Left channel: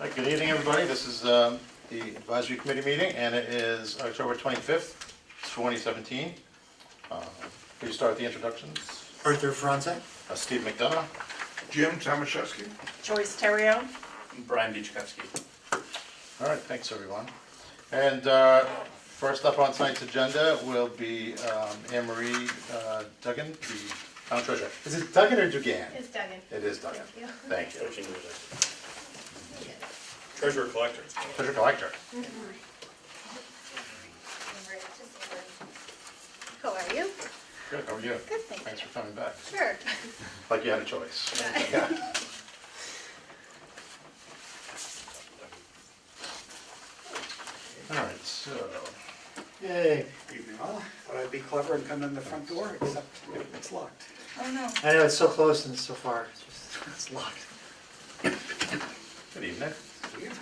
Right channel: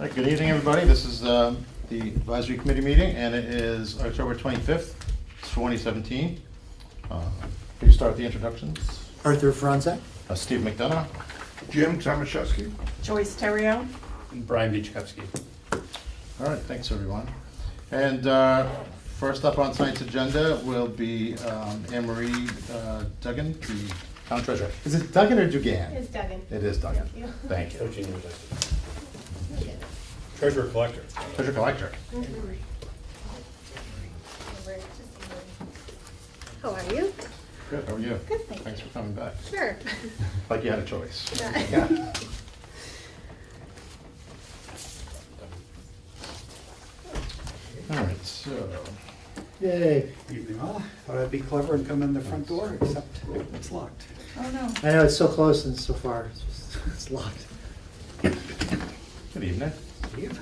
Right, good evening, everybody. This is the advisory committee meeting, and it is October 25th, 2017. Could you start with the introductions? Arthur Franze. Steve McDonough. Jim Tomaszewski. Joyce Terrio. Brian Beachkowski. All right, thanks, everyone. And first up on tonight's agenda will be Anne Marie Duggan, the town treasurer. Is it Duggan or Dugan? It's Duggan. It is Duggan. Thank you. Thank you. Coaching treasurer collector. Treasurer collector. How are you? Good, how are you? Good, thank Thanks you. for coming back. Sure. Like you had a choice. Yeah. All right, so, Yay. Evening all. Thought I'd be clever and come in the front door, except it's locked. Oh, no. I know, it's so close and so far, it's just, it's locked. good evening. Leave.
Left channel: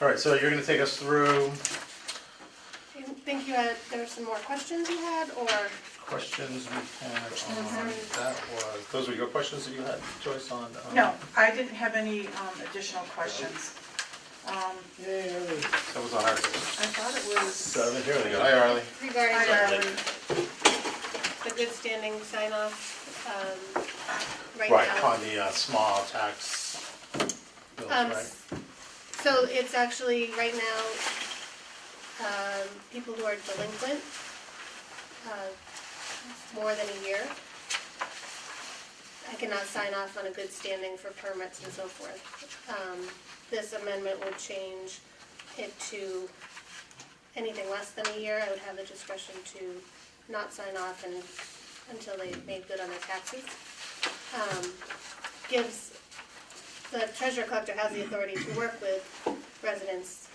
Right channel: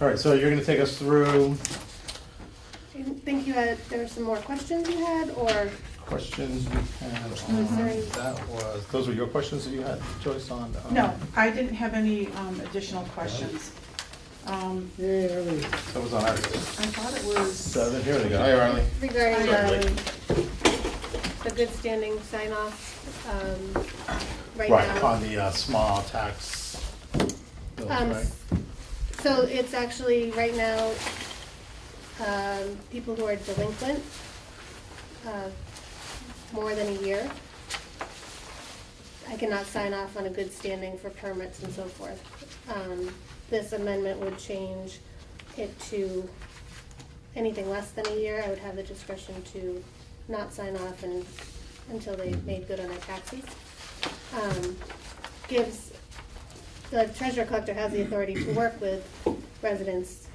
All right, so you're going to take us through Do you think there were some more questions you had, or? questions we had on that was, those were your questions that you had, Joyce, on? No, I didn't have any additional questions. Yay. That was on our list. I thought it was, So here they go. Hi, Arlie. Regarding Hi, the good standing sign off, right Right, now. on the small tax bills, right? So it's actually, right now, people who are delinquent, more than a year, I cannot sign off on a good standing for permits and so forth. This amendment would change it to anything less than a year. I would have the discretion to not sign off until they made good on their taxes. Gives, the treasurer collector has the authority to work with residents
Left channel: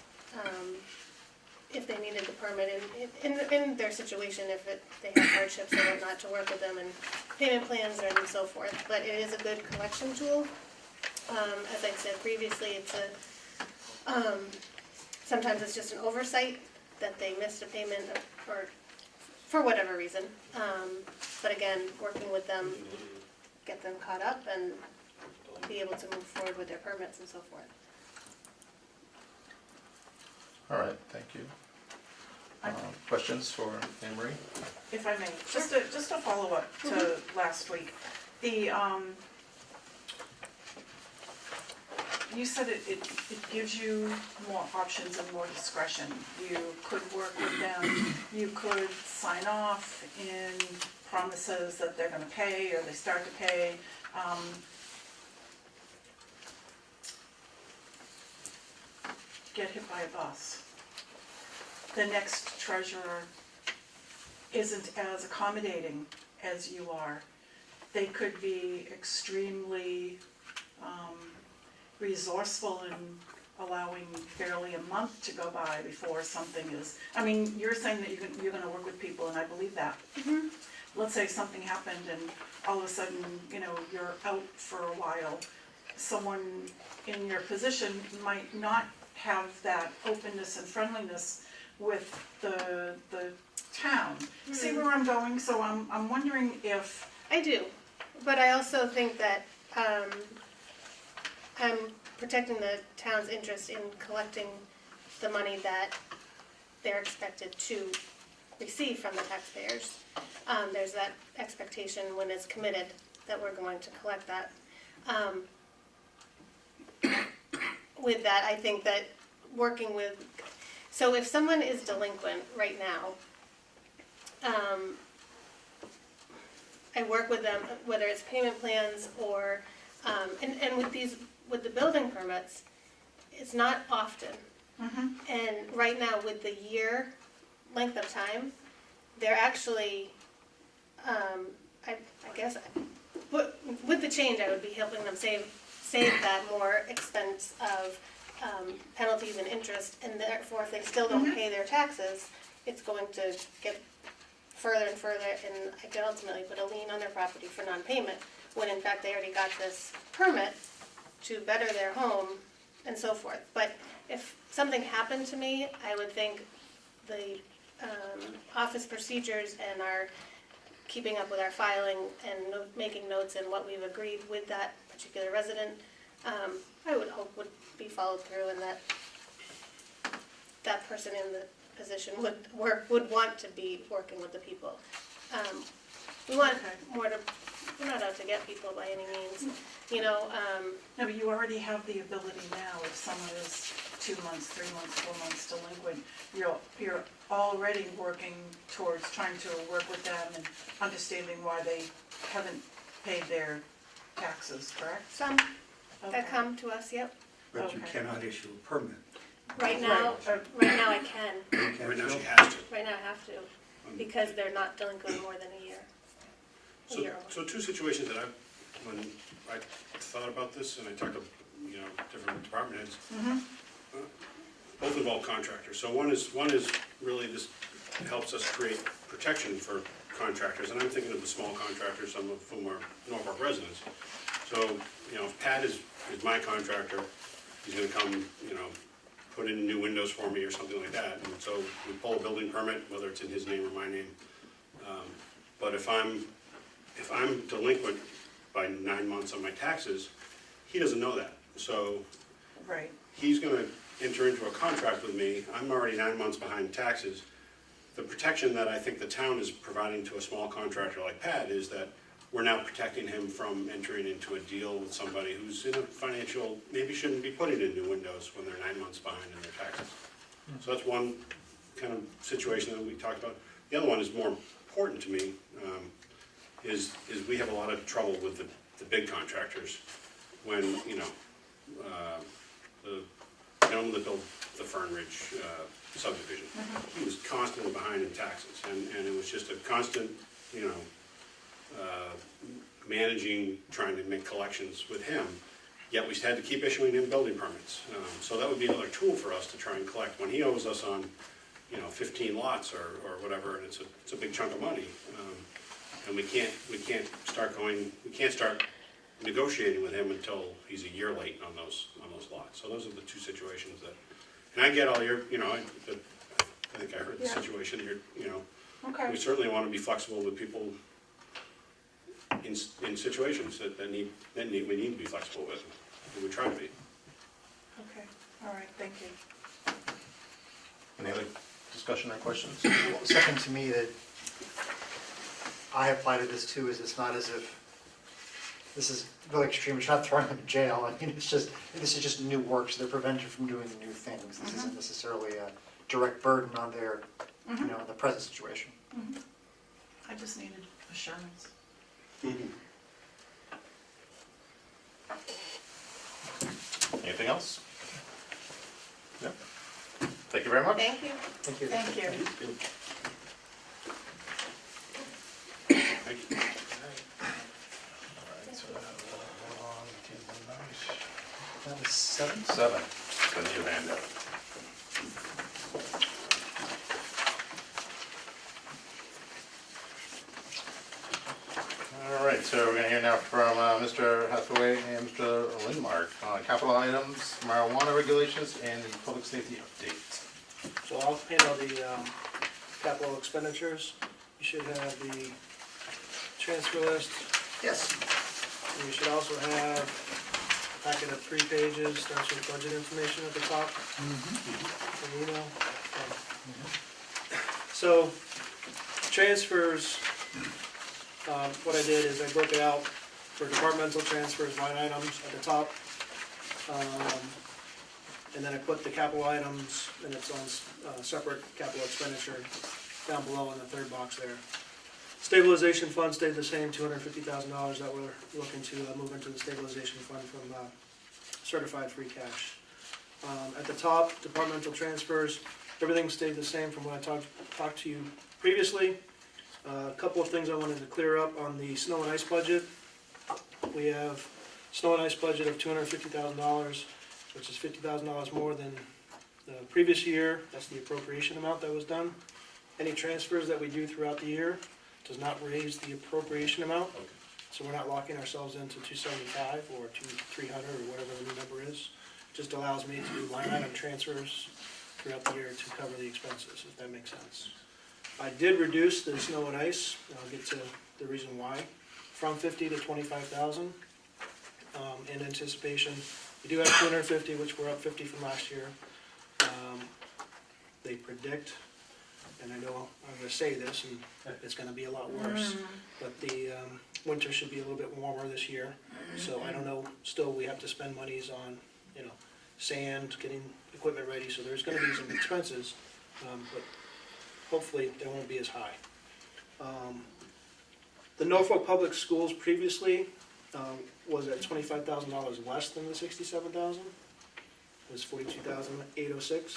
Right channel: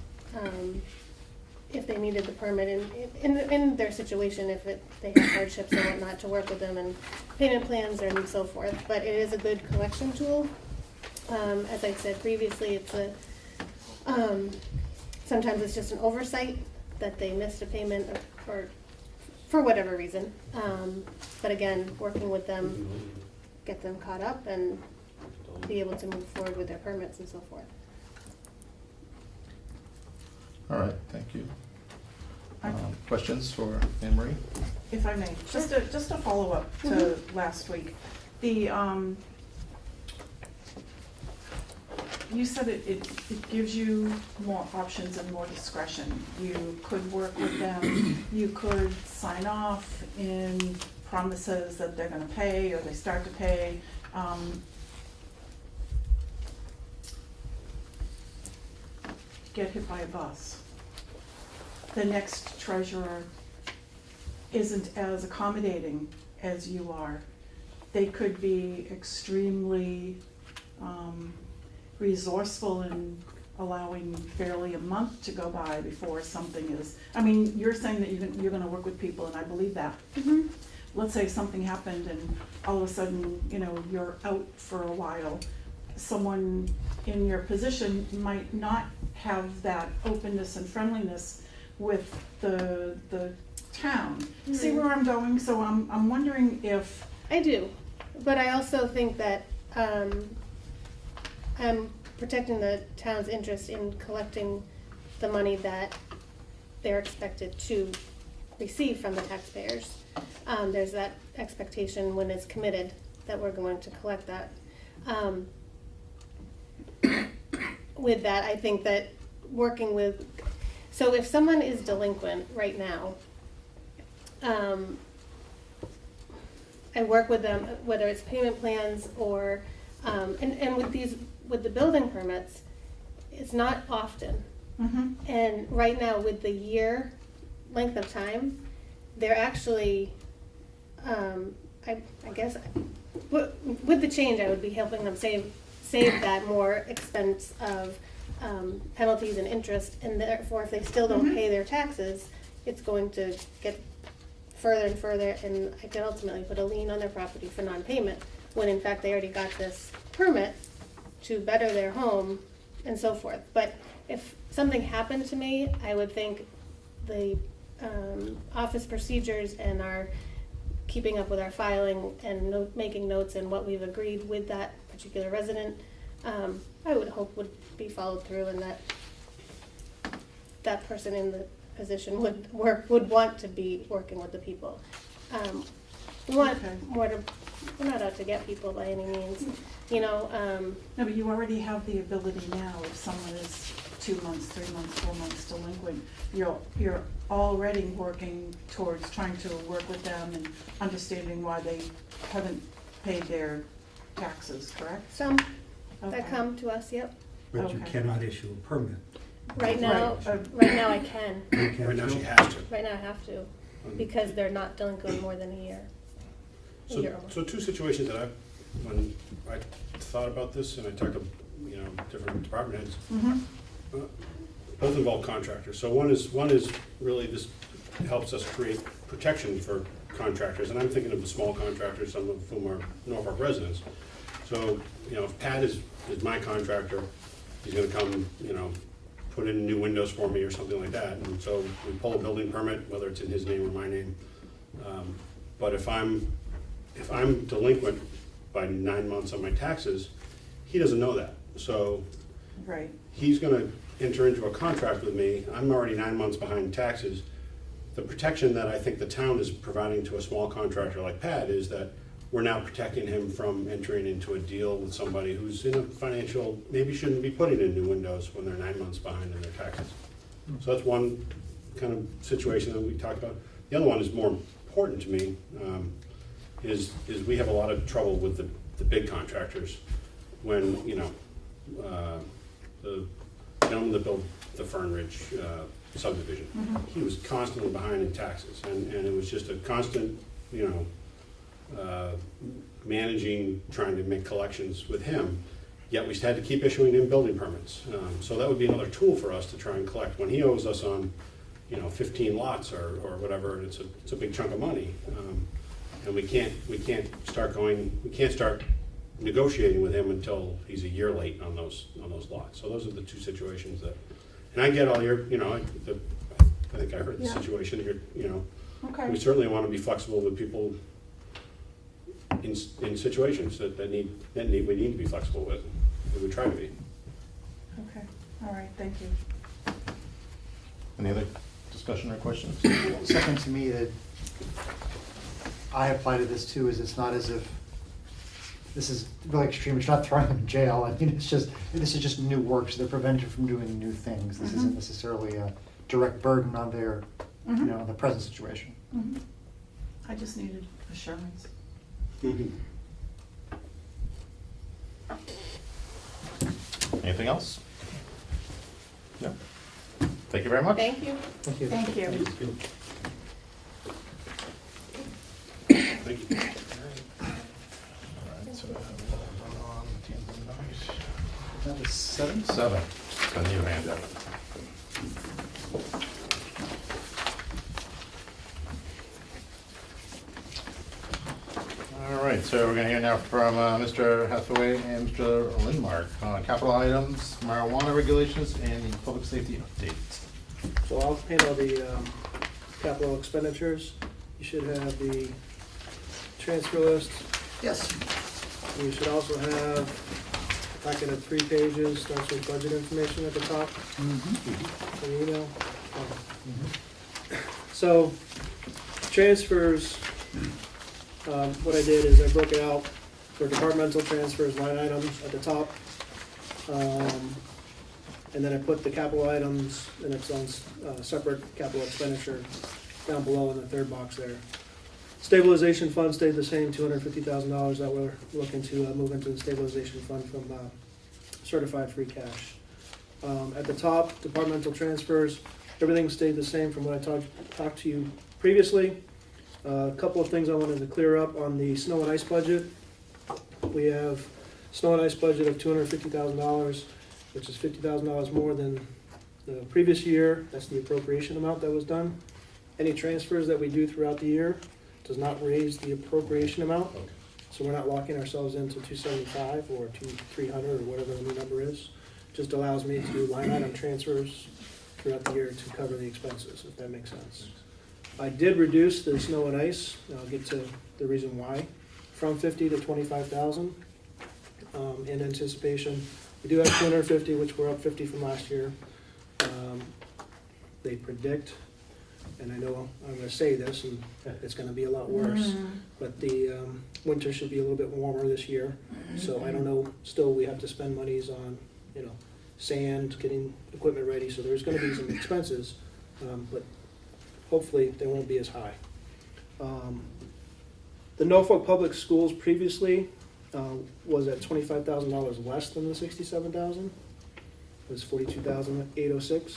if they needed the permit in their situation, if they have hardships or whatnot, to work with them and payment plans and so forth. But it is a good collection tool. As I said previously, it's sometimes it's just an oversight that they missed a payment or for whatever reason. But again, working with them, get them caught up and be able to move forward with their permits and so forth. All right, thank you. I- Questions for Anne Marie? if I may, just a follow-up to last week. The, you said it gives you more options and more discretion. You could work with them, you could sign off in promises that they're gonna pay or they start to pay. Get hit by a bus. The next treasurer isn't as accommodating as you are. They could be extremely resourceful in allowing barely a month to go by before something is, I mean, you're saying that you're gonna work with people, and I believe that. Mm-hmm. Let's say something happened and all of a sudden, you're out for a while. Someone in your position might not have that openness and friendliness with the town. See where I'm going? So I'm wondering if, I do, but I also think that I'm protecting the town's interest in collecting the money that they're expected to receive from the taxpayers. There's that expectation when it's committed that we're going to collect that. With that, I think that working with, so if someone is delinquent right now, I work with them, whether it's payment plans or, and with the building permits, it's not often. And right now, with the year length of time, they're actually, I guess, with the change, I would be helping them save that more expense of penalties and interest, and therefore, if they still don't pay their taxes, it's going to get further and further, and I could ultimately put a lien on their property for non-payment, when in fact they already got this permit to better their home and so forth. But if something happened to me, I would think the office procedures and our keeping up with our filing and making notes and what we've agreed with that particular resident I would hope would be followed through, and that person in the position would want to be working with the people. We want Okay. more to, we're not out to get people by any means, you know, No, but you already have the ability now, if someone is 2 months, 3 months, 4 months delinquent, you're already working towards trying to work with them and understanding why they haven't paid their taxes, correct? some Okay. that come to us, yep. But you Okay. cannot issue a permit. Right now, Right. right now I can, You can't Right now she do- has to. right now I have to, because they're not delinquent more than a year. A year or more. So two situations that when I thought about this and I talked to, different department heads, Mm-hmm, both involve contractors. So one is really just helps us create protection for contractors, and I'm thinking of the small contractors, some of whom are Norfolk residents. So, if Pat is my contractor, he's gonna come, put in new windows for me or something like that, and so we pull a building permit, whether it's in his name or my name. But if I'm delinquent by 9 months on my taxes, he doesn't know that. So right, he's gonna enter into a contract with me, I'm already 9 months behind taxes. The protection that I think the town is providing to a small contractor like Pat is that we're now protecting him from entering into a deal with somebody who's in a financial, maybe shouldn't be putting in new windows when they're 9 months behind in their taxes. So that's one kind of situation that we talked about. The other one is more important to me, is we have a lot of trouble with the big contractors when, the gentleman that built the Fern Ridge subdivision, he was constantly behind in taxes, and it was just a constant, managing, trying to make collections with him, yet we had to keep issuing him building permits. So that would be another tool for us to try and collect. When he owes us on, 15 lots or whatever, and it's a big chunk of money, and we can't start negotiating with him until he's a year late on those lots. So those are the two situations that, and I get all your, I think I heard the Yeah. situation, we okay, certainly want to be flexible with people in situations that we need to be flexible with, and we try to be. okay, all right, thank you. Any other discussion or questions? Second to me that I apply to this too is it's not as if this is really extreme. It's not throwing them in jail. I mean, this is just new work, so they're prevented from doing new things. This isn't necessarily a direct burden on their, on the present situation. Mhm. I just needed assurance. Anything else? No. Thank you very much. Thank you. Thank you. Thank you. Thank you. That was 7? 7, the new handout. All right, so we're gonna hear now from Mr. Hathaway and Mr. Lindmark on capital items, marijuana regulations, and the public safety update. So I'll handle the capital expenditures. You should have the transfer list. Yes. And you should also have a packet of 3 pages, starts with budget information at the top. An email. So, transfers, what I did is I broke it out for departmental transfers, line items at the top. And then I put the capital items in its own separate capital expenditure down below in the third box there. Stabilization fund stayed the same, $250,000 that we're looking to move into the stabilization fund from certified free cash. At the top, departmental transfers, everything stayed the same from what I talked to you previously. A couple of things I wanted to clear up on the snow and ice budget. We have snow and ice budget of $250,000, which is $50,000 more than the previous year. That's the appropriation amount that was done. Any transfers that we do throughout the year does not raise the appropriation amount. So we're not locking ourselves into 275 or 300 or whatever the new number is. Just allows me to do line item transfers throughout the year to cover the expenses, if that makes sense. I did reduce the snow and ice, and I'll get to the reason why, from 50 to 25,000. in anticipation. We do have 250, which we're up 50 from last year. They predict, and I know I'm gonna say this, and it's gonna be a lot worse, but the winter should be a little bit warmer this year. So I don't know, still we have to spend monies on, sand, getting equipment ready, so there's gonna be some expenses, but hopefully they won't be as high. The Norfolk Public Schools previously was at $25,000 less than the $67,000. It was $42,806,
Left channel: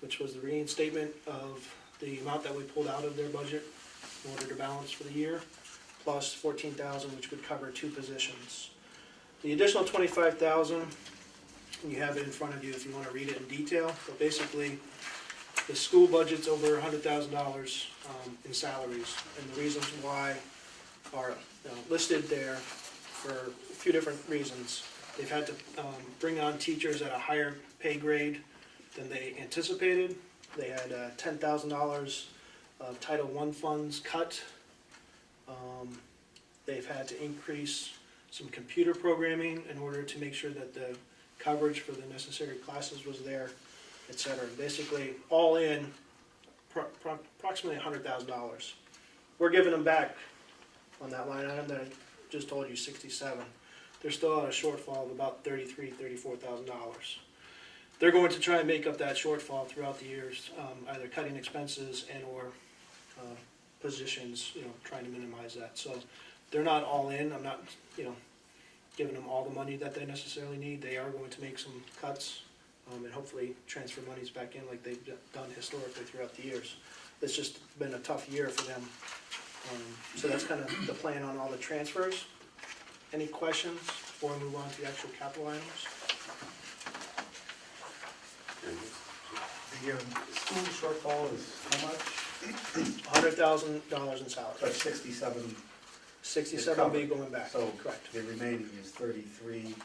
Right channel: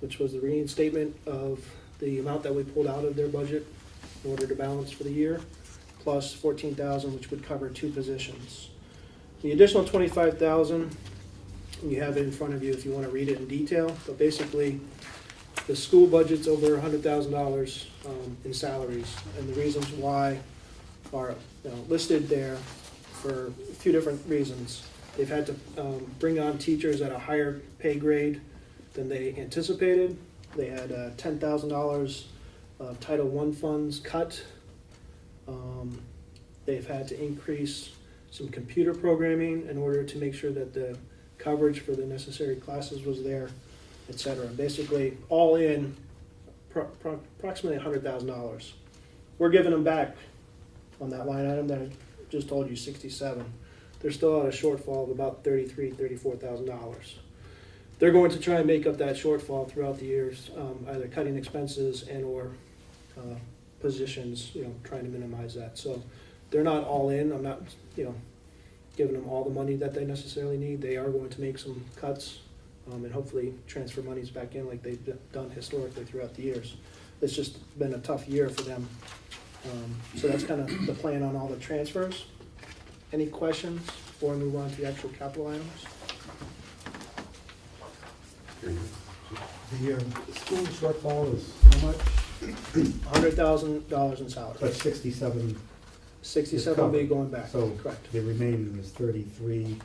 which was the reinstatement of the amount that we pulled out of their budget in order to balance for the year, plus $14,000, which would cover 2 positions. The additional $25,000, you have it in front of you if you want to read it in detail, but basically the school budget's over $100,000 in salaries, and the reasons why are listed there for a few different reasons. They've had to bring on teachers at a higher pay grade than they anticipated. They had $10,000 of Title I funds cut. They've had to increase some computer programming in order to make sure that the coverage for the necessary classes was there, et cetera. Basically, all in, approximately $100,000. We're giving them back on that line item that I just told you, 67. They're still at a shortfall of about $33,000, $34,000. They're going to try and make up that shortfall throughout the years, either cutting expenses and or positions, trying to minimize that. So they're not all in. I'm not, giving them all the money that they necessarily need. They are going to make some cuts and hopefully transfer monies back in like they've done historically throughout the years. It's just been a tough year for them. So that's kind of the plan on all the transfers. Any questions before we move on to the actual capital items? The school shortfall is how much? $100,000 in salary. But 67, 67 will be going back, so correct. the remaining is 33.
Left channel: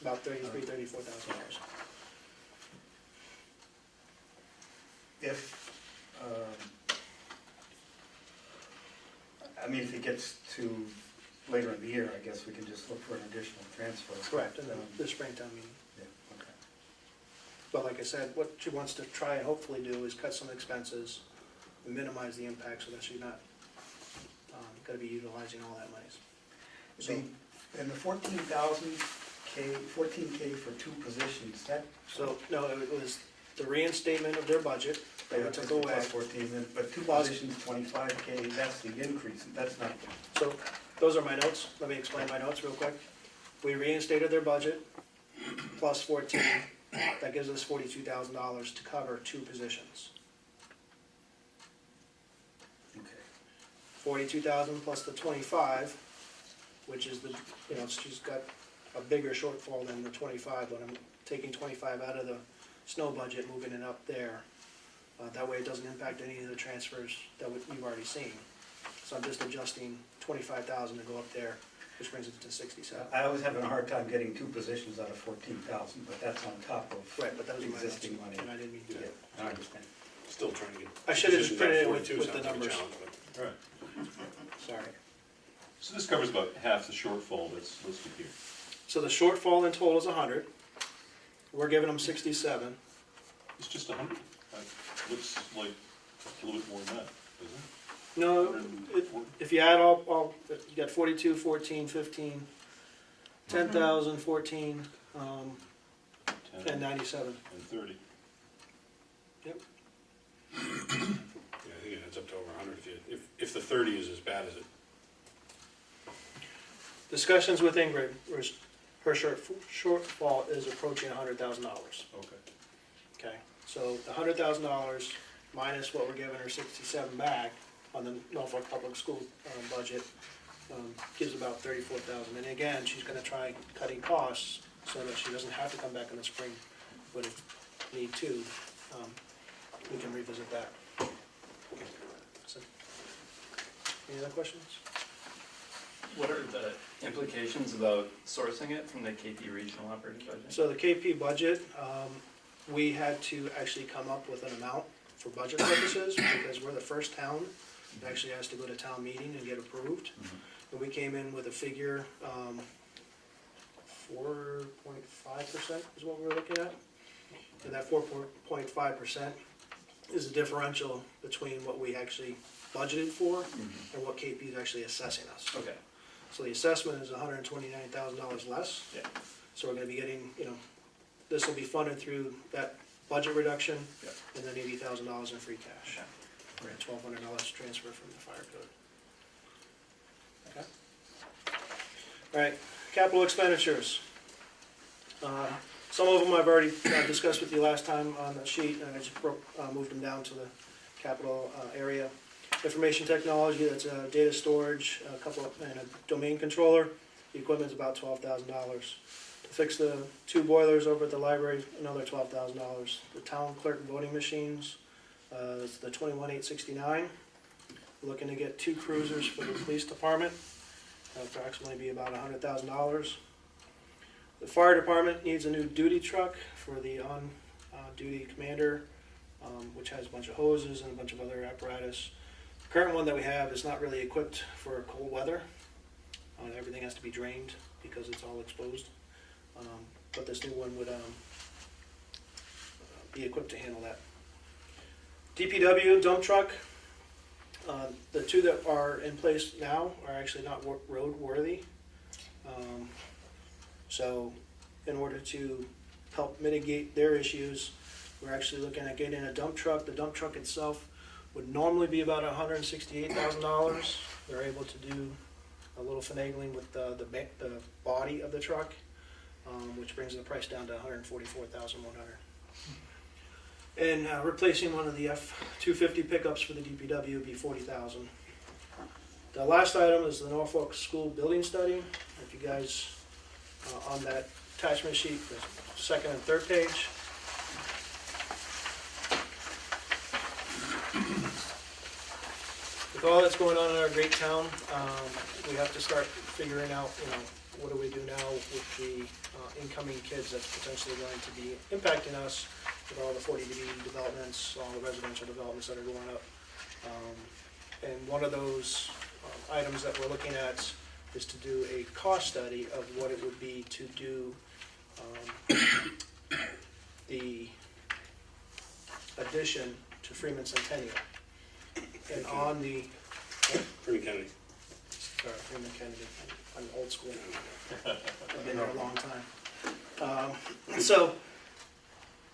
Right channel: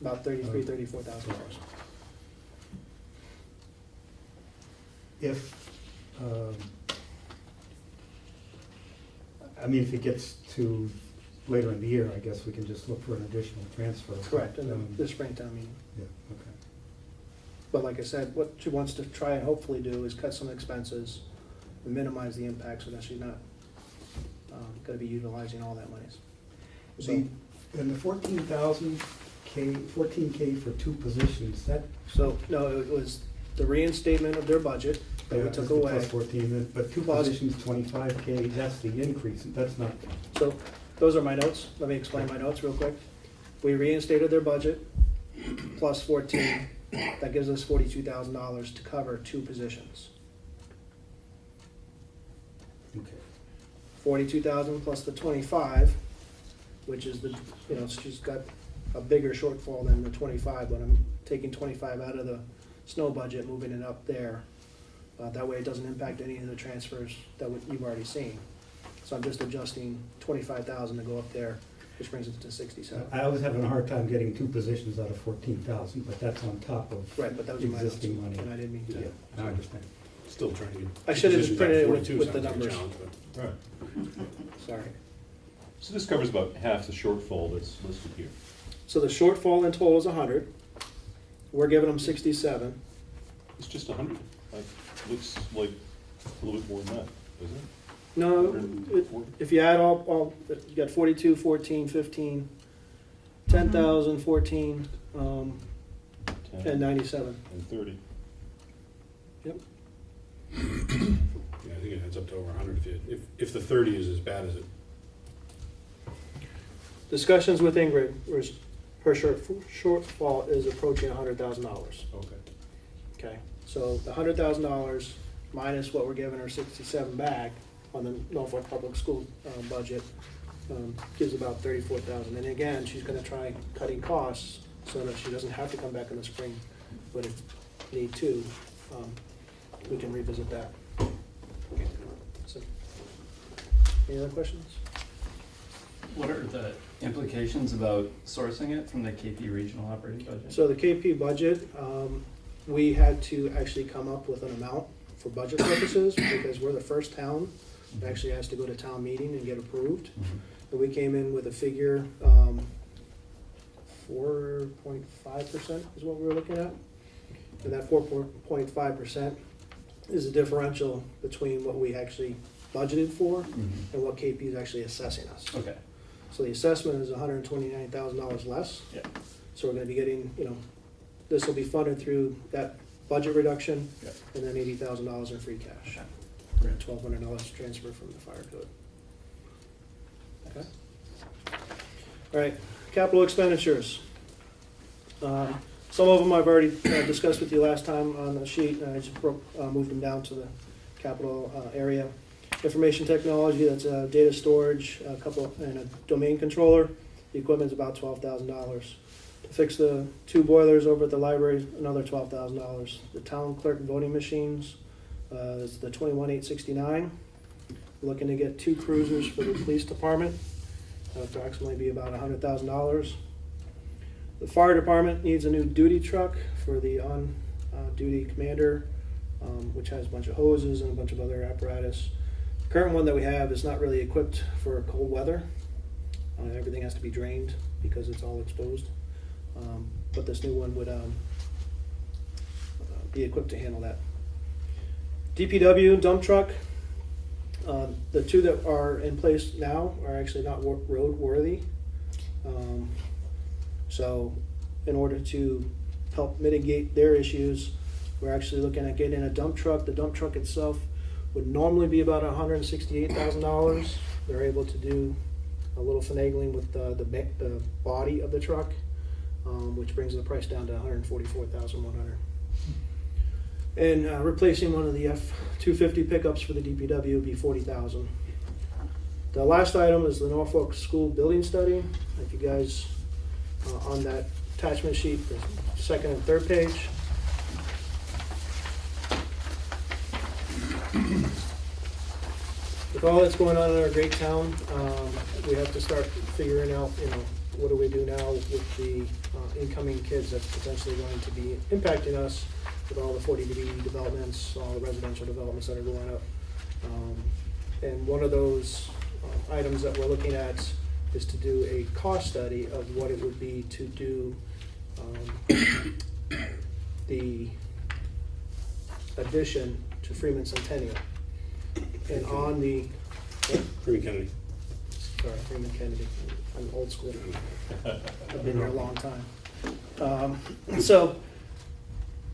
About $34,000. If, if it gets to later in the year, I guess we can just look for an additional transfer. Correct, in the springtime meeting. Yeah, okay. But like I said, what she wants to try and hopefully do is cut some expenses and minimize the impact so that she's not gonna be utilizing all that monies. So, And the 14K for 2 positions, that. no, it was the reinstatement of their budget that we took away. Plus 14, but 2 Plus- positions, 25K, that's the increase, that's not. So those are my notes. Let me explain my notes real quick. We reinstated their budget plus 14. That gives us $42,000 to cover 2 positions. Okay. 42,000 plus the 25, which is the, she's got a bigger shortfall than the 25, but I'm taking 25 out of the snow budget, moving it up there. That way it doesn't impact any of the transfers that you've already seen. So I'm just adjusting 25,000 to go up there, which brings it to 67. I was having a hard time getting 2 positions out of 14,000, but that's on top of Right, but that was my notes, existing money. and I didn't mean to. Yeah, I understand. Still trying to get. I should have just positions printed at it 42 with the sounds like a numbers. challenge, but- Right. Sorry. So this covers about half the shortfall that's listed here. So the shortfall in total is 100. We're giving them 67. It's just 100. Looks like a little bit more than that, doesn't it? No, 104? if you add all, you got 42, 14, 15, 10,000, 14, 10 and 97. and 30. Yeah, I think it adds up to over 100 if the 30 is as bad as it. Discussions with Ingrid, her shortfall is approaching $100,000. Okay. Okay, so the $100,000 minus what we're giving her 67 back on the Norfolk Public School budget gives about 34,000. And again, she's going to try cutting costs so that she doesn't have to come back in the spring, but if need to, we can revisit that. So, any other questions? What are the implications about sourcing it from the KP regional operating budget? So the KP budget, we had to actually come up with an amount for budget purposes because we're the first town that actually has to go to town meeting and get approved. And we came in with a figure 4.5% is what we were looking at. And that 4.5% is the differential between what we actually budgeted for and what KP is actually assessing us. Okay, So the assessment is $129,000 less. yeah, So we're gonna be getting, this will be funded through that budget reduction yeah. and then $80,000 in free cash. Okay. And $1,200 transfer from the fire code. Okay. All right, capital expenditures. Some of them I've already discussed with you last time on the sheet, and I just moved them down to the capital area. Information technology, that's data storage, and a domain controller. The equipment's about $12,000. To fix the 2 boilers over at the library, another $12,000. The town clerk voting machines, is the 21,869. Looking to get 2 cruisers for the police department, approximately be about $100,000. The fire department needs a new duty truck for the on-duty commander, which has a bunch of hoses and a bunch of other apparatus. The current one that we have is not really equipped for cold weather. Everything has to be drained because it's all exposed. But this new one would be equipped to handle that. DPW dump truck. The 2 that are in place now are actually not road worthy. So in order to help mitigate their issues, we're actually looking at getting a dump truck. The dump truck itself would normally be about $168,000. They're able to do a little finagling with the body of the truck, which brings the price down to $144,100. And replacing one of the F-250 pickups for the DPW would be $40,000. The last item is the Norfolk school building study. If you guys, on that attachment sheet, the second and third page. With all that's going on in our great town, we have to start figuring out, what do we do now with the incoming kids that's potentially going to be impacting us with all the 40B developments, all the residential developments that are going up. And one of those items that we're looking at is to do a cost study of what it would be to do the addition to Freeman Centennial. And on the, Freeman Kennedy. sorry, Freeman Kennedy, I'm old school. I've been here a long time. So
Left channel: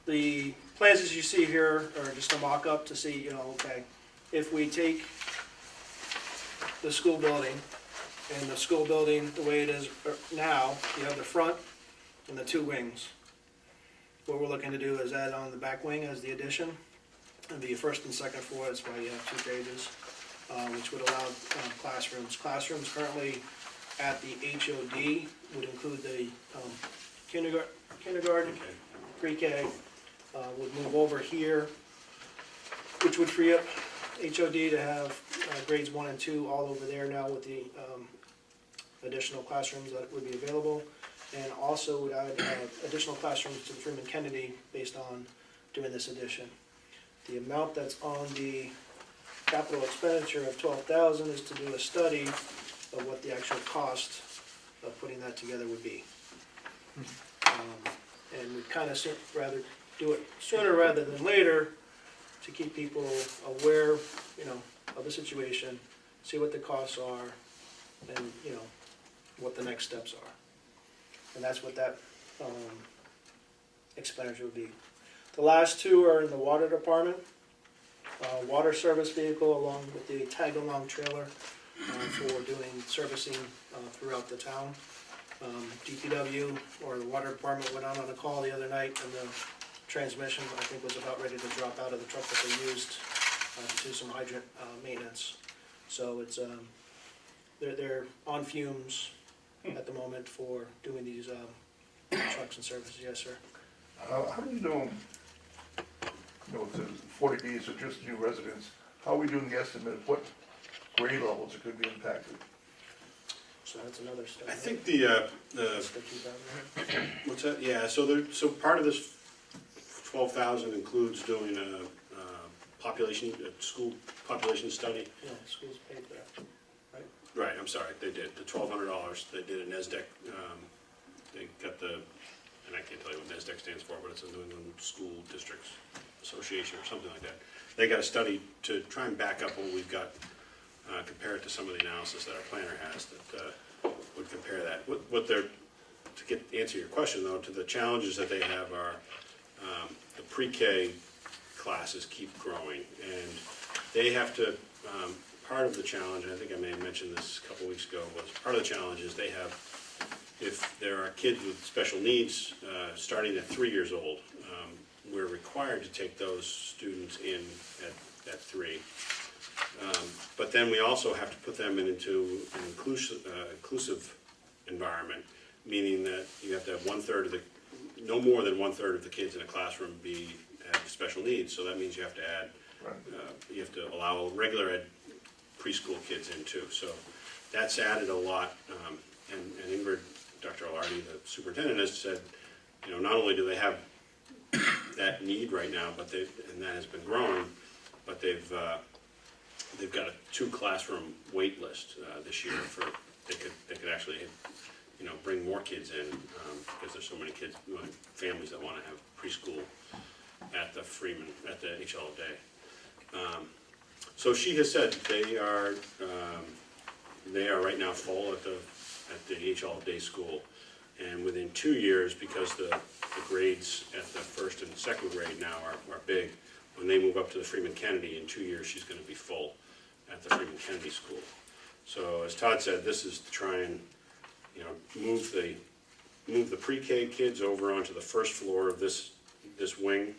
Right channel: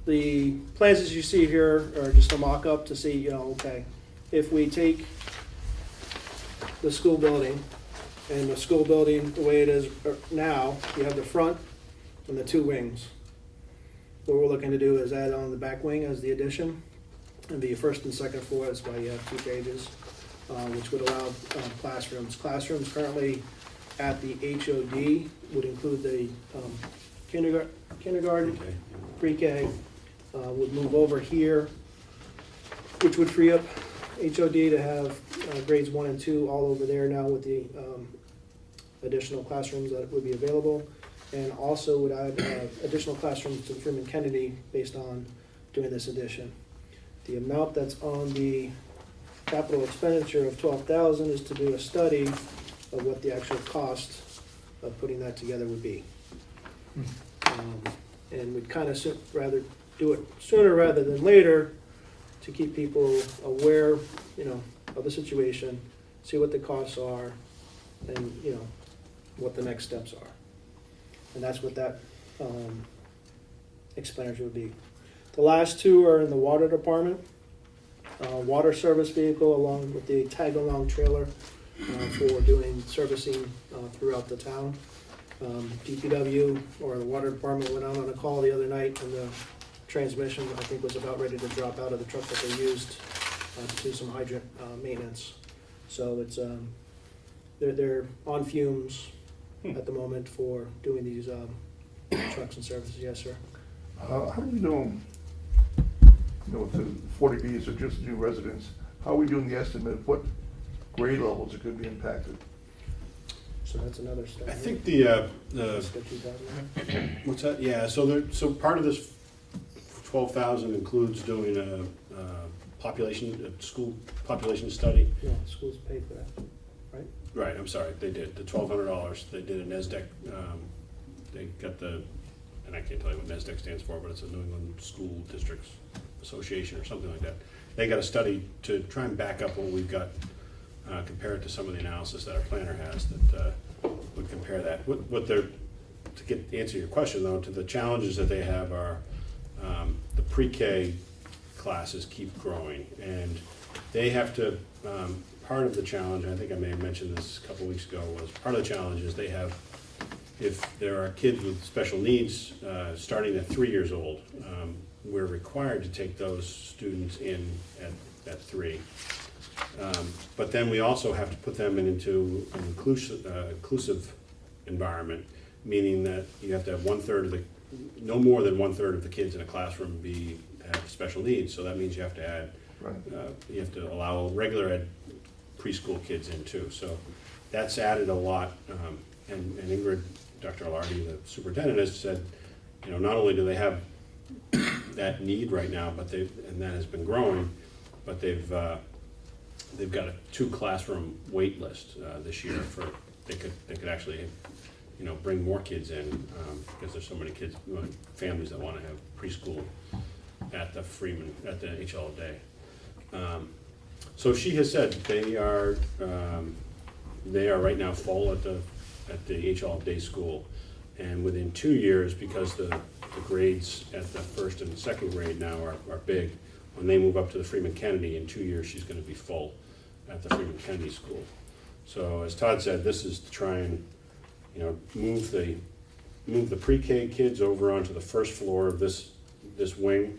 the plans as you see here are just a mock-up to see, okay, if we take the school building, and the school building, the way it is now, you have the front and the 2 wings. What we're looking to do is add on the back wing as the addition, and the first and second floor, that's why you have 2 pages, which would allow classrooms. Classrooms currently at the HOD would include the kindergarten, Okay. pre-K, would move over here, which would free up HOD to have grades 1 and 2 all over there now with the additional classrooms that would be available, and also would add additional classrooms to Freeman Kennedy based on doing this addition. The amount that's on the capital expenditure of $12,000 is to do a study of what the actual cost of putting that together would be. And we'd kind of rather do it sooner rather than later to keep people aware, of the situation, see what the costs are, and, what the next steps are. And that's what that expenditure would be. The last 2 are in the water department. Water service vehicle along with the tag-along trailer for doing servicing throughout the town. DPW or the water department went out on a call the other night, and the transmission, I think, was about ready to drop out of the truck that they used to do some hydrant maintenance. So it's they're on fumes at the moment for doing these trucks and services. Yes, sir. How do we know, with the 40Bs are just new residents, how are we doing the estimate of what grade levels are going to be impacted? So that's another step. I think the Step 2009. what's that? Yeah. So part of this 12,000 includes doing a school population study. No, schools paid for that, right? Right. I'm sorry. They did the $1,200. They did an ESDEC they got the, and I can't tell you what NESDEC stands for, but it's a New England School Districts Association or something like that. They got a study to try and back up what we've got, compare it to some of the analysis that our planner has that would compare that. What they're, to answer your question though, to the challenges that they have are the pre-K classes keep growing, and they have to, part of the challenge, and I think I may have mentioned this a couple weeks ago, was part of the challenge is they have, if there are kids with special needs starting at 3 years old, we're required to take those students in at 3. But then we also have to put them into an inclusive environment, meaning that you have to have no more than 1/3 of the kids in a classroom have special needs. So that means you have to add, you have to allow regular ed preschool kids in too. So that's added a lot. And Ingrid, Dr. Alardi, the superintendent, has said, not only do they have that need right now, and that has been growing, but they've got a 2-classroom wait list this year for they could actually bring more kids in because there's so many kids, families that want to have preschool at the HL Day. So she has said they are right now full at the HL Day school, and within 2 years, because the grades at the first and second grade now are big, when they move up to the Freeman Kennedy, in 2 years she's going to be full at the Freeman Kennedy school. So as Todd said, this is to try and move the pre-K kids over onto the first floor of this wing,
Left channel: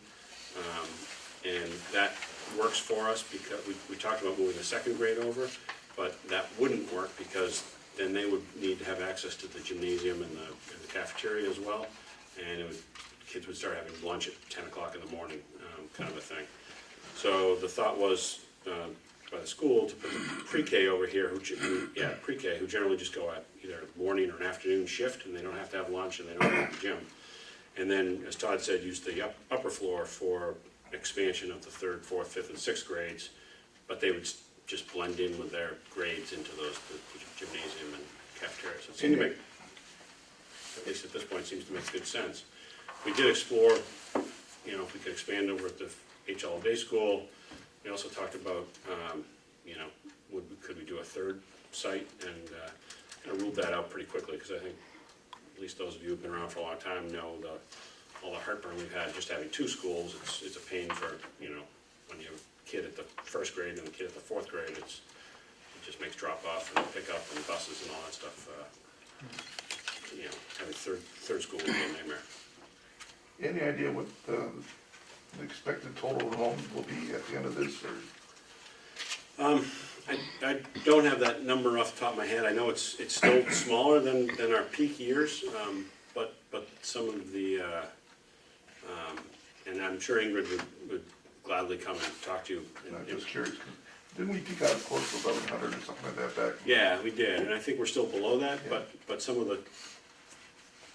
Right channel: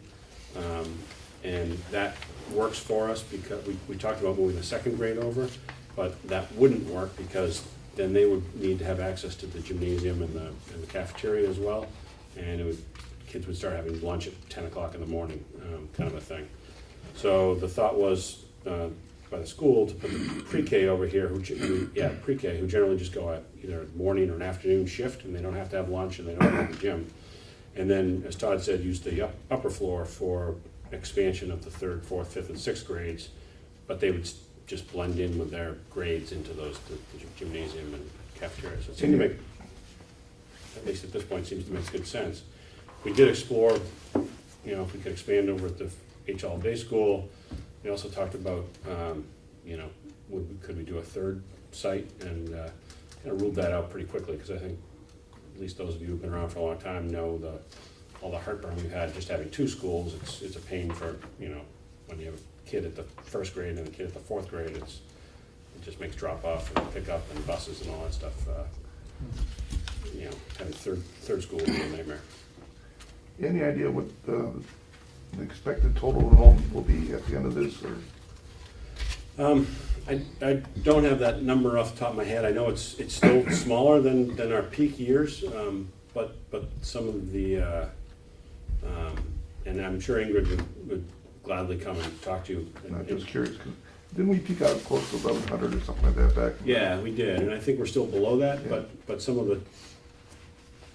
and that works for us because we talked about moving the second grade over, but that wouldn't work because then they would need to have access to the gymnasium and the cafeteria as well, and kids would start having lunch at 10 o'clock in the morning, kind of a thing. So the thought was by the school to put the pre-K over here, pre-K, who generally just go at either a morning or an afternoon shift, and they don't have to have lunch and they don't have to have the gym. And then, as Todd said, use the upper floor for expansion of the 3rd, 4th, 5th, and 6th grades, but they would just blend in with their grades into the gymnasium and cafeteria. So it seemed to make, at least at this point, seems to make good sense. We did explore, if we could expand over at the HL Day School. We also talked about, could we do a 3rd site, and kind of ruled that out pretty quickly because I think at least those of you who've been around for a long time know all the heartburn we've had just having 2 schools. It's a pain for, when you have a kid at the 1st grade and a kid at the 4th grade, it just makes drop off and pick up and buses and all that stuff. Having third school would be a nightmare. Any idea what the expected total enrollment will be at the end of this, or? I don't have that number off the top of my head. I know it's still smaller than our peak years, but some of the, and I'm sure Ingrid would gladly come and talk to you. I'm just curious, didn't we peak out close to 1,100 or something like that back? Yeah, we did, and I think we're still below that, but some of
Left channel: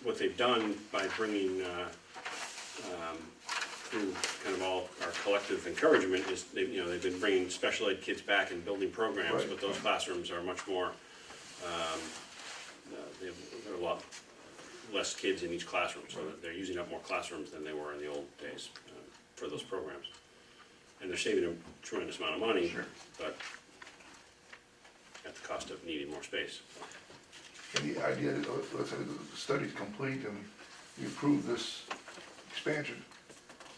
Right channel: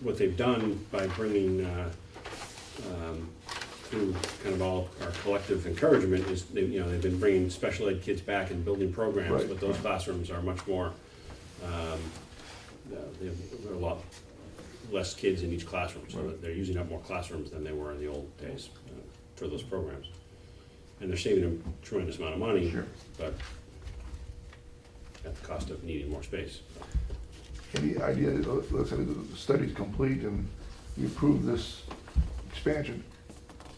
what they've done by bringing through kind of all our collective encouragement is they've been bringing special ed kids back and building programs, Right. but those classrooms are much more, there are a lot less kids in each classroom, so that they're using up more classrooms than they were in the old days for those programs. And they're saving a tremendous amount of money, Sure. but at the cost of needing more space. Any idea, let's say the study's complete and we approve this expansion,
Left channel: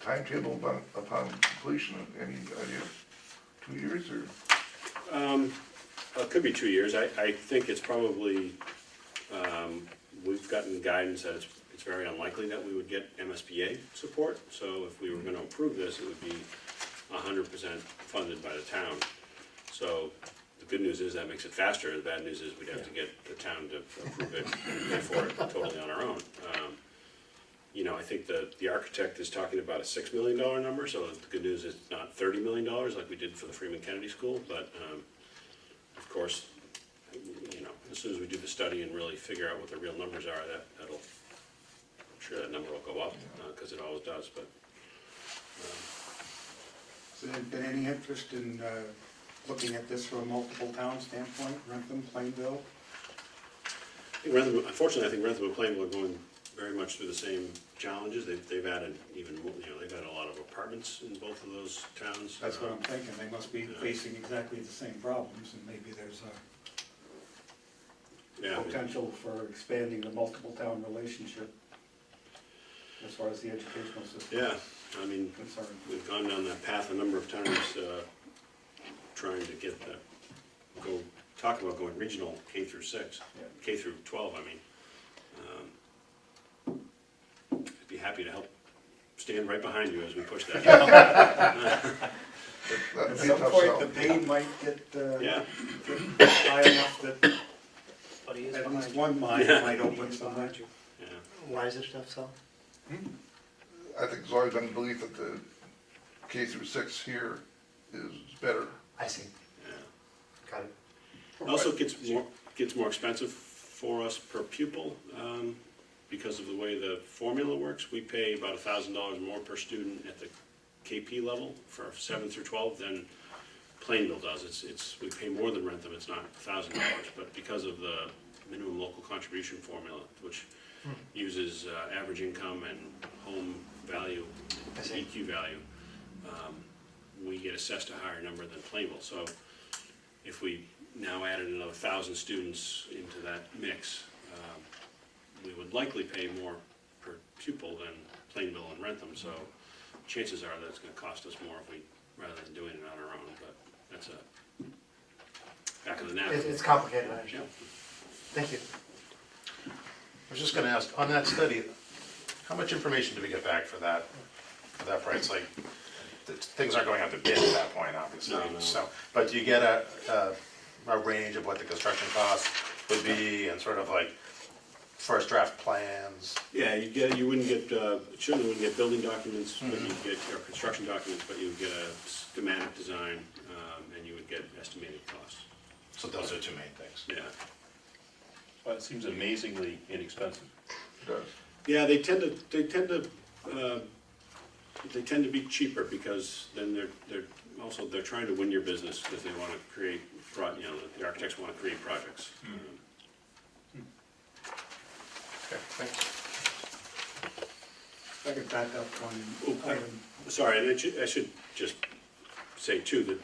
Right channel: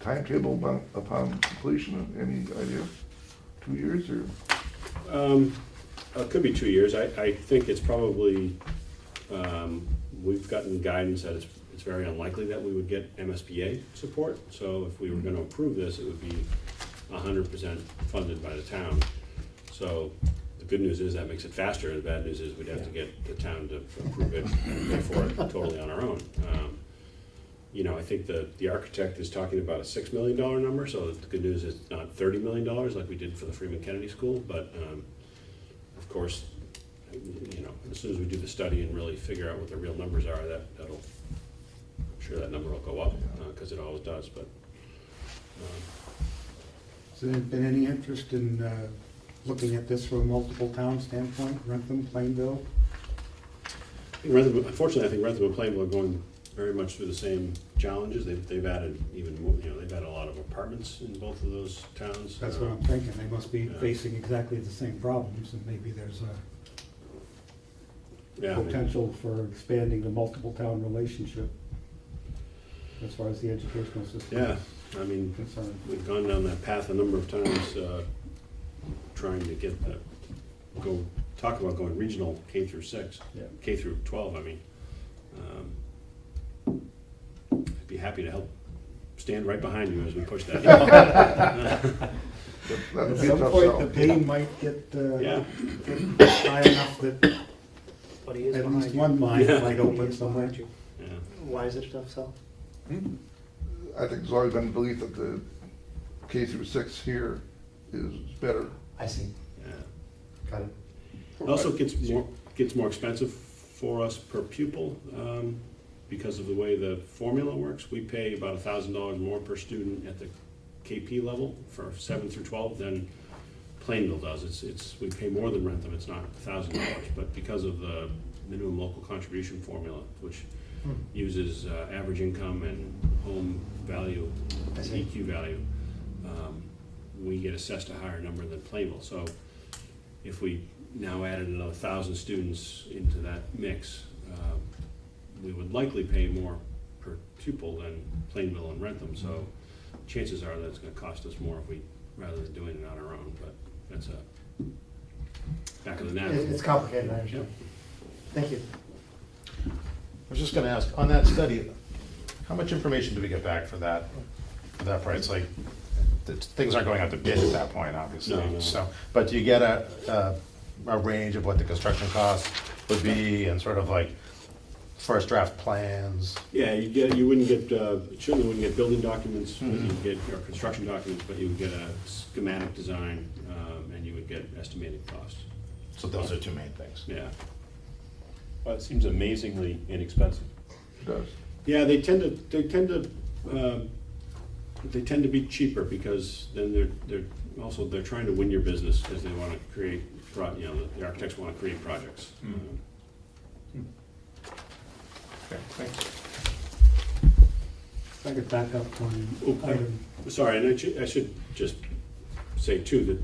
timetable upon completion, any idea? 2 years or? It could be 2 years. I think it's probably, we've gotten guidance that it's very unlikely that we would get MSBA support. So if we were going to approve this, it would be 100% funded by the town. So the good news is that makes it faster. The bad news is we'd have to get the town to approve it and pay for it totally on our own. I think the architect is talking about a $6 million number, so the good news is not $30 million like we did for the Freeman Kennedy School, but of course, as soon as we do the study and really figure out what the real numbers are, I'm sure that number will go up, because it always does, but. Has there been any interest in looking at this from a multiple town standpoint, Rentham, Plainville? Unfortunately, I think Rentham and Plainville are going very much through the same challenges. They've added even more, they've added a lot of apartments in both of those towns. That's what I'm thinking, they must be Yeah. facing exactly the same problems, and maybe there's a Yeah, I mean, potential for expanding the multiple town relationship as far as the educational system yeah, is I mean, concerned. we've gone down that path a number of times, trying to get that, talk about going regional K through 6, Yeah. K through 12, I mean. I'd be happy to help stand right behind you as we push that. That'd At be a some tough point, sell. the pain might get Yeah, high enough that But he is at behind least you. one mind Yeah. might He open is somewhere. behind you. yeah. Why is it tough sell? I think there's always been the belief that the K through 6 here is better. I see, Yeah. got it. It also gets more expensive for us per pupil, because of the way the formula works. We pay about $1,000 more per student at the KP level for 7 through 12 than Plainville does. We pay more than Rentham, it's not $1,000, but because of the minimum local contribution formula, which uses average income and home value, I see. EQ value, we get assessed a higher number than Plainville. So if we now added another 1,000 students into that mix, we would likely pay more per pupil than Plainville and Rentham. So chances are that it's going to cost us more rather than doing it on our own. But that's a back of the napkin. It's complicated, I understand. Thank you. I was just gonna ask, on that study, how much information do we get back for that price? Like, things aren't going out to bid at that point, obviously. No. So, but do you get a range of what the construction costs would be and sort of like first draft plans? Yeah, you wouldn't get, certainly wouldn't get building documents, but you'd get your construction documents, but you would get a schematic design, and you would get estimated costs. So those are two main things. Yeah. Well, it seems amazingly inexpensive. It does. Yeah, they tend to be cheaper because then they're trying to win your business because they want to create, the architects want to create projects. Okay, thanks. If I could back up one Oh, item. Sorry, and I should just say too, that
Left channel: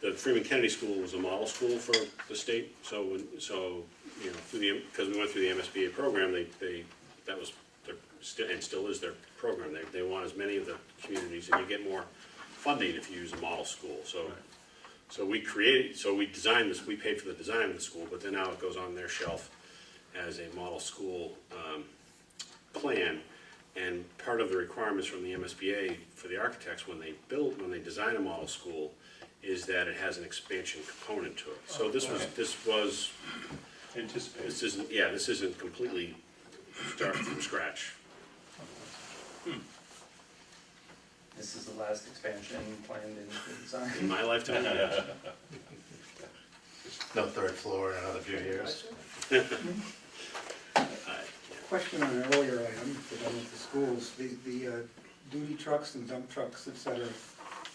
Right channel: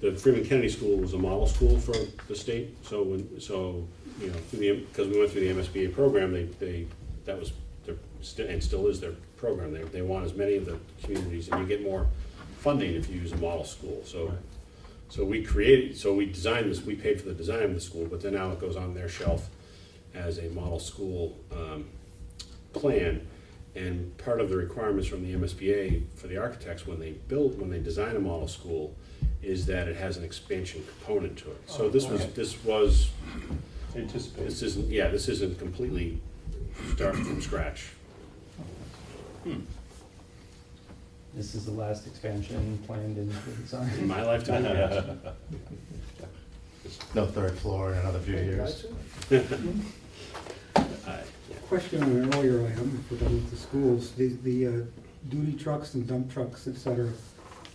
the Freeman Kennedy School was a model school for the state, because we went through the MSBA program, that was and still is their program. They want as many of the communities, and you get more funding if you use a model school. So we designed this, we paid for the design of the school, but then now it goes on their shelf as a model school plan. And part of the requirements from the MSBA for the architects when they design a model school is that it has an expansion component to it. So this was Anticipated. this isn't completely start from scratch. This is the last expansion planned in the In design. my lifetime, yeah. No third floor in another few years. Question on an earlier item, if we're done with the schools, the duty trucks and dump trucks, et cetera,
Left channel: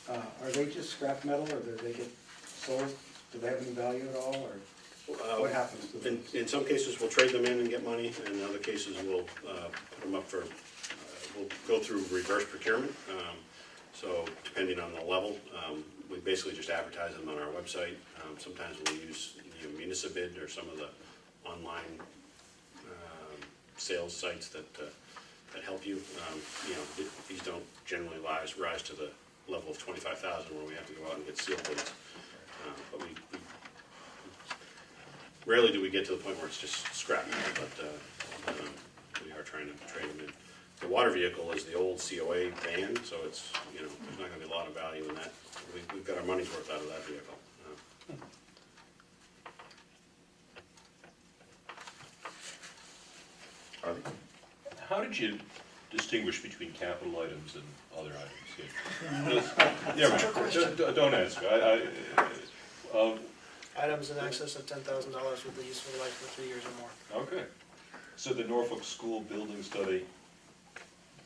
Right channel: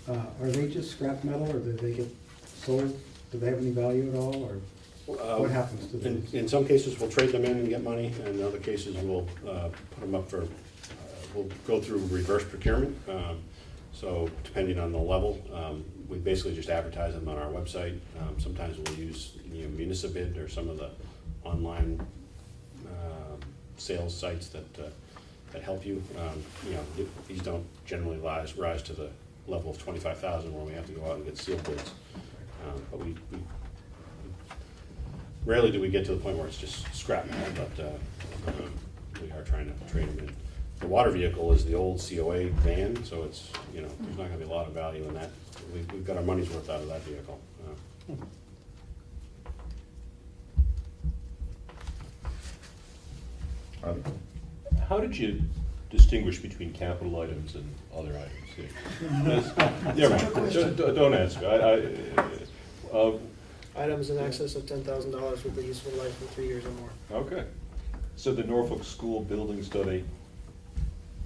are they just scrap metal, or do they get sold? Do they have any value at all, or what happens to those? In some cases, we'll trade them in and get money, and in other cases, we'll put them up for, we'll go through reverse procurement. So depending on the level, we basically just advertise them on our website. Sometimes we'll use Municipid or some of the online sales sites that help you. These don't generally rise to the level of 25,000 where we have to go out and get sealed bids. But we rarely do we get to the point where it's just scrap metal, but we are trying to trade them in. The water vehicle is the old COA van, so it's, there's not gonna be a lot of value in that. We've got our money's worth out of that vehicle. Harley? How did you distinguish between capital items and other items? Yeah, right. Don't ask. Items in excess of $10,000 with a useful life for 3 years or more. Okay. So the Norfolk School building study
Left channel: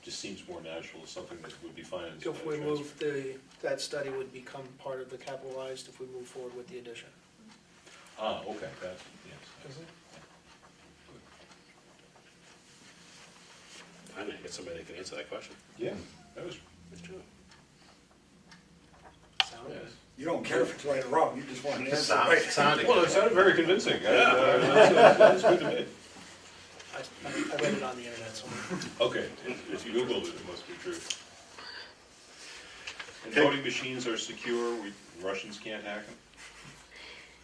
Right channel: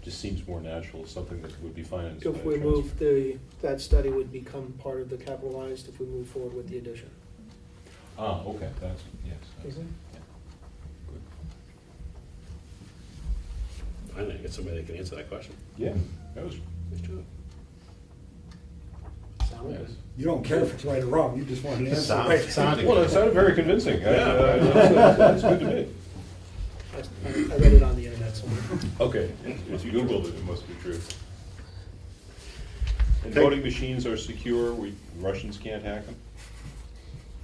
just seems more natural, something that would be financed. If we move that study would become part of the capitalized if we move forward with the addition. Ah, okay, that's, yes. Mhm. get somebody that can answer that question. Yeah, that was, Good job. Sound good. You don't care if it's right or wrong, you just want an answer. Sounded well, it good. sounded very convincing. That's good to me. I read it on the internet somewhere. Okay, if you Googled it, it must be true. And Okay. voting machines are secure, Russians can't hack them?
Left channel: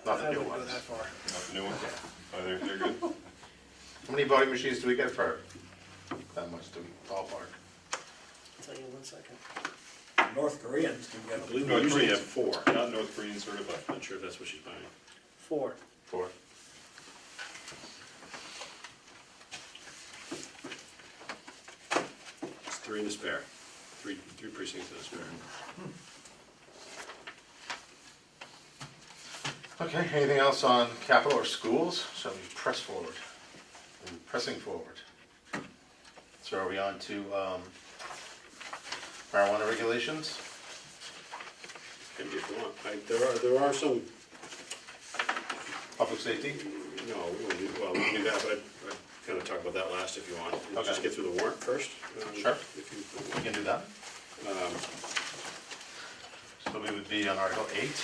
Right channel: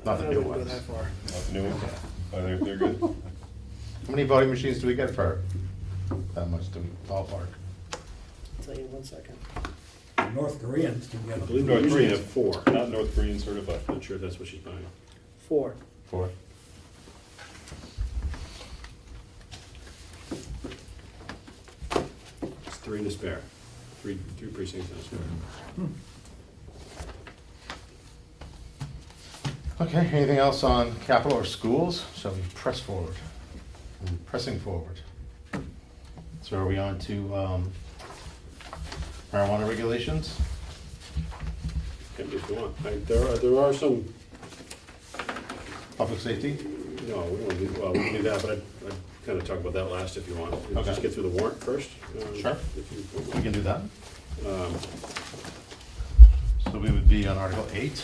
Not the I new wouldn't go ones. that far. Not the new ones? Oh, they're good. How many voting machines do we get for that much to ballpark? I'll tell you in 1 second. North Koreans can get I them. believe we North usually Koreans. have 4. Not North Korean certified. Not sure if that's what she's buying. 4. 4. It's 3 in the spare. Three precincts in the spare. Okay, anything else on capital or schools? Shall we press forward? Pressing forward. So are we on to marijuana regulations? Can be if you want. There are some, Public safety? no, we won't do, well, we can do that, but I'd kind of talk about that last if you want. Let's just Okay. get through the warrant first. Sure. If you, We can do that. um, So we would be on Article 8,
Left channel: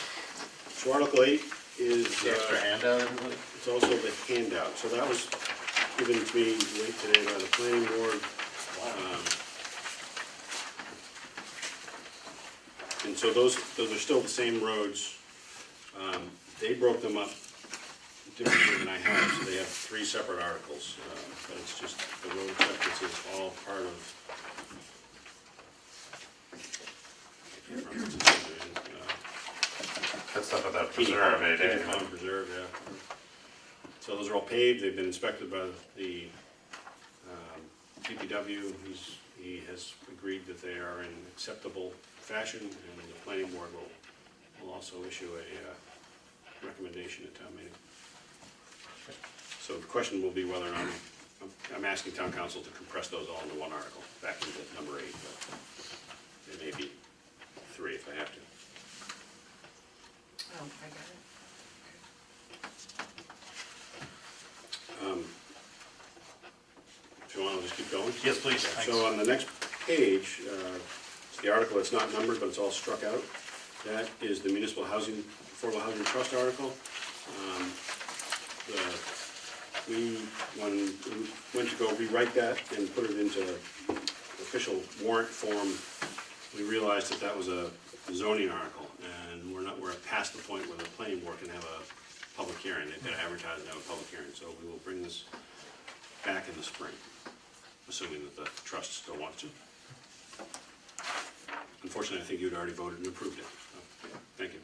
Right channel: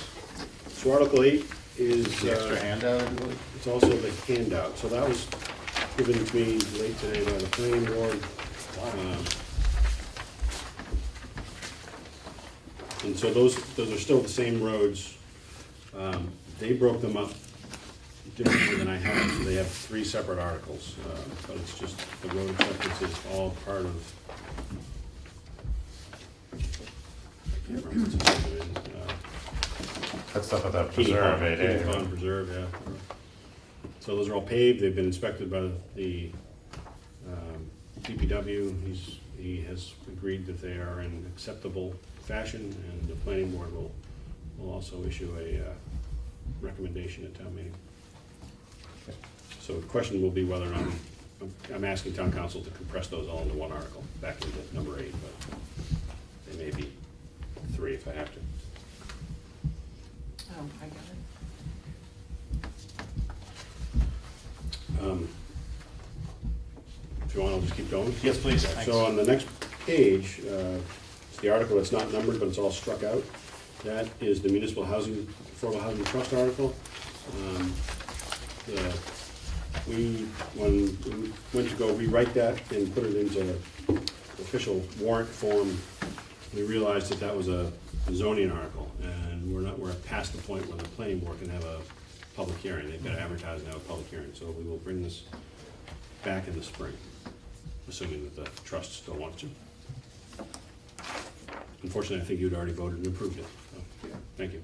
So Article 8 is, the extra handout, everybody? it's also the handout. So that was given to me late today by the planning board. And so those are still the same roads. They broke them up differently than I have, so they have 3 separate articles. But it's just, the road acceptance is all part of. I can't remember what's the name, That's stuff at that Keene preserve, Pond, eh, Keene Dave? Pond Preserve, yeah. So those are all paved, they've been inspected by the DPW. He has agreed that they are in acceptable fashion, and the planning board will also issue a recommendation at town meeting. So the question will be whether or not, I'm asking town council to compress those all into one article, back into number 8, but it may be 3 if I have to. Oh, I got it. If you want, I'll just keep going. Yes, please. So on the next page, it's the article that's not numbered, but it's all struck out. That is the municipal housing, affordable housing trust article. When we went to go rewrite that and put it into official warrant form, we realized that that was a zoning article, and we're past the point where the planning board can have a public hearing. They've got to advertise and have a public hearing, so we will bring this back in the spring, assuming that the trust still wants to. Unfortunately, I think you'd already voted and approved it, so, thank you.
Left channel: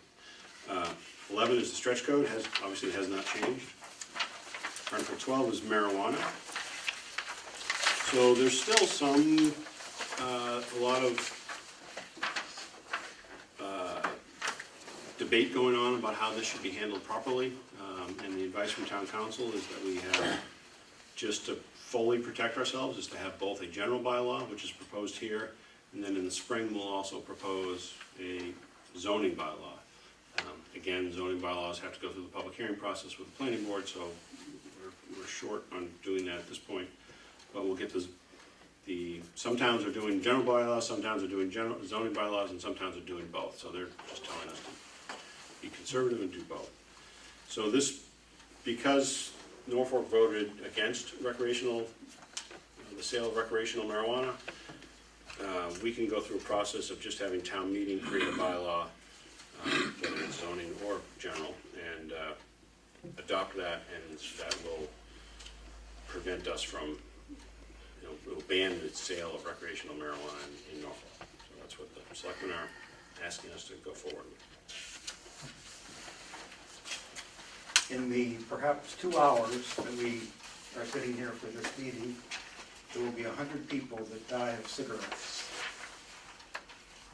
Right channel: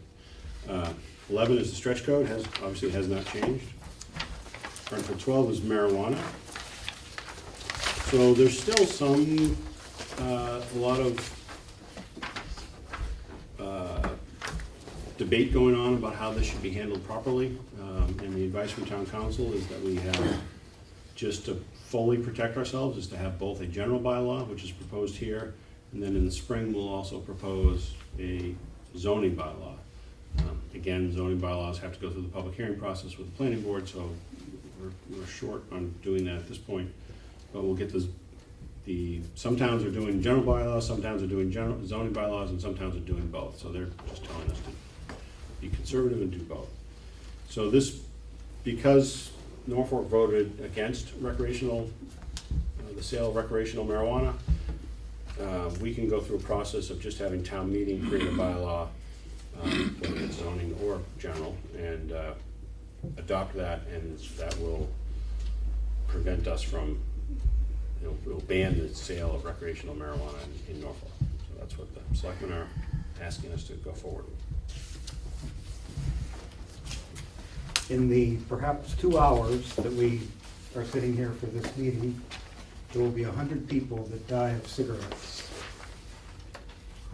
11 is the stretch code, obviously has not changed. Article 12 is marijuana. So there's still a lot of debate going on about how this should be handled properly. And the advice from town council is that we have, just to fully protect ourselves, is to have both a general bylaw, which is proposed here, and then in the spring, we'll also propose a zoning bylaw. Again, zoning bylaws have to go through the public hearing process with the planning board, so we're short on doing that at this point. But we'll get some towns are doing general bylaws, some towns are doing zoning bylaws, and some towns are doing both. So they're just telling us to be conservative and do both. So this, because Norfolk voted against recreational, the sale of recreational marijuana, we can go through a process of just having town meeting create a bylaw, whether it's zoning or general, and adopt that, and that will prevent us from, will ban the sale of recreational marijuana in Norfolk. So that's what the selectmen are asking us to go forward with. In the perhaps 2 hours that we are sitting here for this meeting, there will be 100 people that die of cigarettes.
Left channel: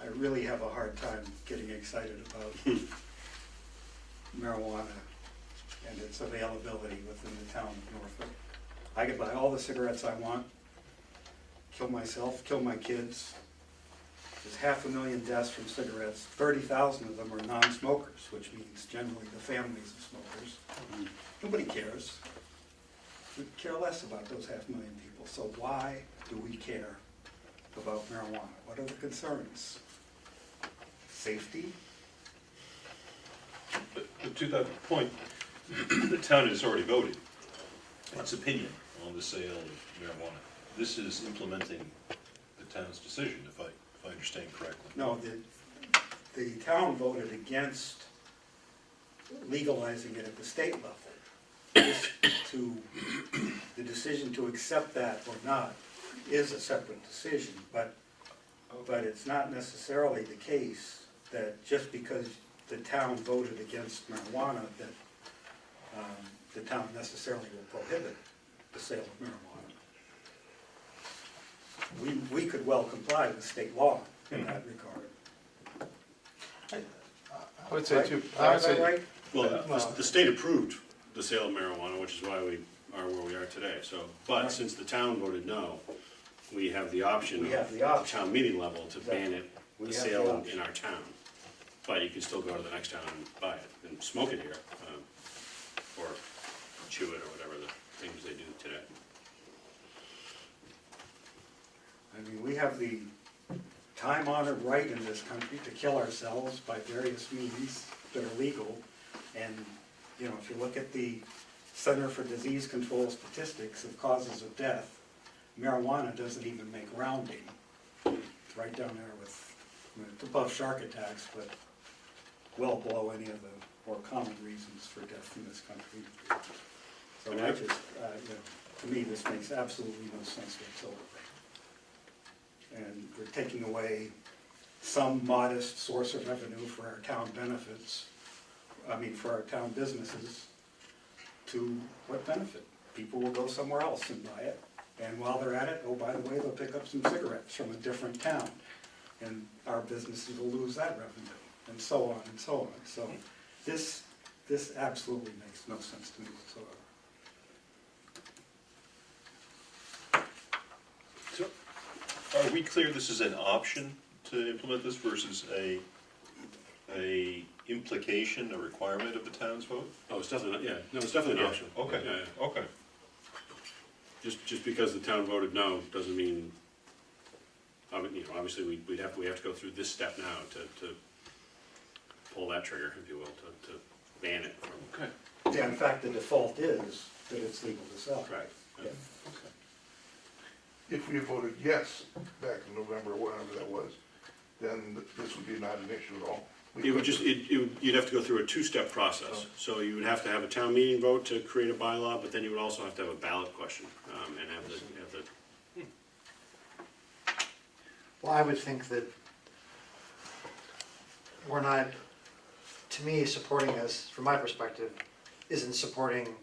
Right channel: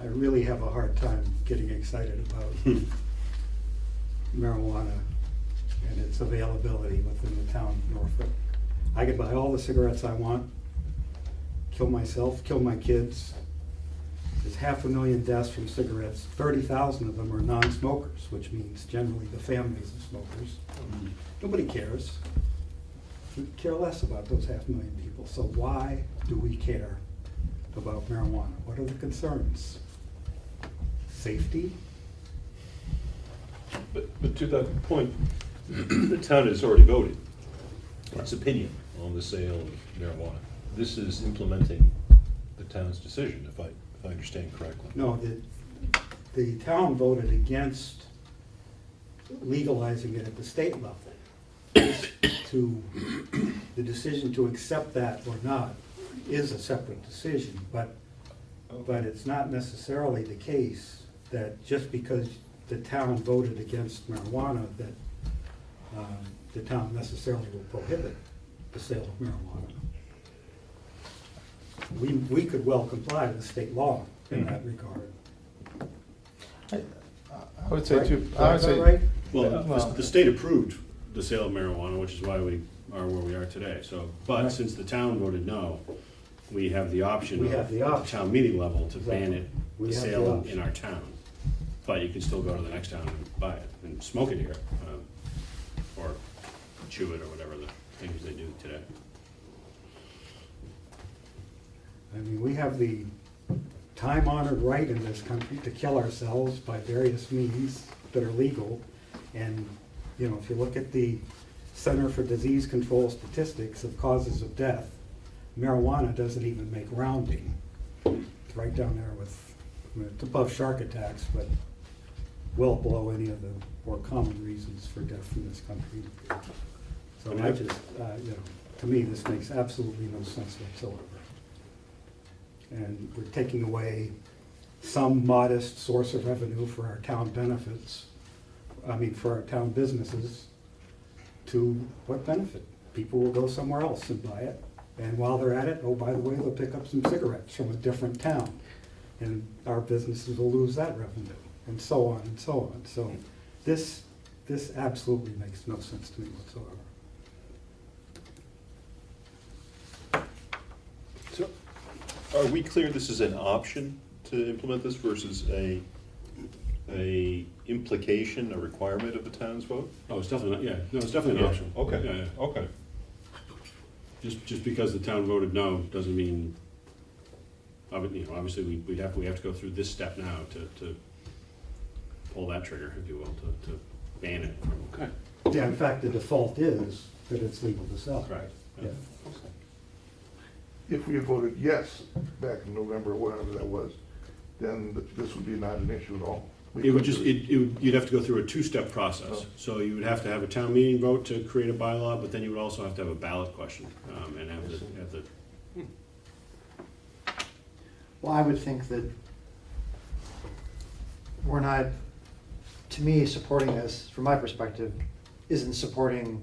I really have a hard time getting excited about marijuana and its availability within the town of Norfolk. I could buy all the cigarettes I want, kill myself, kill my kids. There's 500,000 deaths from cigarettes. 30,000 of them are non-smokers, which means generally the families of smokers. Nobody cares. We care less about those 500,000 people. So why do we care about marijuana? What are the concerns? Safety? But to that point, the town has already voted its opinion on the sale of marijuana. This is implementing the town's decision, if I understand correctly. No, the town voted against legalizing it at the state level. The decision to accept that or not is a separate decision, but it's not necessarily the case that just because the town voted against marijuana, that the town necessarily will prohibit the sale of marijuana. We could well comply with state law in that regard. I would say Right? too. Is that right? Well, the state approved the sale of marijuana, which is why we are where we are today, so, but Right. since the town voted no, we have the option We of, have the at option. the town meeting level to ban it, We the have the sale option. in our town. But you can still go to the next town and buy it and smoke it here, or chew it or whatever the things they do today. I mean, we have the time-honored right in this country to kill ourselves by various means that are legal. And, you know, if you look at the Center for Disease Control statistics of causes of death, marijuana doesn't even make rounding. It's right down there with, it's above shark attacks, but well below any of the more common reasons for death in this country. So I just, you know, to me, this makes absolutely no sense whatsoever. And we're taking away some modest source of revenue for our town benefits, for our town businesses, to what benefit? People will go somewhere else and buy it, and while they're at it, oh, by the way, they'll pick up some cigarettes from a different town, and our businesses will lose that revenue, and so on and so on. So this absolutely makes no sense to me whatsoever. So, are we clear this is an option to implement this versus a implication, a requirement of the town's vote? Oh, it's definitely, yeah, no, it's definitely an option. Okay, Yeah, yeah. okay. Just because the town voted no, doesn't mean, obviously, we have to go through this step now to pull that trigger, if you will, to ban it. Okay. Yeah, in fact, the default is that it's legal to sell. Right. Yeah. If we had voted yes back in November, whatever that was, then this would be not an issue at all. It would just, you'd have to go through a two-step process. So you would have to have a town meeting vote to create a bylaw, but then you would also have to have a ballot question, and have the. Well, I would think that we're not, to me, supporting this, from my perspective, isn't supporting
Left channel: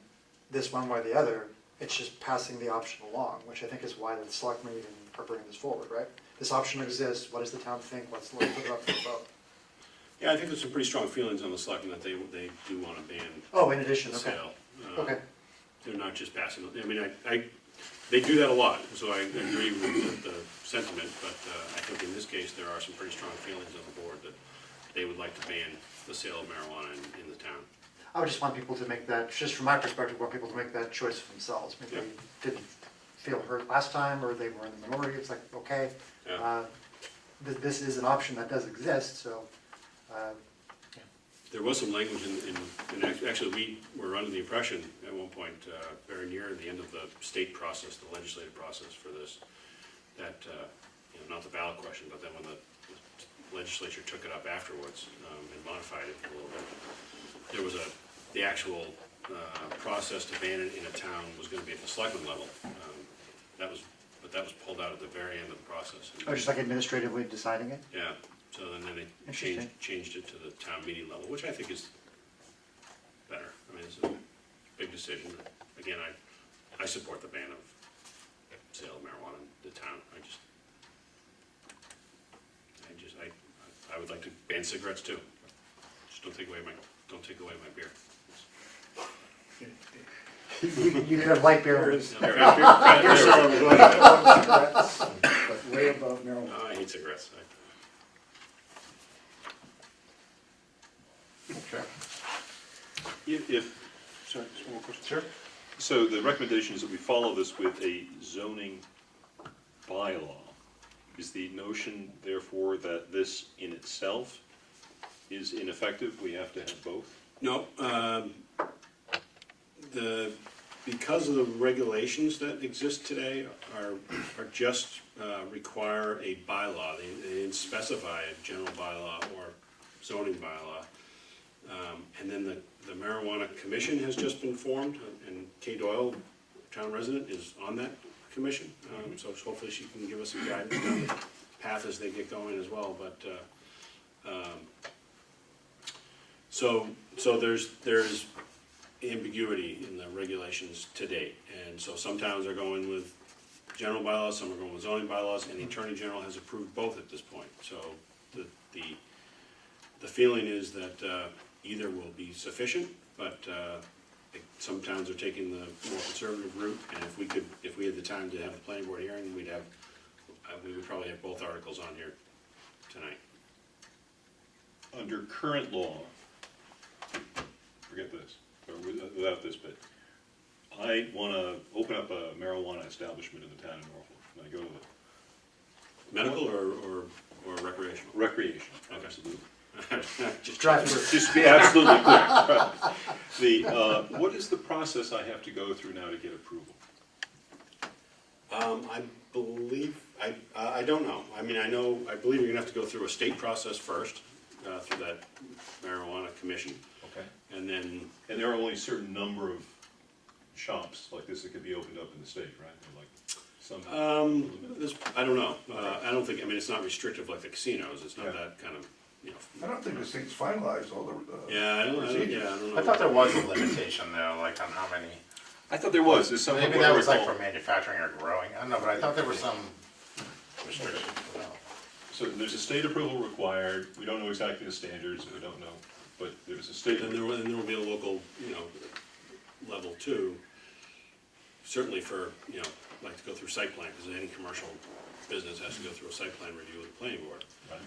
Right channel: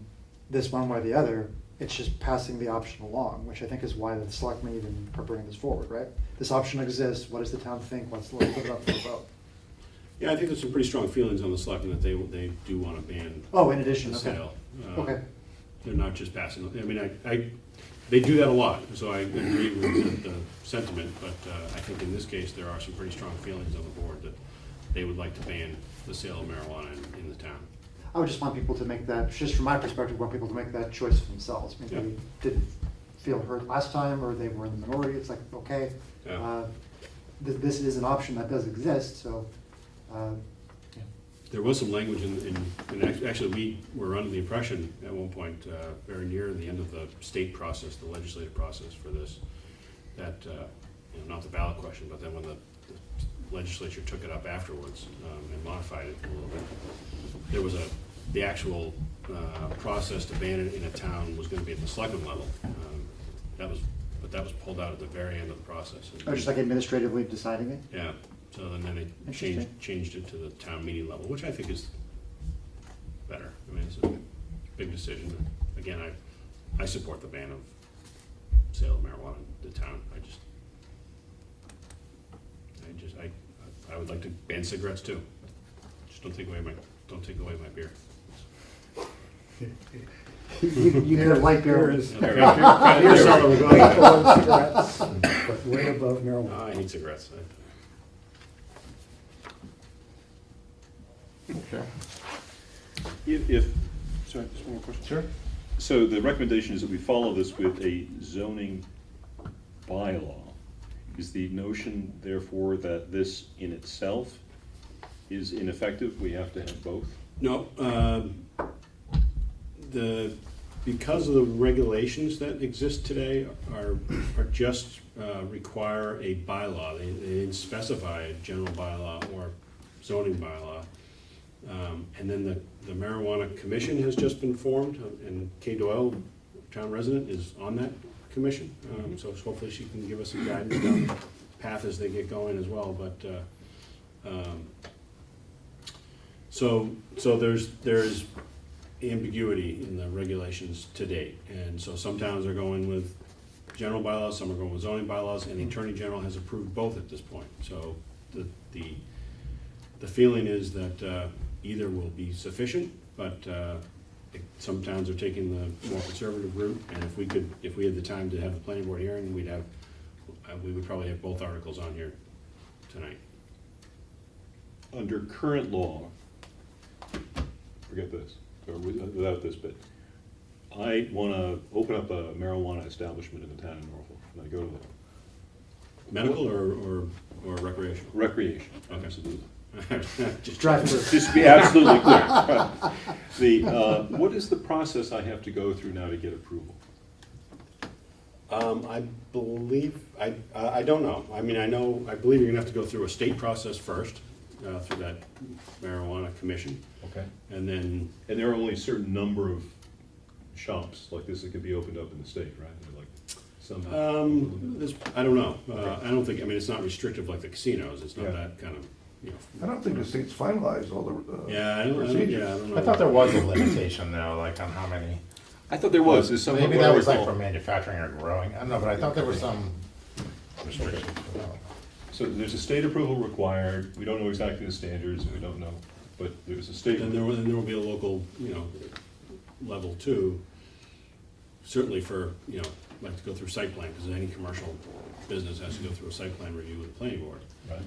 this one way or the other. It's just passing the option along, which I think is why the selectmen even are bringing this forward, right? This option exists, what does the town think, let's put it up for a vote. Yeah, I think there's some pretty strong feelings on the selectmen that they do want to ban Oh, in addition, the okay. sale. Okay. They're not just passing, they do that a lot, so I agree with the sentiment, but I think in this case, there are some pretty strong feelings on the board that they would like to ban the sale of marijuana in the town. I would just want people to make that, just from my perspective, want people to make that choice for themselves. Maybe Yeah. they didn't feel heard last time, or they were in the minority, it's like, okay, Yeah. this is an option that does exist, so, There was some language actually, we were under the impression at one point, very near the end of the state process, the legislative process for this, that, not the ballot question, but then when the legislature took it up afterwards and modified it a little bit, there was the actual process to ban it in a town was going to be at the selectman level. But that was pulled out at the very end of the process. oh, just like administratively deciding it? Yeah, so then they Interesting. changed it to the town meeting level, which I think is better. I mean, it's a big decision. Again, I support the ban of sale of marijuana in the town. I would like to ban cigarettes too. Just don't take away my beer. You need a light beer. There is Beer cellar cellar. way above cigarettes, but way above marijuana. I hate cigarettes. Okay. Sorry, just one more question. Sure. So the recommendation is that we follow this with a zoning bylaw Is the notion therefore that this in itself is ineffective? We have to have both? No, because of the regulations that exist today are just require a bylaw. They didn't specify a general bylaw or zoning bylaw. And then the marijuana commission has just been formed, and Kay Doyle, town resident, is on that commission. So hopefully she can give us some guidance down the path as they get going as well, but, so there's ambiguity in the regulations to date. And so some towns are going with general bylaws, some are going with zoning bylaws, and the Attorney General has approved both at this point. So the feeling is that either will be sufficient, but some towns are taking the more conservative route, and if we had the time to have the planning board hearing, we would probably have both articles on here tonight. Under current law, forget this, or without this bit, I want to open up a marijuana establishment in the town of Norfolk, and I go there. Medical or recreational? Recreation, Okay. absolutely. Just Drive through. Just to be absolutely clear. What is the process I have to go through now to get approval? I believe, I don't know. I mean, I believe you're gonna have to go through a state process first, through that marijuana commission. Okay. And then, And there are only a certain number of shops like this that could be opened up in the state, right? They're like some. I don't know. I don't think, I mean, it's not restrictive like the casinos. It's not Yeah. that kind of, you know. I don't think the state's finalized all the Yeah, I don't know. I thought there was a limitation though, like on how many. I thought there was. There's some. Maybe what that I was like recall. for manufacturing or growing, I don't know, but I thought there were some restrictions. So there's a state approval required. We don't know exactly the standards. We don't know, but there's a state. And there will be a local, level too. Certainly for, like to go through site plan, because any commercial business has to go through a site plan review with the planning board. Right.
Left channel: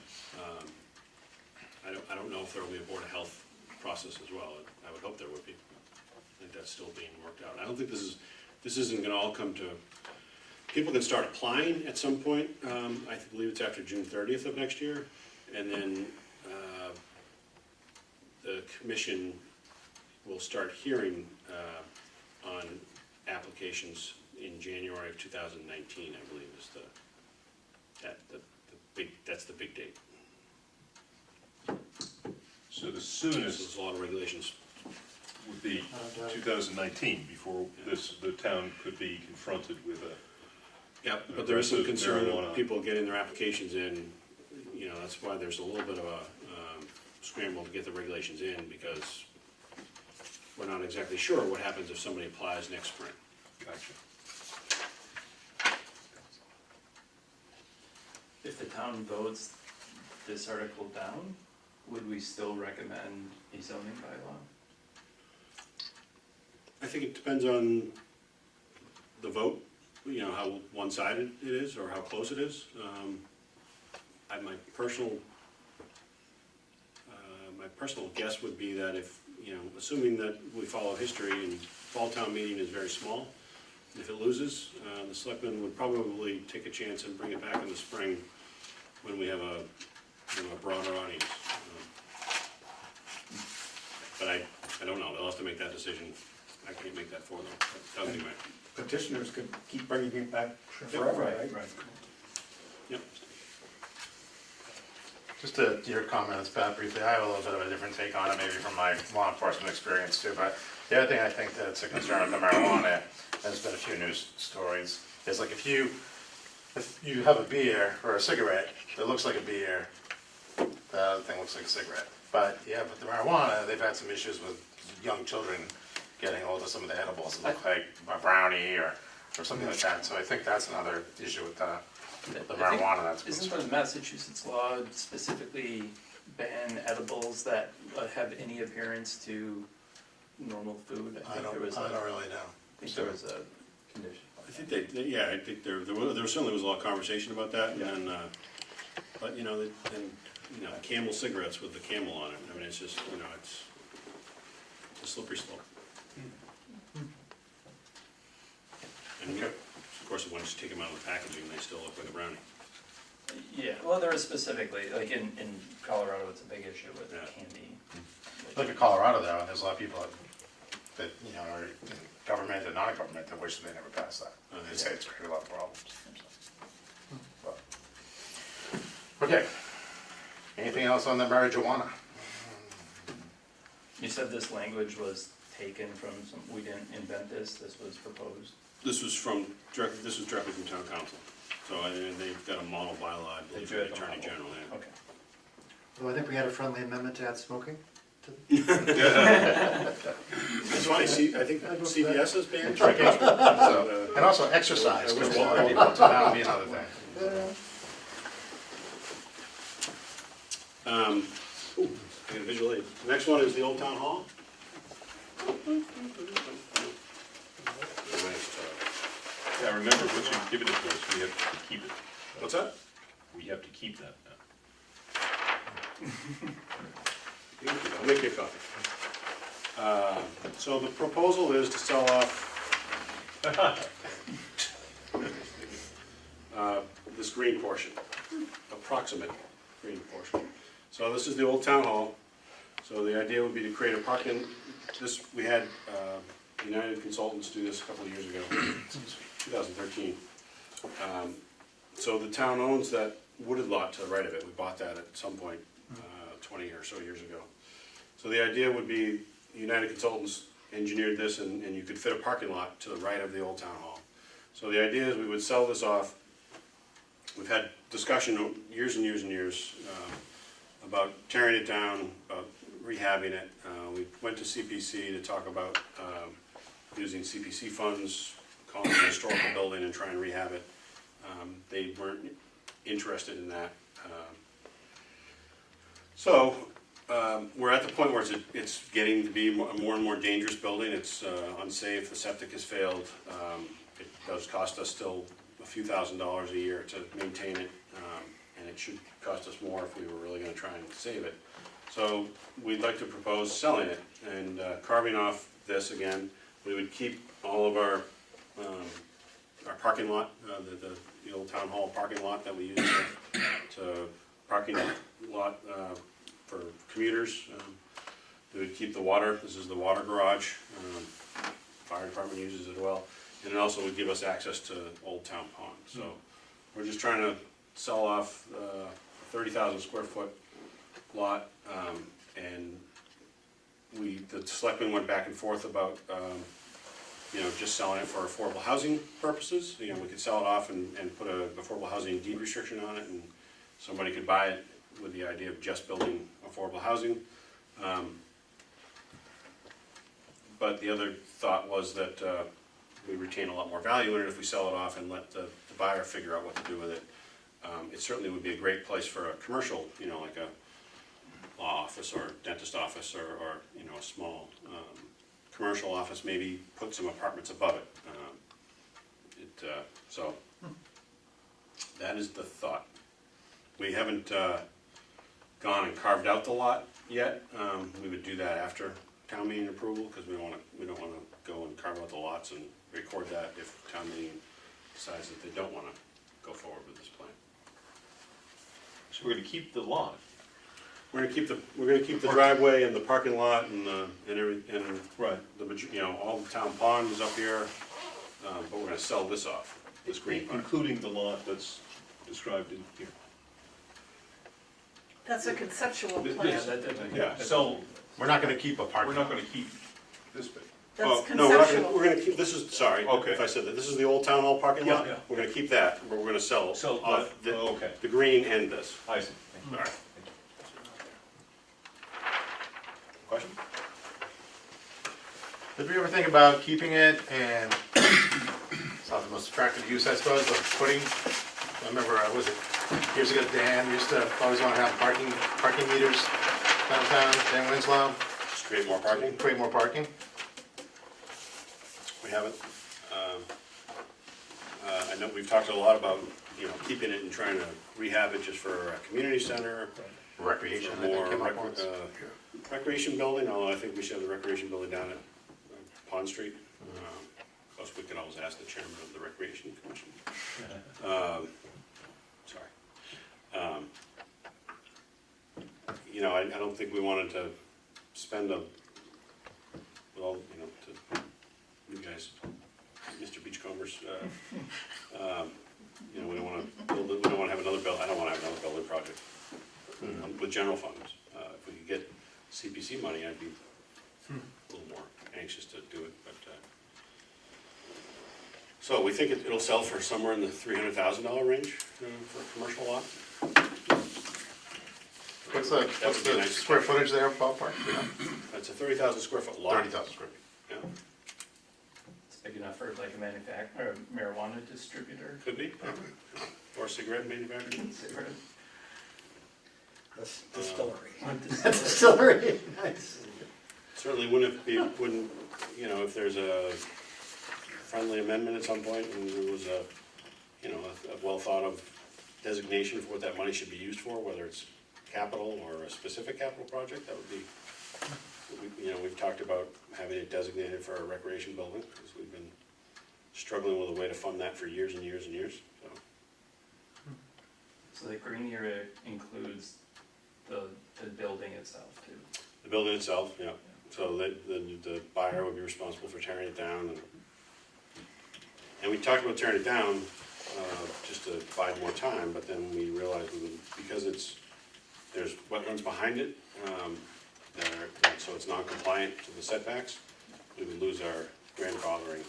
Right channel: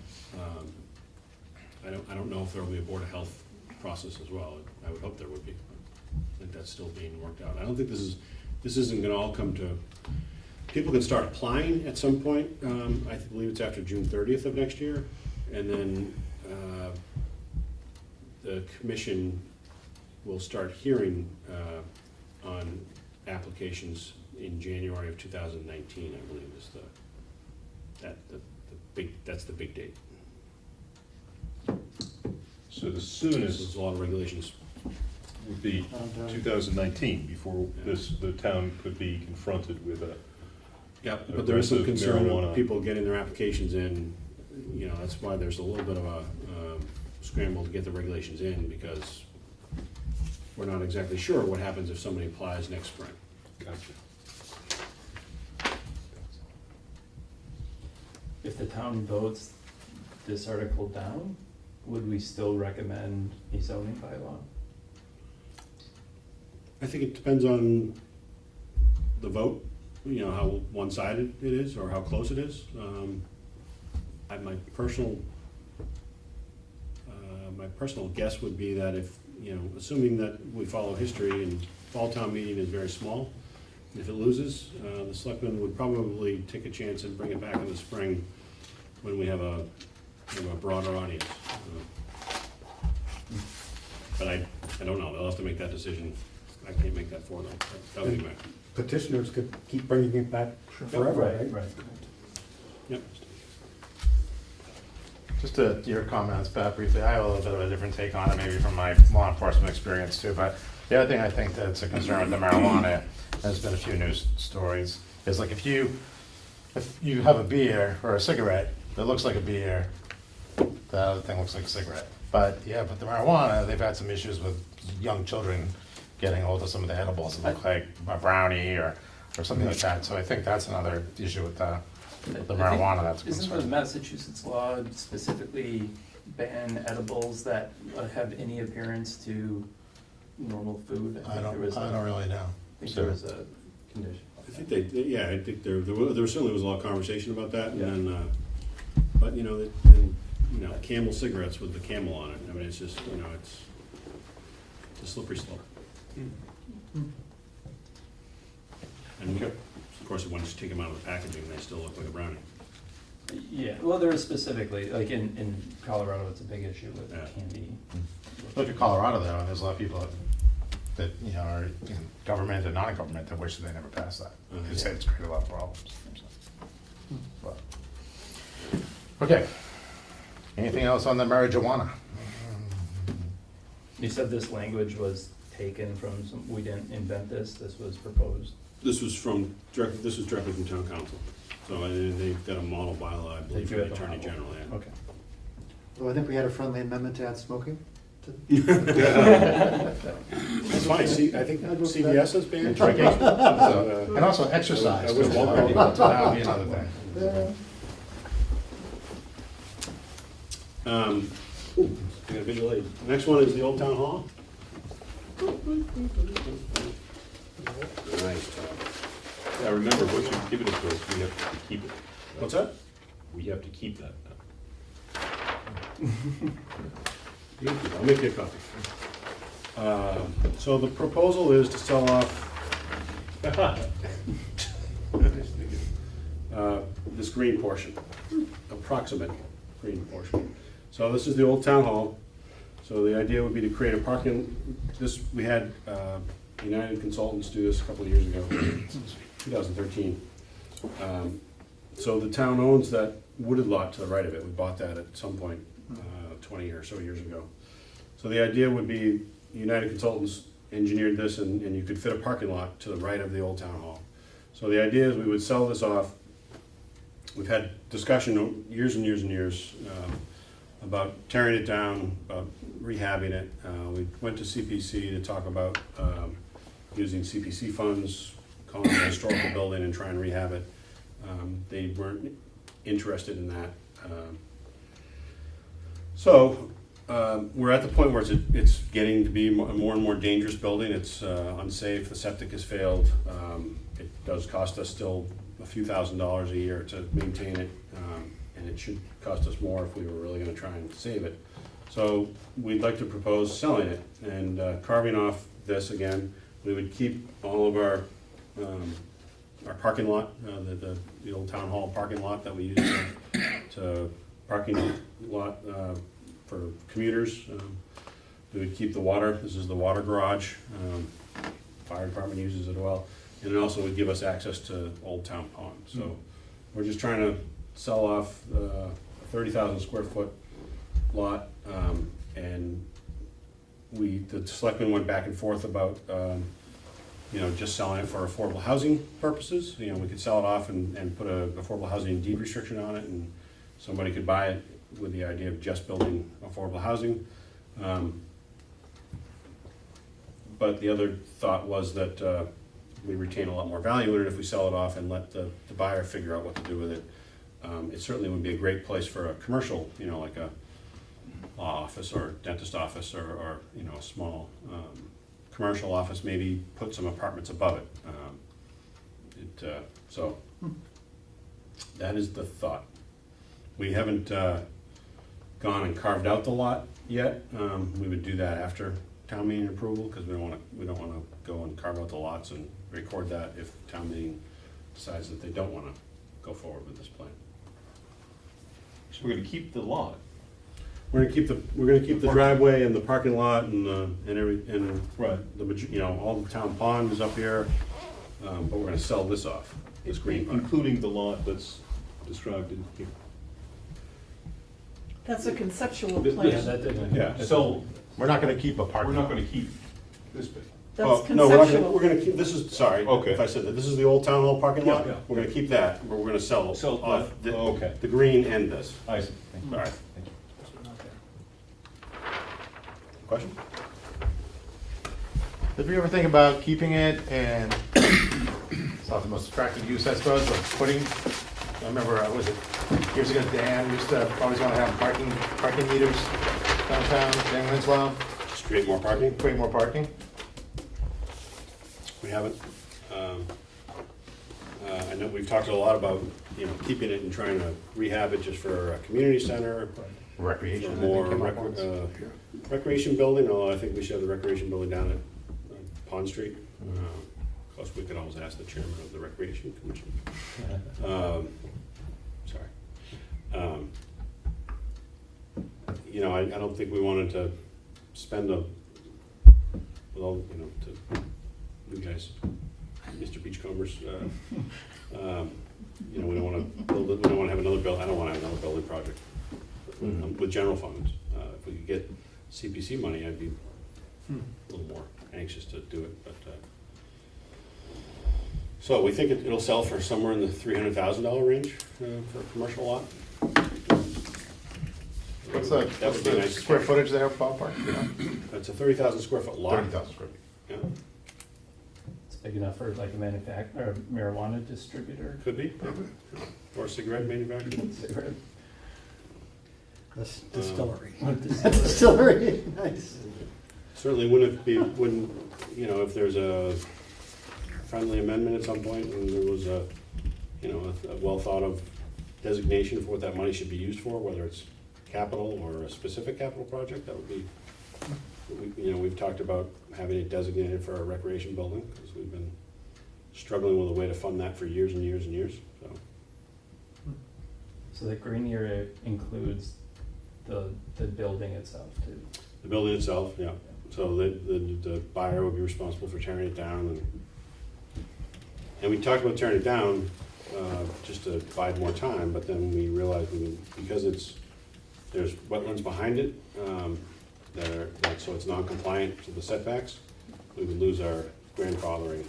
I don't know if there will be a board of health process as well. I would hope there would be. I think that's still being worked out. I don't think this isn't gonna all come to, people can start applying at some point. I believe it's after June 30th of next year. And then, the commission will start hearing, on applications in January of 2019, I believe is that's the big date. So the There's soonest a lot of regulations. would be 2019 before the town could be confronted with a. Yep, but there is some Aggressive concern marijuana. of people getting their applications in, that's why there's a little bit of a scramble to get the regulations in, because we're not exactly sure what happens if somebody applies next spring. Gotcha. If the town votes this article down, would we still recommend a zoning bylaw? I think it depends on the vote, how one-sided it is or how close it is. My personal guess would be that if, assuming that we follow history and fall town meeting is very small, if it loses, the selectmen would probably take a chance and bring it back in the spring when we have a broader audience. But I don't know, they'll have to make that decision. I can't make that for them. That would be my, Petitioners could keep bringing it back forever, right? Right. yep. Just to your comments, Pat, briefly, I have a little bit of a different take on it, maybe from my law enforcement experience too, but the other thing I think that's a concern with the marijuana, there's been a few news stories, is like if you have a beer or a cigarette that looks like a beer, the other thing looks like a cigarette. But the marijuana, they've had some issues with young children getting hold of some of the edibles that look like a brownie or something like that. So I think that's another issue with the marijuana that's a Isn't the concern. Massachusetts law specifically ban edibles that have any appearance to normal food? I think there was don't really know. I think there was a condition. I think I think there certainly was a lot of conversation about that, and then, but Camel cigarettes with the camel on it, I mean, it's just, it's a slippery slope. And of course, when you take them out of the packaging, they still look like a brownie. Yeah, well, there is specifically, like in Colorado, it's a big issue with Yeah. candy. Look at Colorado though, and there's a lot of people that you know, are in government and non-government that wish that they never passed that. They say it's created a lot of problems. But- Okay. Anything else on the marijuana? You said this language was taken from some, we didn't invent this, this was proposed. This was directly from town council. So they've got a model bylaw, I believe, They from do the have a attorney model. general, yeah. Okay. So I think we had a friendly amendment to add smoking. It's funny, I think CVS has banned drinking. So, and also exercise. I wish so one- that would be another thing. I got a visual aid. Next one is the Old Town Hall. Nice job. Yeah, remember, once you give it to us, we have to keep it. What's that? We have to keep that. I'll make you a copy. So the proposal is to sell off this green portion, approximate green portion. So this is the old town hall. So the idea would be to create a parking, we had United Consultants do this a couple of years ago, 2013. So the town owns that wooded lot to the right of it. We bought that at some point 20 or so years ago. So the idea would be United Consultants engineered this and you could fit a parking lot to the right of the old town hall. So the idea is we would sell this off. We've had discussion years and years and years about tearing it down, about rehabbing it. We went to CPC to talk about using CPC funds, calling it a historical building and trying to rehab it. They weren't interested in that. So we're at the point where it's getting to be more and more dangerous building. It's unsafe. The septic has failed. It does cost us still a few $1,000s a year to maintain it, and it should cost us more if we were really going to try and save it. So we'd like to propose selling it and carving off this again. We would keep all of our parking lot, the old town hall parking lot that we use to parking lot for commuters. We would keep the water. This is the water garage. Fire department uses it well. And it also would give us access to Old Town Pond. So we're just trying to sell off a 30,000 square foot lot. And the selectmen went back and forth about just selling it for affordable housing purposes. We could sell it off and put a affordable housing deed restriction on it, and somebody could buy it with the idea of just building affordable housing. But the other thought was that we retain a lot more value in it if we sell it off and let the buyer figure out what to do with it. It certainly would be a great place for a commercial, like a law office or dentist office or a small commercial office, maybe put some apartments above it. So that is the thought. We haven't gone and carved out the lot yet. We would do that after town meeting approval because we don't want to go and carve out the lots and record that if town meeting decides that they don't want to go forward with this plan. So we're gonna keep the lot. We're gonna keep the driveway and the parking lot and Right. all the town pond is up here, but we're gonna sell this off, this green part. Including the lot that's described in here. That's a conceptual Th- plan. this- Yeah. So, We're not gonna keep a parking we're lot. not gonna keep this bit. That's No, we're conceptual. gonna keep, this is, sorry, Okay. if I said that, this is the old town hall parking lot. Yeah, yeah. We're gonna keep that, but we're gonna sell Sell off that. Oh, okay. the green and this. I see. Thank you. All right. Thank you. Question? Did we ever think about keeping it and it's not the most attractive use, I suppose, but putting, I remember, was it years ago, Dan used to always want to have parking meters downtown, Dan Winslow, Just create more parking? create more parking. We haven't. I know we've talked a lot about, keeping it and trying to rehab it just for a community center. Recreation. For more recreation building, although I think we should have the recreation building down at Pond Street. Of course, we could always ask the chairman of the Recreation Commission. Sorry. You know, I don't think we wanted to spend well, you know, to you guys, Mr. Beachcombers, you know, we don't wanna build it, we don't wanna have another I don't wanna have another building project with general funds. If we could get CPC money, I'd be a little more anxious to do it, but, so we think it'll sell for somewhere in the $300,000 range, for a commercial lot. What's That would be a the nice square start. footage there, ballpark? Yeah. It's a 30,000 square foot lot. 30,000 square feet. Yeah, It's big enough for like a or marijuana distributor. could be, or a cigarette manufacturer. Distillery. Distillery, nice. Certainly wouldn't, you know, if there's a friendly amendment at some point and there was a, you know, a well thought of designation for what that money should be used for, whether it's capital or a specific capital project, that would be, you know, we've talked about having it designated for a recreation building, because we've been struggling with a way to fund that for years and years and years, so. So the green area includes the building itself too. The building itself, yeah, so the buyer would be responsible for tearing it down, and we talked about tearing it down, just to buy more time, but then we realized because there's wetlands behind it, so it's non-compliant to the setbacks, we would lose our grandfathering,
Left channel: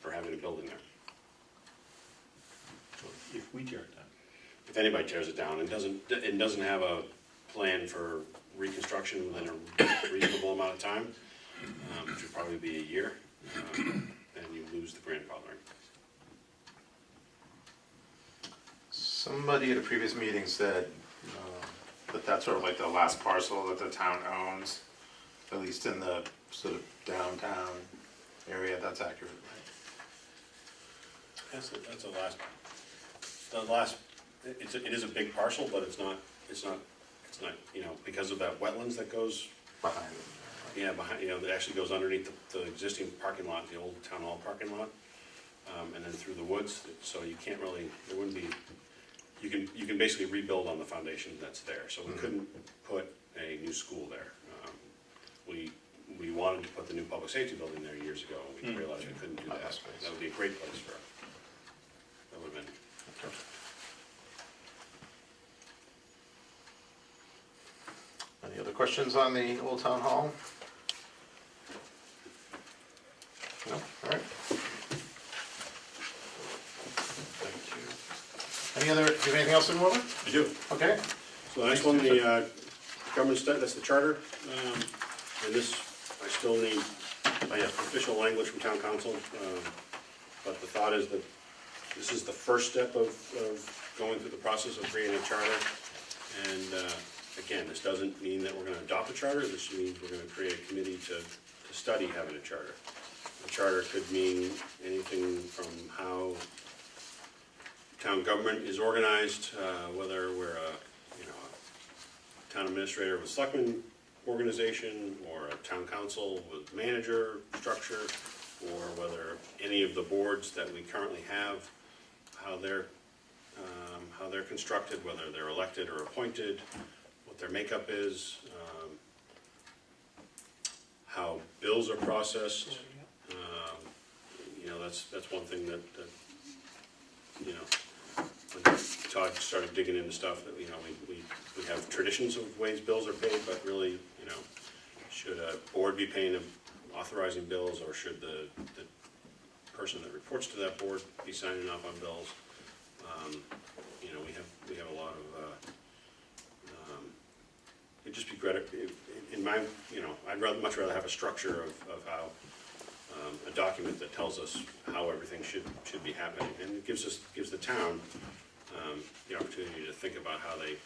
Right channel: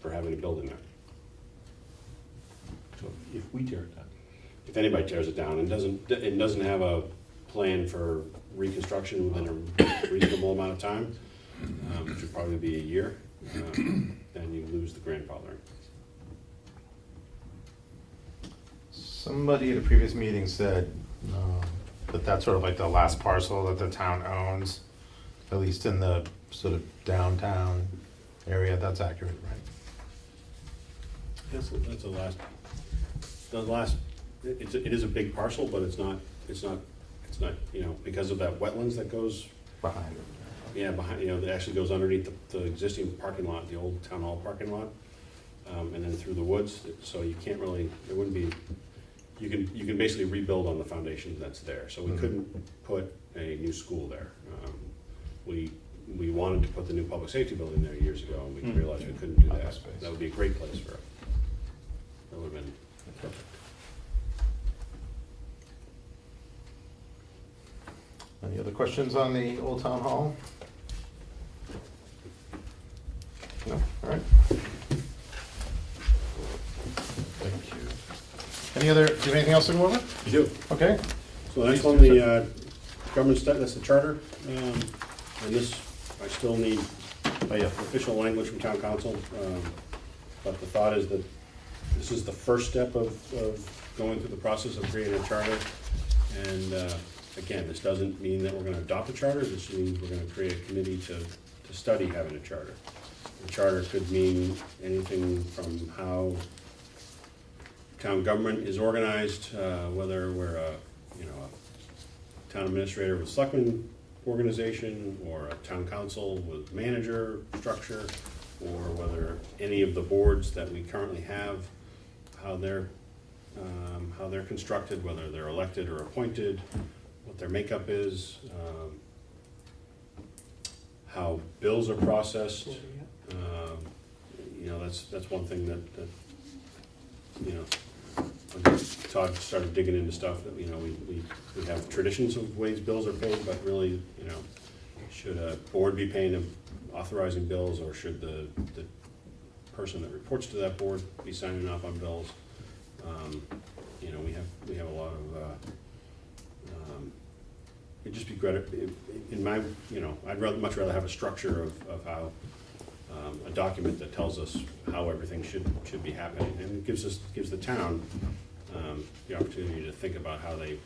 for having a building there. So if we tear it down, If anybody tears it down and doesn't have a plan for reconstruction within a reasonable amount of time, which would probably be a year, then you lose the grandfathering. Somebody at a previous meeting said that that's sort of like the last parcel that the town owns, at least in the sort of downtown area. That's accurate, right? That's the last, it is a big parcel, but it's not, you know, because of that wetlands that goes, Behind it. yeah, behind, you know, that actually goes underneath the existing parking lot, the old town hall parking lot, and then through the woods, so you can't really, there wouldn't be, you can basically rebuild on the foundation that's there, so we couldn't put a new school there. We wanted to put the new public safety building there years ago, and we realized we couldn't do that. That would be a great place for it. That would have been perfect. Any other questions on the Old Town Hall? No, all right. Thank you. Any other, do you have anything else to go over? You do. Okay. So the next one, the government study, that's the charter, and this, I still need official language from town council, but the thought is that this is the first step of going through the process of creating a charter, and again, this doesn't mean that we're gonna adopt a charter, this means we're gonna create a committee to study having a charter. The charter could mean anything from how town government is organized, whether we're a town administrator with selectmen organization, or a town council with manager structure, or whether any of the boards that we currently have, how they're constructed, whether they're elected or appointed, what their makeup is, how bills are processed. You know, that's one thing that you know, when Todd started digging into stuff, that, you know, we have traditions of ways bills are paid, but really, you know, should a board be paying them, authorizing bills, or should the person that reports to that board be signing off on bills? You know, we have a lot of, it'd just be great, in my, you know, I'd much rather have a structure of how, a document that tells us how everything should be happening, and it gives the town the opportunity to think about how they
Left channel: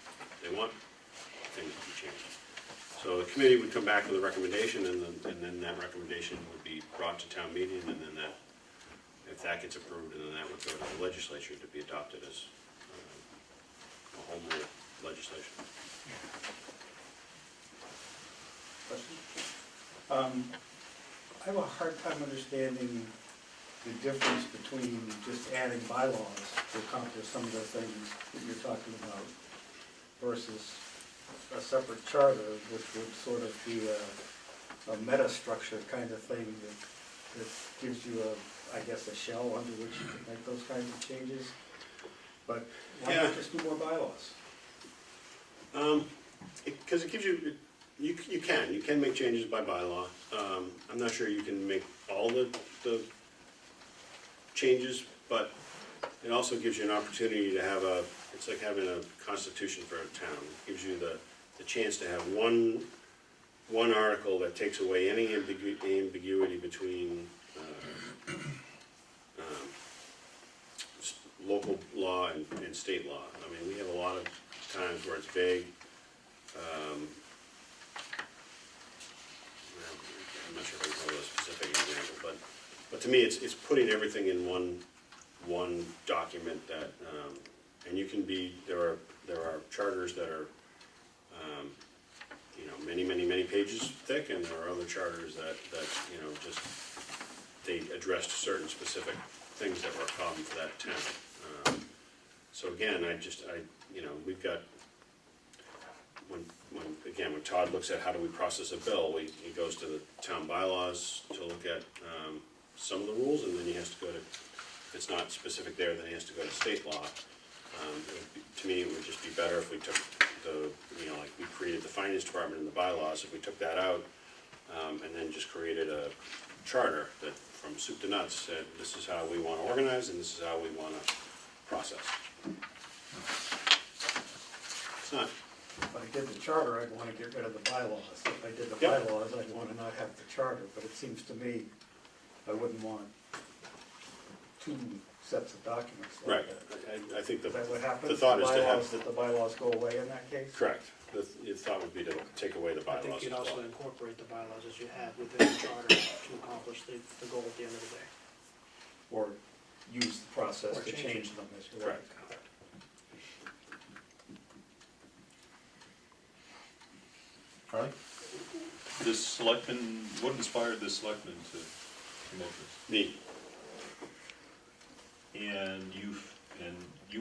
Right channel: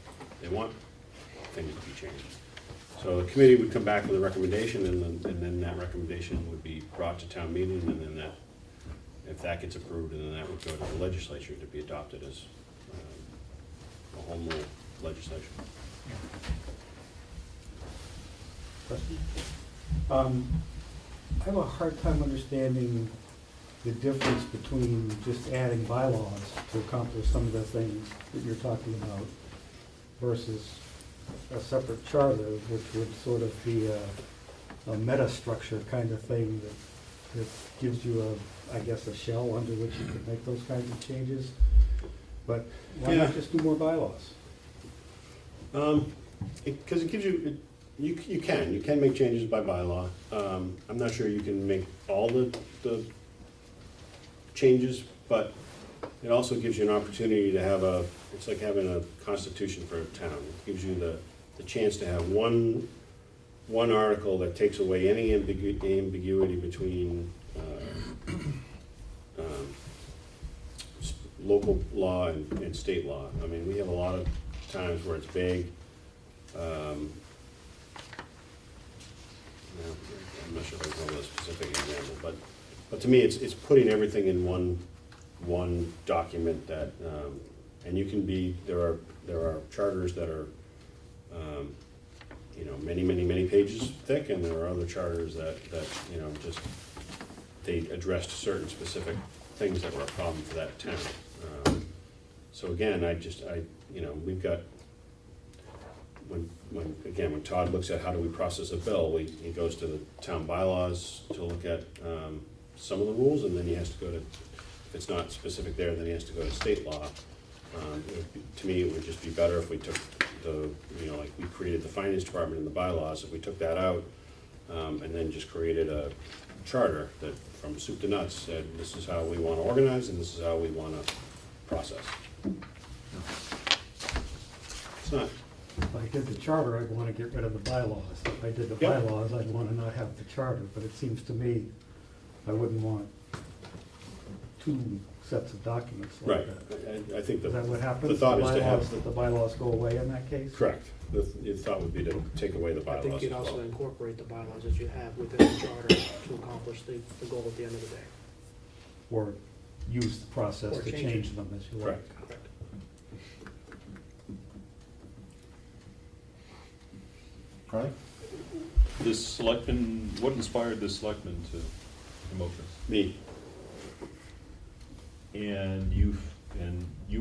want things to be changed. So the committee would come back with a recommendation, and then that recommendation would be brought to town meeting, and then that, if that gets approved, and then that would go to the legislature to be adopted as a home rule legislation. I have a hard time understanding the difference between just adding bylaws to accomplish some of the things that you're talking about versus a separate charter, which would sort of be a meta-structure kind of thing that gives you I guess, a shell under which you could make those kinds of changes. But why Yeah. not just do more bylaws? Because it gives you, you can make changes by bylaw. I'm not sure you can make all the changes, but it also gives you an opportunity to have it's like having a constitution for a town. It gives you the chance to have one article that takes away any ambiguity between local law and state law. I mean, we have a lot of times where it's vague. I'm not sure if I can call it a specific example, but to me, it's putting everything in one document that, and you can be, there are charters that are, many pages thick, and there are other charters that just, they addressed certain specific things that were a problem for that town. So again, we've got, when Todd looks at how do we process a bill, he goes to the town bylaws to look at some of the rules, and then he has to go to, if it's not specific there, then he has to go to state law. To me, it would just be better if we took like we created the finance department in the bylaws, if we took that out, and then just created a charter that from soup to nuts said, this is how we want to organize and this is how we want to process. It's not. If I did the charter, I'd want to get rid of the bylaws. If I did the Yep. bylaws, I'd want to not have the charter, but it seems to me I wouldn't want two sets of documents like Right. that. I think Is that what the happens? thought is to have, That the bylaws go away in that case? correct. The thought would be to take away the I bylaws think as you'd also well. incorporate the bylaws as you have within the charter to accomplish the goal at the end of the day. Or use the process Or to change change it. them as you like? Correct. Correct. All right. What inspired the selectmen to promote this? Me, And you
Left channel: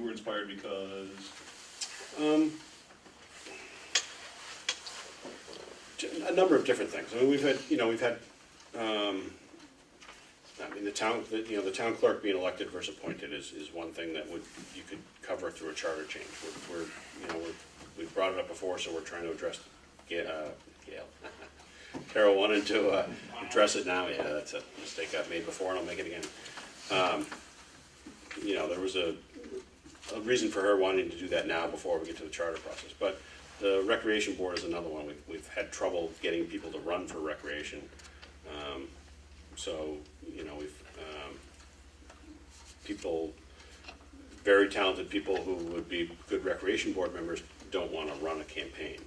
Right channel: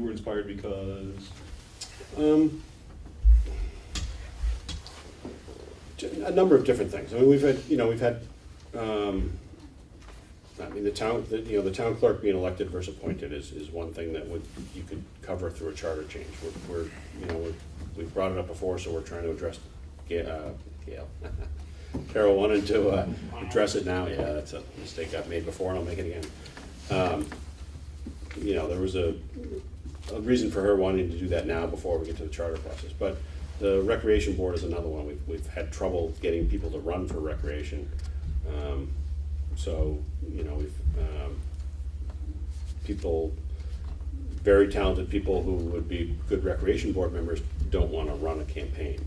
were inspired because, a number of different things. I mean, we've had, the town clerk being elected versus appointed is one thing that you could cover through a charter change. We've brought it up before, so we're trying to address, Gail. Carol wanted to address it now. Yeah, that's a mistake I've made before, and I'll make it again. There was a reason for her wanting to do that now before we get to the charter process. But the recreation board is another one. We've had trouble getting people to run for recreation. People, very talented people who would be good recreation board members don't want to run a campaign.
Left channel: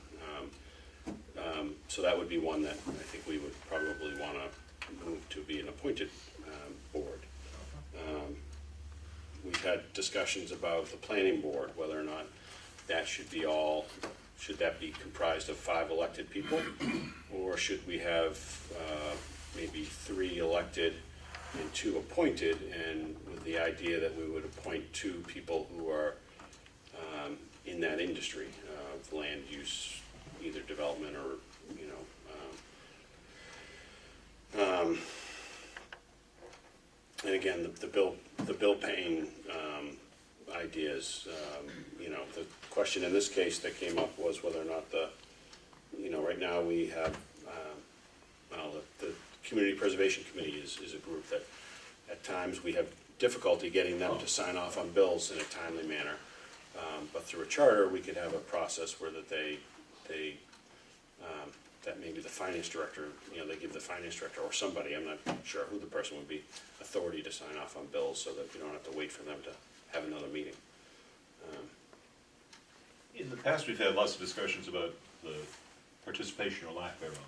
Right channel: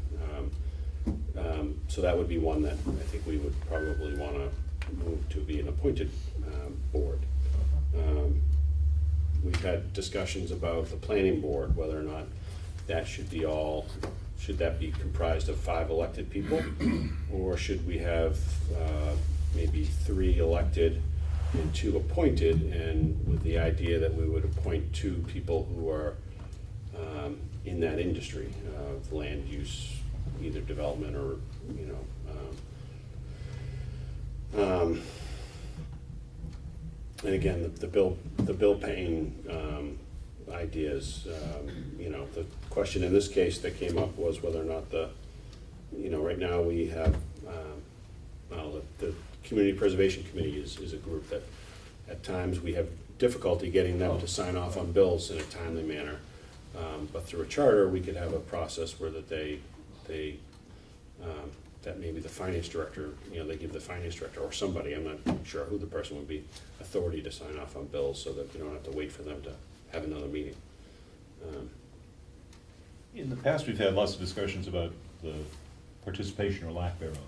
So that would be one that I think we would probably want to move to be an appointed board. We've had discussions about the planning board, whether or not that should that be comprised of 5 elected people? Or should we have maybe 3 elected and 2 appointed, and with the idea that we would appoint 2 people who are in that industry of land use, either development or, and again, the bill paying ideas, the question in this case that came up was whether or not right now we have, the Community Preservation Committee is a group that at times we have difficulty getting them to sign off on bills in a timely manner. But through a charter, we could have a process where that that maybe the finance director, they give the finance director or somebody, I'm not sure who the person would be, authority to sign off on bills so that we don't have to wait for them to have another meeting. in the past, we've had lots of discussions about the participation or lack thereof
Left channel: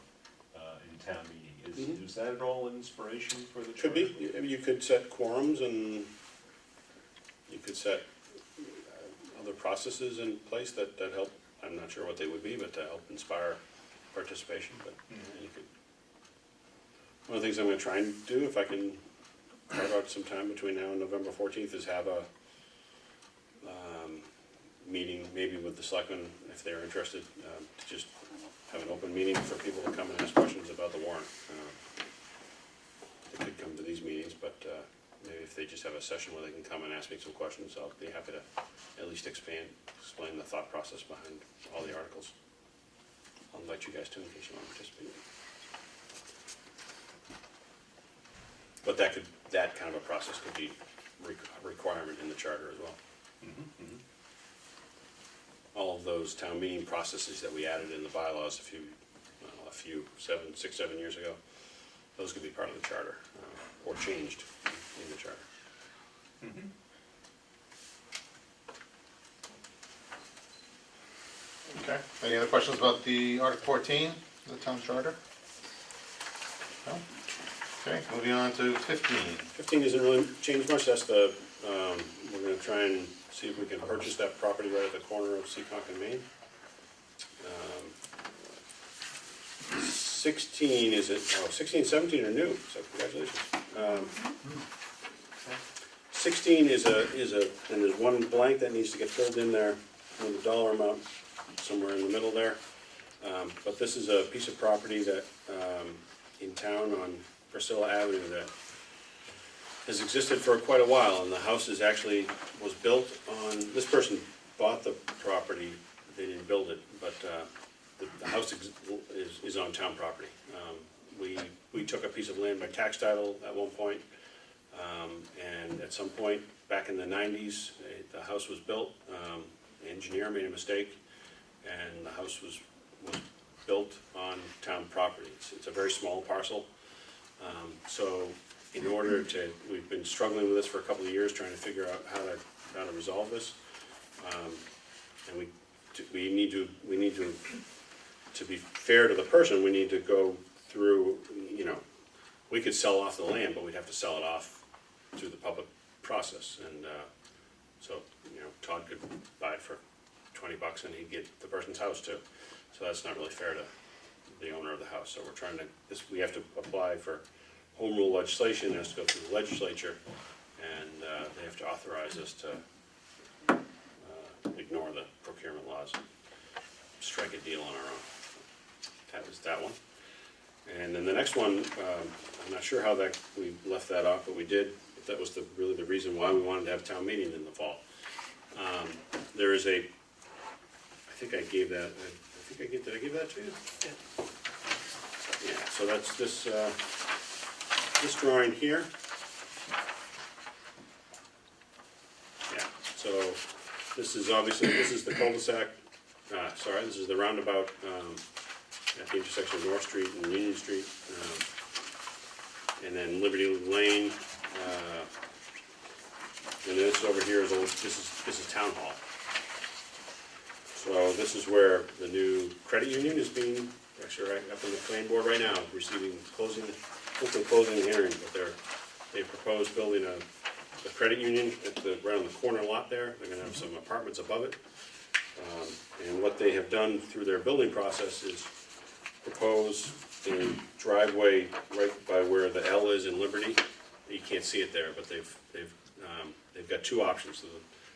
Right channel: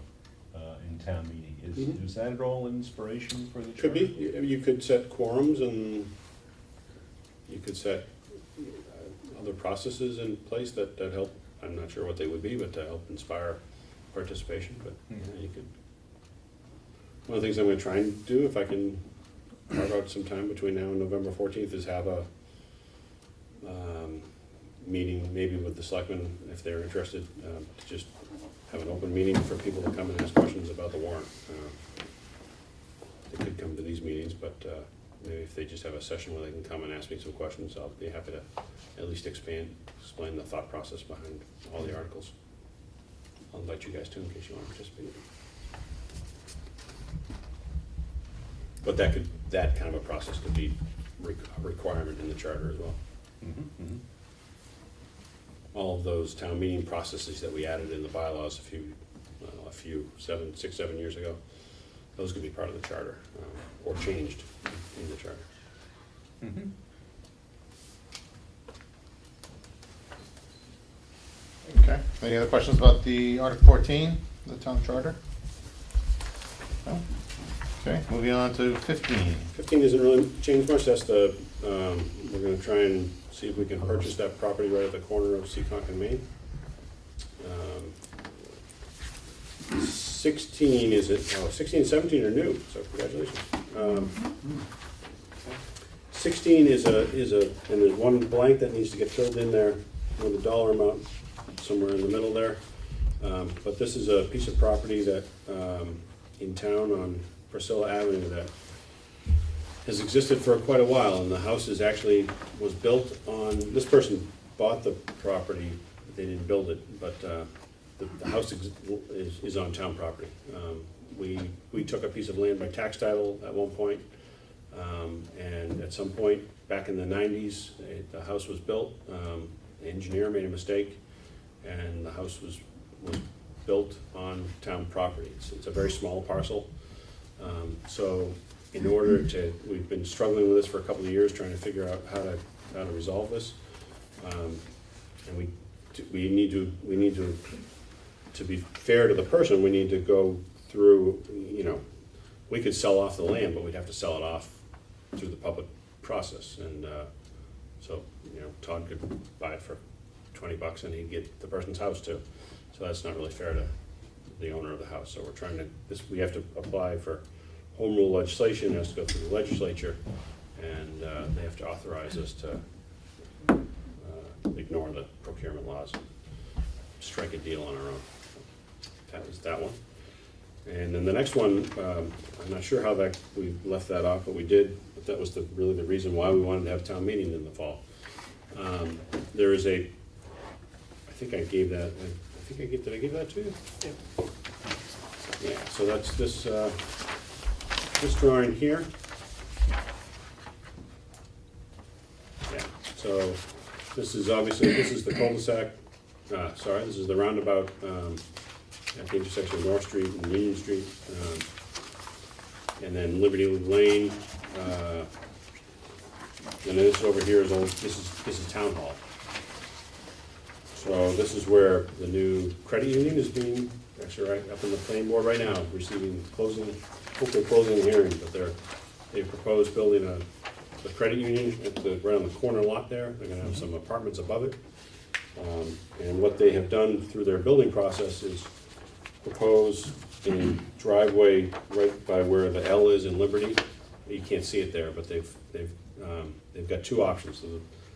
in town meeting. Is that at all an inspiration for the charter? Could be. You could set quorums and you could set other processes in place that help. I'm not sure what they would be, but to help inspire participation. But you could. One of the things I'm going to try and do, if I can carve out some time between now and November 14th, is have a meeting, maybe with the selectmen, if they're interested, to just have an open meeting for people to come and ask questions about the warrant. They could come to these meetings, but maybe if they just have a session where they can come and ask me some questions, I'll be happy to at least explain the thought process behind all the articles. I'll invite you guys too in case you want to participate. But that kind of a process could be a requirement in the charter as well. All of those town meeting processes that we added in the bylaws a few 6, 7 years ago, those could be part of the charter, or changed in the charter. Okay, any other questions about the Article 14, the town charter? No? Okay, moving on to 15. 15 doesn't really change much. That's the, we're gonna try and see if we can purchase that property right at the corner of Seekonk and Main. 16 is it, 16 and 17 are new, so congratulations. 16 is and there's one blank that needs to get filled in there with a dollar amount somewhere in the middle there. But this is a piece of property that, in town on Priscilla Avenue, that has existed for quite a while, and the house was built on, this person bought the property, they didn't build it, but the house is on town property. We took a piece of land by tax title at one point, and at some point back in the 90s, the house was built. The engineer made a mistake, and the house was built on town property. It's a very small parcel. So in order to, we've been struggling with this for a couple of years, trying to figure out how to resolve this. And we need to be fair to the person, we need to go through, we could sell off the land, but we'd have to sell it off through the public process. And so, Todd could buy it for $20 and he'd get the person's house too. So that's not really fair to the owner of the house. So we're trying to, we have to apply for home rule legislation, has to go through the legislature, and they have to authorize us to ignore the procurement laws and strike a deal on our own. That was that one. And then the next one, I'm not sure how we left that off, but we did. But that was really the reason why we wanted to have town meeting in the fall. There is I think I gave that. Did I give that to you? Yeah. Yeah. So that's this drawing here. Yeah. So this is the cul-de-sac. This is the roundabout at the intersection of North Street and Union Street, and then Liberty Lane. And then this over here is this is Town Hall. So this is where the new credit union is being, actually right up in the planning board right now, hopefully closing the hearing, but they proposed building a credit union right on the corner lot there. They're gonna have some apartments above it. And what they have done through their building process is propose a driveway right by where the L is in Liberty. You can't see it there, but they've got two options.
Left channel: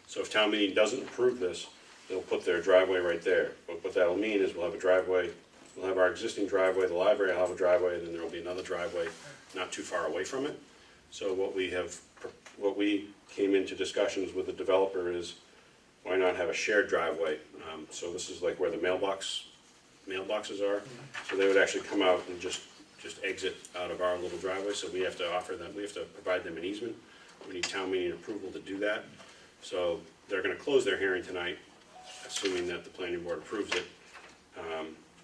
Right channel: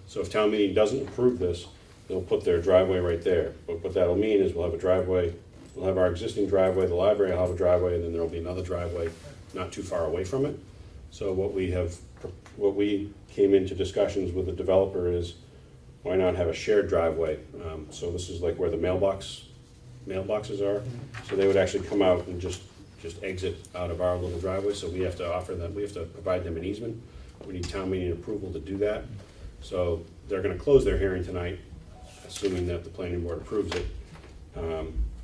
So if town meeting doesn't approve this, they'll put their driveway right there. But what that'll mean is we'll have a driveway, we'll have our existing driveway, the library will have a driveway, and then there'll be another driveway not too far away from it. So what we came into discussions with the developer is, why not have a shared driveway? So this is like where the mailboxes are. So they would actually come out and just exit out of our little driveway. So we have to provide them an easement. We need town meeting approval to do that. So they're gonna close their hearing tonight, assuming that the planning board approves it.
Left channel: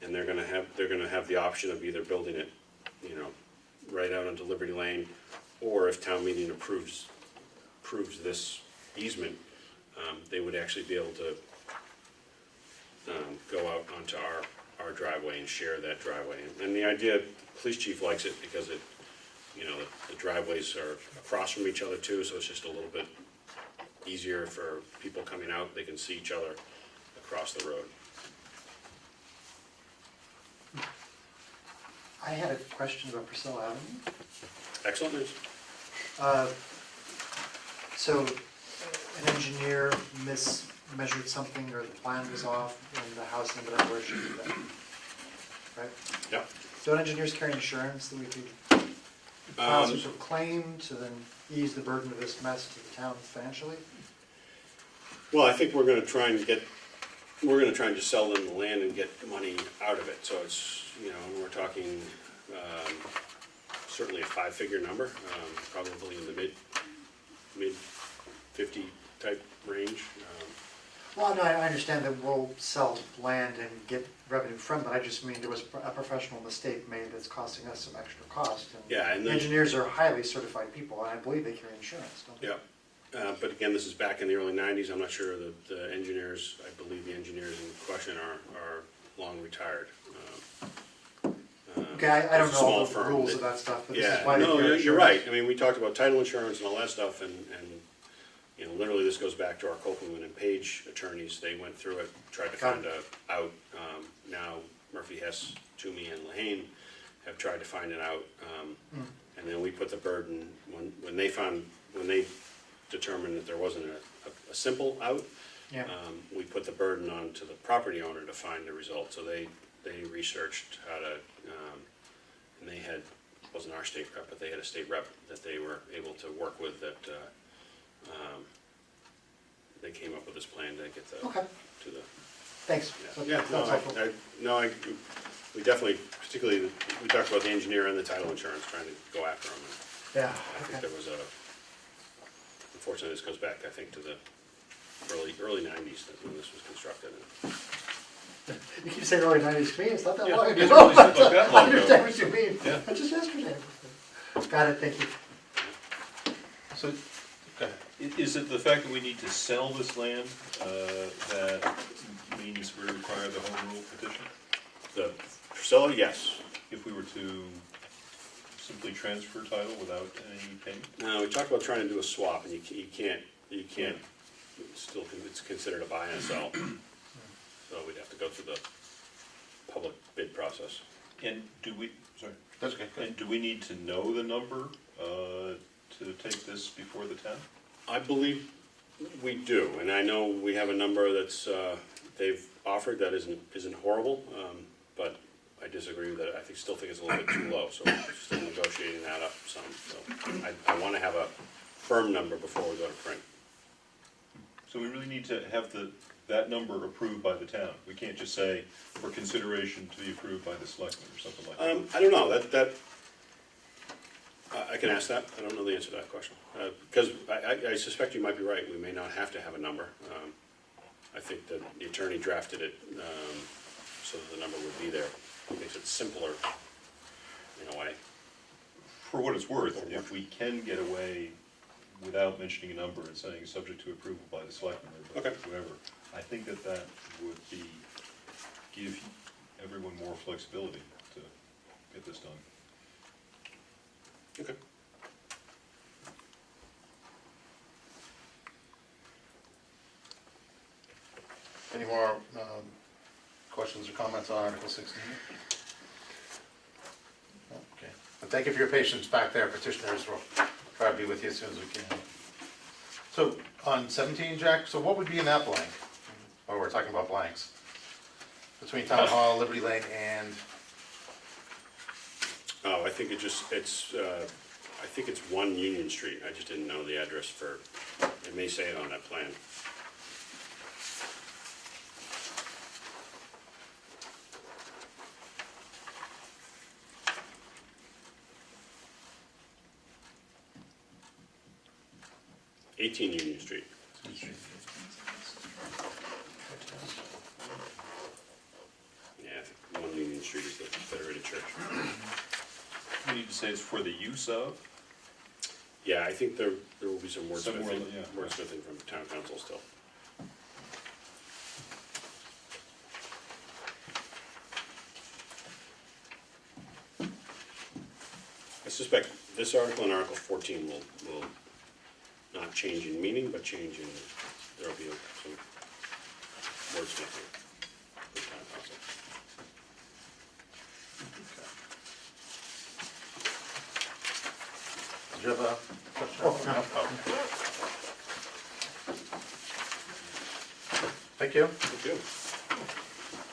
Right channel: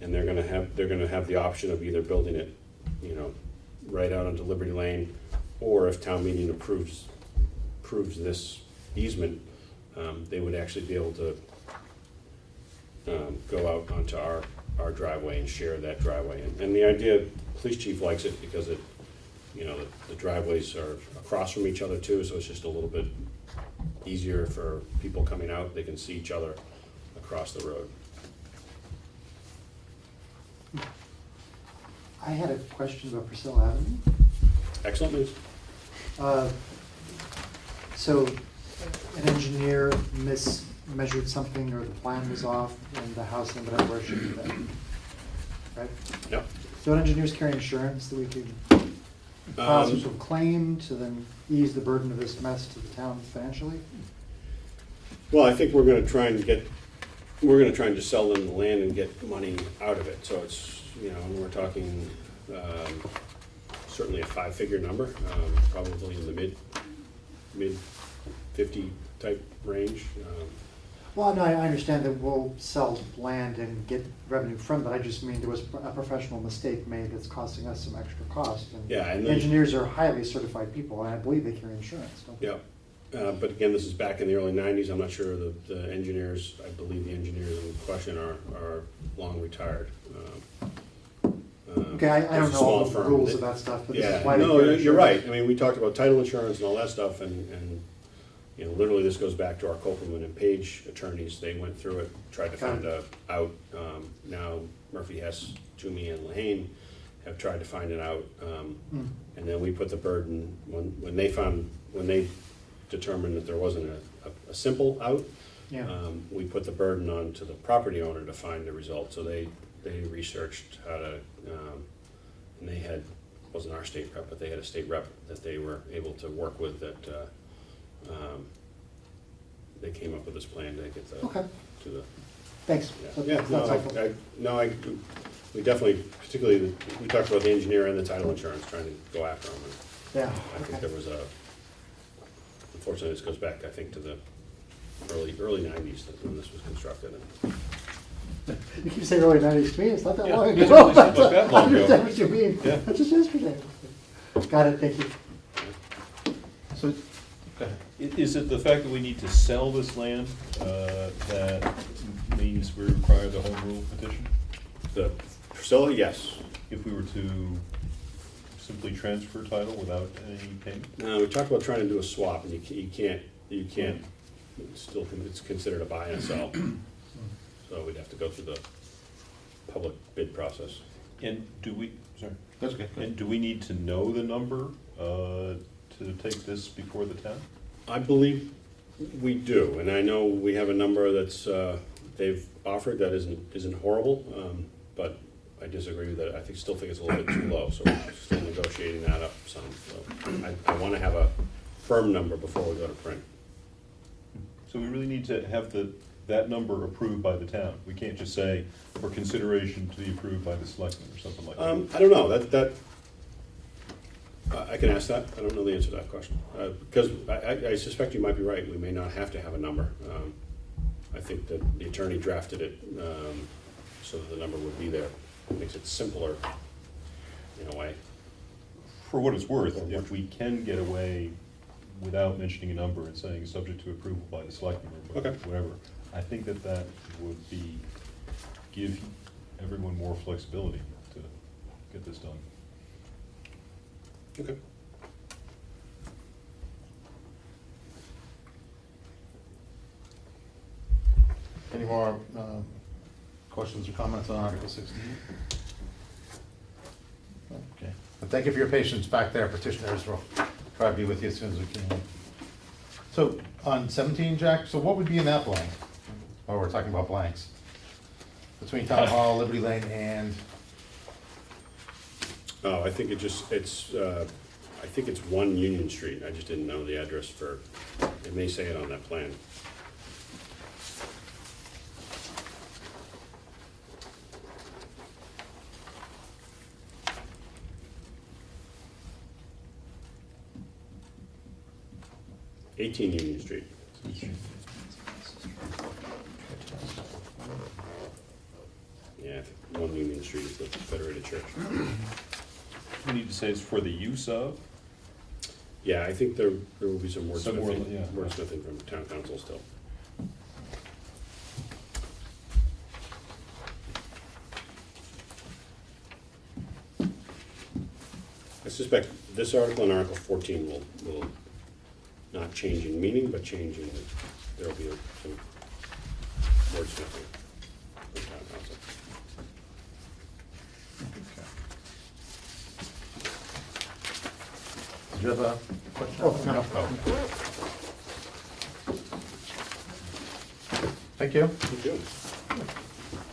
And they're gonna have the option of either building it, right out onto Liberty Lane, or if town meeting approves this easement, they would actually be able to go out onto our driveway and share that driveway. And the idea, police chief likes it because the driveways are across from each other too, so it's just a little bit easier for people coming out. They can see each other across the road. I had a question about Priscilla Avenue. Excellent news. So an engineer mismeasured something, or the plan was off, and the house ended up where it should be, right? Yep. So an engineers carry insurance that we could file some sort of claim to then ease the burden of this mess to the town financially? Well, I think we're gonna try and just sell them the land and get money out of it, so it's, you know, we're talking, certainly a 5-figure number, probably in the mid 50 type range. Well, no, I understand that we'll sell land and get revenue from it, I just mean there was a professional mistake made that's costing us some extra cost. Yeah, and then- engineers are highly certified people, and I believe they carry insurance, don't they? Yeah, but again, this is back in the early 90s, I'm not sure that the engineers, I believe the engineers in question are long retired. Okay, I don't It's a know small all the firm rules that- of that stuff, but this Yeah, is why they no, carry you're right, insurance. I mean, we talked about title insurance and all that stuff, and you know, literally this goes back to our Copeland and Page attorneys, they went through it, tried to Got find out. Now Murphy, Hess, Toomey, and Lehane have tried to find it out, and then we put the burden, when they determined that there wasn't a simple out, Yeah. we put the burden on to the property owner to find the result, so they researched how to, and they had, wasn't our state rep, but they had a state rep that they were able to work with that, they came up with this plan to get the, Okay, to the, thanks. So yeah, that's helpful. we definitely, particularly, we talked about the engineer and the title insurance, trying to go after them, and Yeah, I think okay. there was unfortunately, this goes back, I think, to the early 90s, when this was constructed, and You keep saying early 90s to me, it's not that Yeah, long it ago. really seems like that I long ago. understand what you mean, Yeah. it's just yesterday. Got it, thank you. So, Is it the fact that we need to sell this land that means we require the home rule petition? the Priscilla, yes. If we were to simply transfer title without any payment? We talked about trying to do a swap, and you can't, it's considered a buy and sell. So we'd have to go through the public bid process. And do we, sorry, that's okay, good. and do we need to know the number to take this before the town? I believe we do, and I know we have a number that's, they've offered that isn't horrible, but I disagree with that. Still think it's a little bit too low, so we're still negotiating that up some. So I want to have a firm number before we go to print. So we really need to have that number approved by the town. We can't just say, for consideration to be approved by the selectmen or something like that. I don't know, I can ask that, I don't know the answer to that question. Because I suspect you might be right, we may not have to have a number. I think that the attorney drafted it so that the number would be there. It makes it simpler in a way. For what it's worth, if we can get away without mentioning a number and saying subject to approval by the selectmen or Okay. whoever, I think that would give everyone more flexibility to get this done. Okay. Any more questions or comments on Article 16? Okay. And thank you for your patience back there, petitioners. We'll try to be with you as soon as we can. So on 17, Jack, so what would be in that blank? Oh, we're talking about blanks. Between Town Hall, Liberty Lane, and, Oh, I think I think it's 1 Union Street, I just didn't know the address for, it may say it on that plan. '18 Union Street. Yeah, I think 1 Union Street is the Federated Church. We need to say it's for the use of? Yeah, I think there will be some Some more, wordsmithing, yeah. wordsmithing from town council still. I suspect this article and Article 14 will not change in meaning, but change in, there'll be some wordsmithing from town council. did you have a Thank you. Thank you.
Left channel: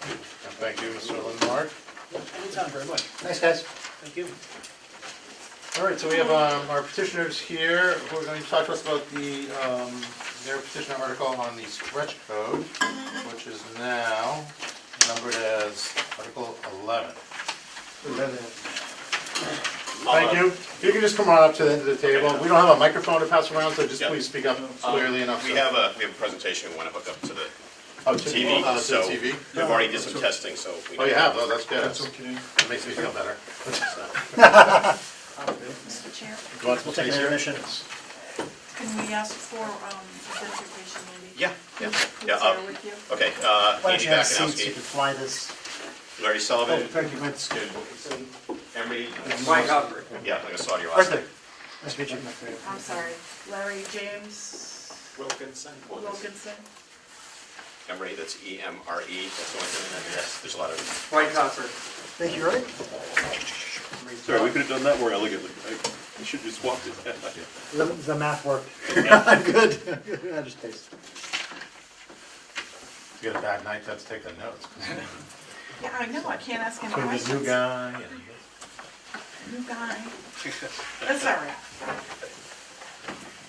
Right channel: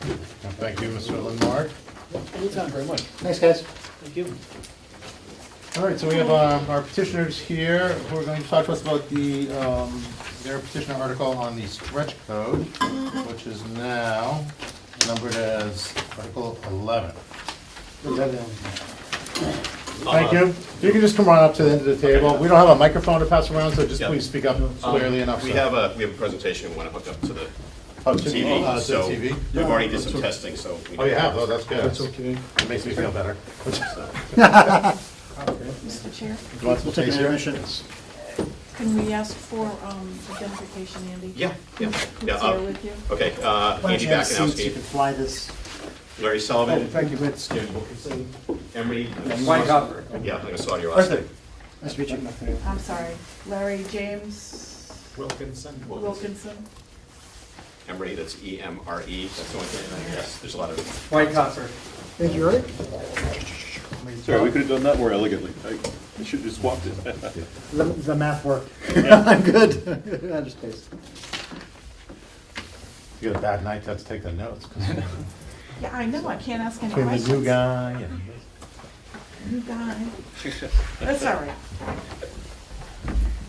And thank you, Mr. Lindmark. Anytime, very much. Thanks, guys. Thank you. All right, so we have our petitioners here who are going to talk to us about their petitioner article on the stretch code, which is now numbered as Article 11. Thank you. If you can just come on up to the end of the table. We don't have a microphone to pass around, so just Yeah. please speak up clearly enough. We so- have a presentation we want to hook up to the Oh, to TV, to the so TV? we've already did some testing, so. we Oh, you know- have? Oh, that's good. That's okay. It makes me feel better. Mr. Chair, You want some We'll take an space here? intermission. can we ask for identification, Andy? Yeah, yeah, Who's yeah. here with you? Okay, Why don't Andy you have seats, you Bakanowski, can fly this. Larry Oh, Sullivan, thank you, it's Emery. White Hopper. Yeah, I saw your last Arthur. name. Nice to meet you. I'm sorry, Larry James Wilkinson. Wilkinson. Emery, that's E-M-R-E, that's the only thing, there's a lot of. White Hopper. Thank you, Roy. Sorry, we could have done that more elegantly. I should have just swapped it. The math worked. I'm good. I just spaced. You got a bad night, let's take the notes. Yeah, I know, I can't ask any Between the questions. new guy and... New guy. That's all right.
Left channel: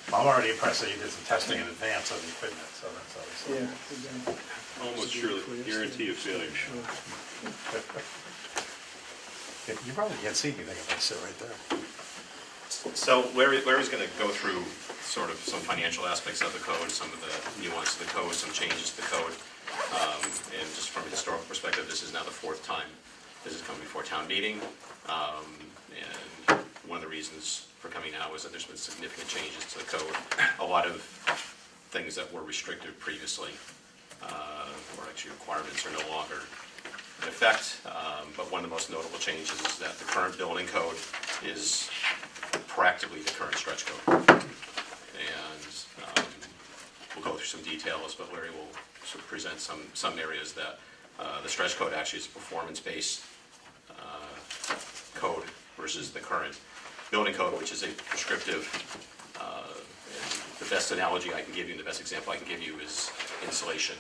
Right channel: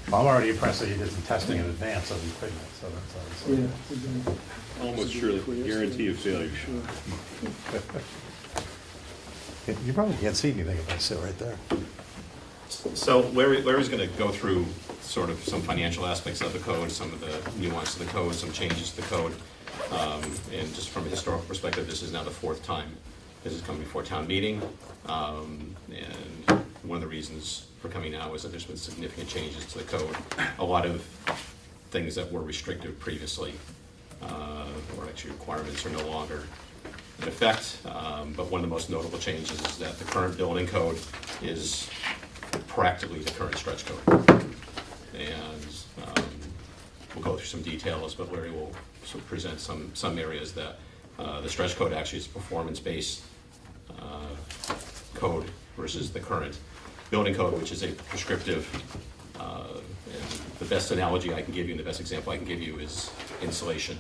I'm already impressed that you did some testing in advance of the equipment, so that's always... Yeah, exactly. Almost surely, guarantee of failure. You probably can't see anything if I sit right there. So Larry's going to go through sort of some financial aspects of the code, some of the nuance of the code, some changes to the code. And just from a historical perspective, this is now the fourth time this is coming before town meeting. And one of the reasons for coming now is that there's been significant changes to the code. A lot of things that were restricted previously, or actually requirements, are no longer in effect. But one of the most notable changes is that the current building code is practically the current stretch code. And we'll go through some details, but Larry will sort of present some areas that the stretch code actually is a performance-based code versus the current building code, which is a prescriptive. And the best analogy I can give you, and the best example I can give you, is insulation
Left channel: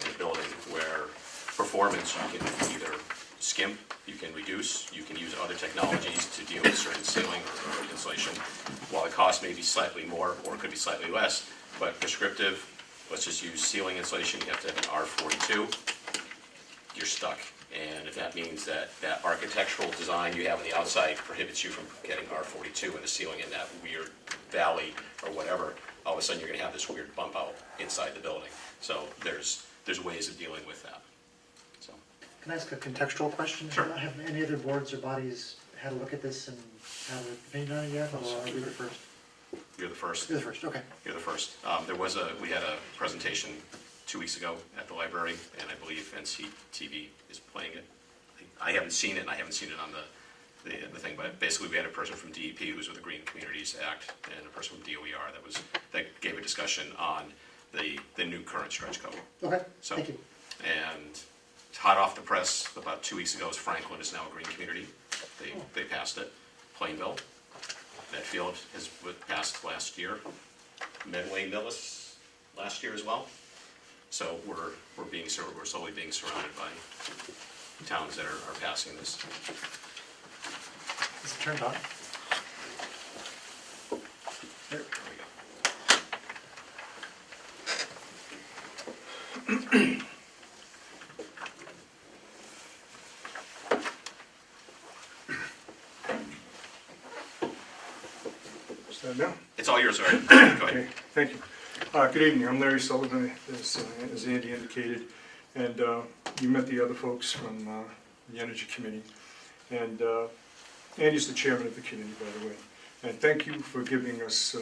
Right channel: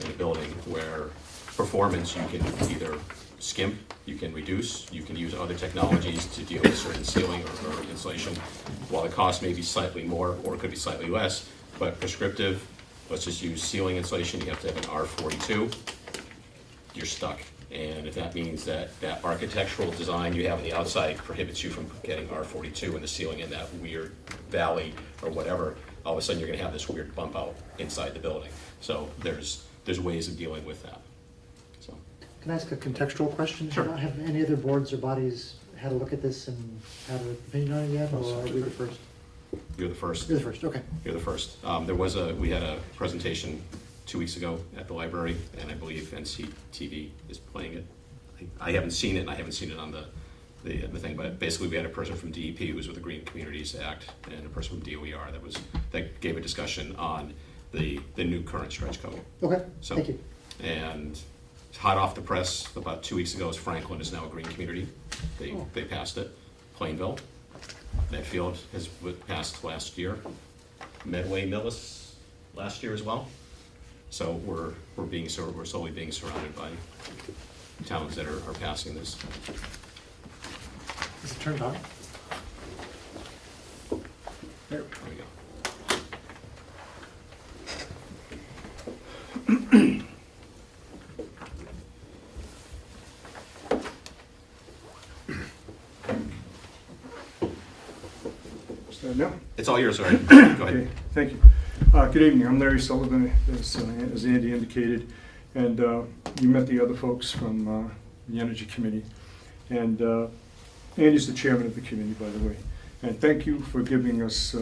in a building, where performance you can either skimp, you can reduce, you can use other technologies to deal with certain sealing or insulation. While the cost may be slightly more or it could be slightly less, but prescriptive, let's just use sealing insulation, you have to have an R42, you're stuck. And if that means that architectural design you have on the outside prohibits you from getting R42 and the ceiling in that weird valley or whatever, all of a sudden you're gonna have this weird bump out inside the building. So there's ways of dealing with that. So. Can I ask a contextual question? Sure. Have any other boards or bodies had a look at this and had an opinion on it yet, or are we the first? You're the first. You're the first, okay. You're the first. We had a presentation 2 weeks ago at the library, and I believe NCTV is playing it. I haven't seen it, and I haven't seen it on the thing, but basically we had a person from DEP who was with the Green Communities Act, and a person from DOER that gave a discussion on the new current stretch code. Okay, So, thank you. and hot off the press, about 2 weeks ago, Franklin is now a green community. They passed it. Plainville, Medfield has passed last year. Medway Millis last year as well. So we're slowly being surrounded by towns that are passing this. Is it turned on? There we go. Start now? It's all yours, Art. Go ahead. Okay, thank you. Good evening, I'm Larry Sullivan, as Andy indicated, and you met the other folks from the Energy Committee. And Andy's the chairman of the committee, by the way. And thank you for giving us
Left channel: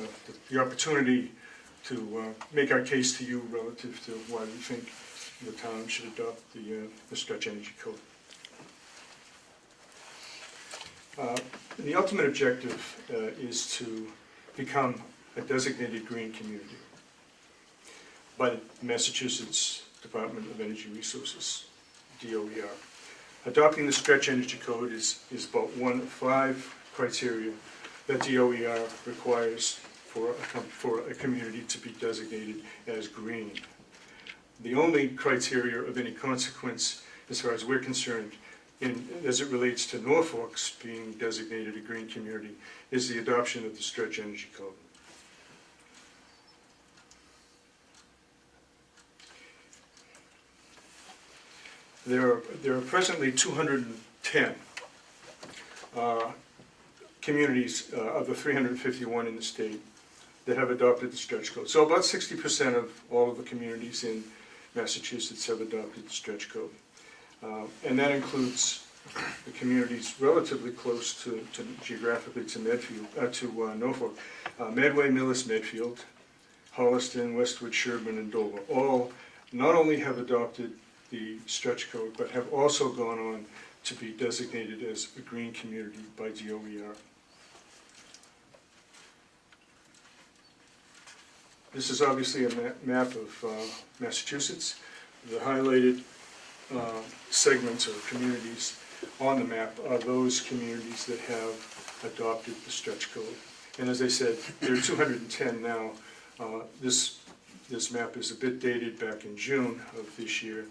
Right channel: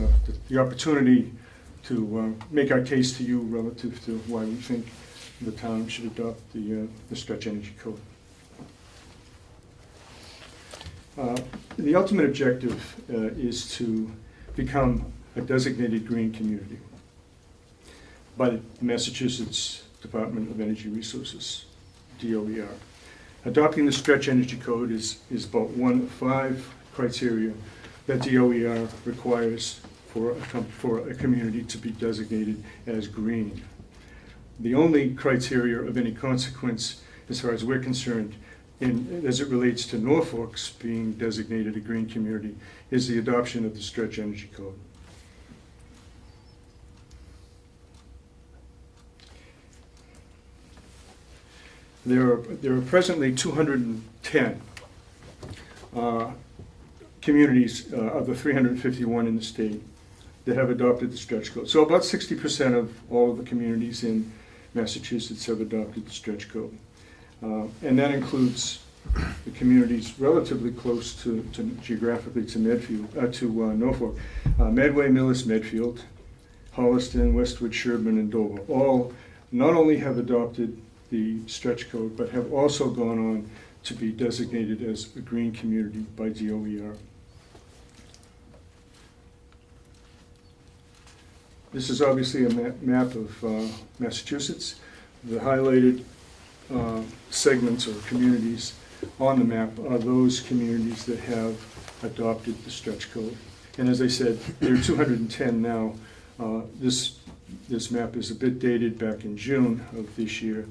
the opportunity to make our case to you relative to why we think the town should adopt the stretch energy code. The ultimate objective is to become a designated green community by the Massachusetts Department of Energy Resources, DOER. Adopting the stretch energy code is about one of 5 criteria that DOER requires for a community to be designated as green. The only criteria of any consequence, as far as we're concerned, as it relates to Norfolk's being designated a green community, is the adoption of the Stretch Energy Code. There are presently 210 communities of the 351 in the state that have adopted the stretch code. So about 60% of all of the communities in Massachusetts have adopted the stretch code. And that includes the communities relatively close to geographically to Medfield, to Norfolk. Medway, Millis, Medfield, Holliston, Westwood, Sherburne, and Dover all not only have adopted the stretch code, but have also gone on to be designated as a green community by DOER. This is obviously a map of Massachusetts. The highlighted segments or communities on the map are those communities that have adopted the stretch code. And as I said, there are 210 now. This map is a bit dated back in June of this year,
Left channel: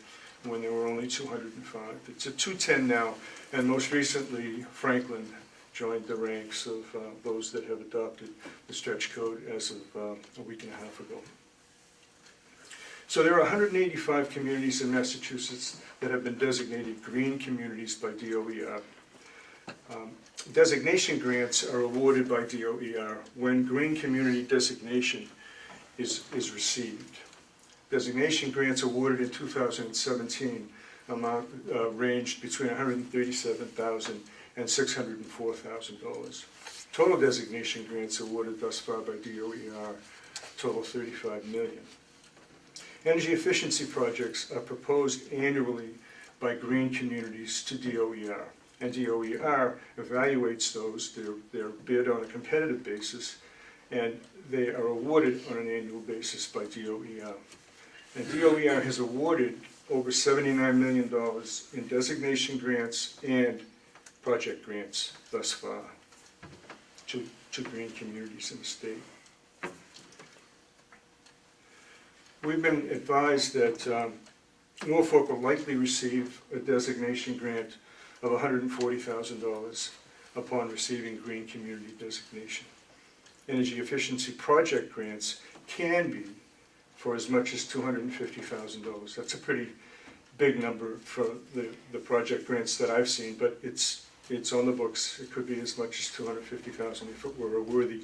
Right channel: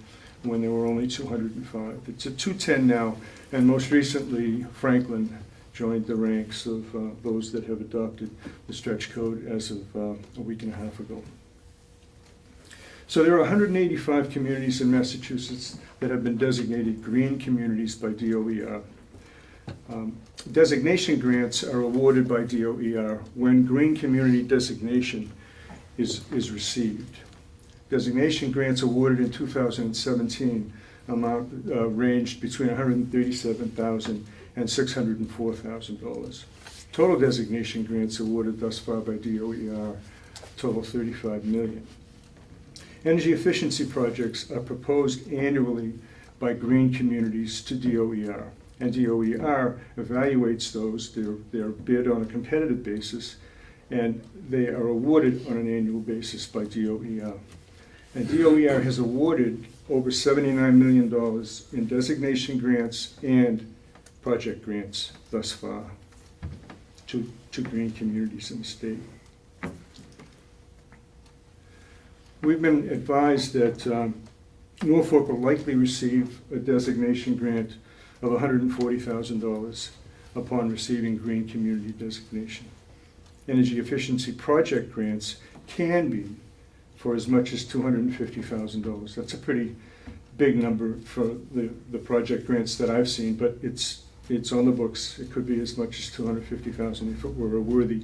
when there were only 205. It's at 210 now, and most recently Franklin joined the ranks of those that have adopted the stretch code as of a week and a half ago. So there are 185 communities in Massachusetts that have been designated green communities by DOER. Designation grants are awarded by DOER when green community designation is received. Designation grants awarded in 2017 ranged between $137,000 and $604,000. Total designation grants awarded thus far by DOER total $35 million. Energy efficiency projects are proposed annually by green communities to DOER, and DOER evaluates those. They're bid on a competitive basis, and they are awarded on an annual basis by DOER. And DOER has awarded over $79 million in designation grants and project grants thus far to green communities in the state. We've been advised that Norfolk will likely receive a designation grant of $140,000 upon receiving green community designation. Energy efficiency project grants can be for as much as $250,000. That's a pretty big number for the project grants that I've seen, but it's on the books. It could be as much as $250,000 if it were a worthy,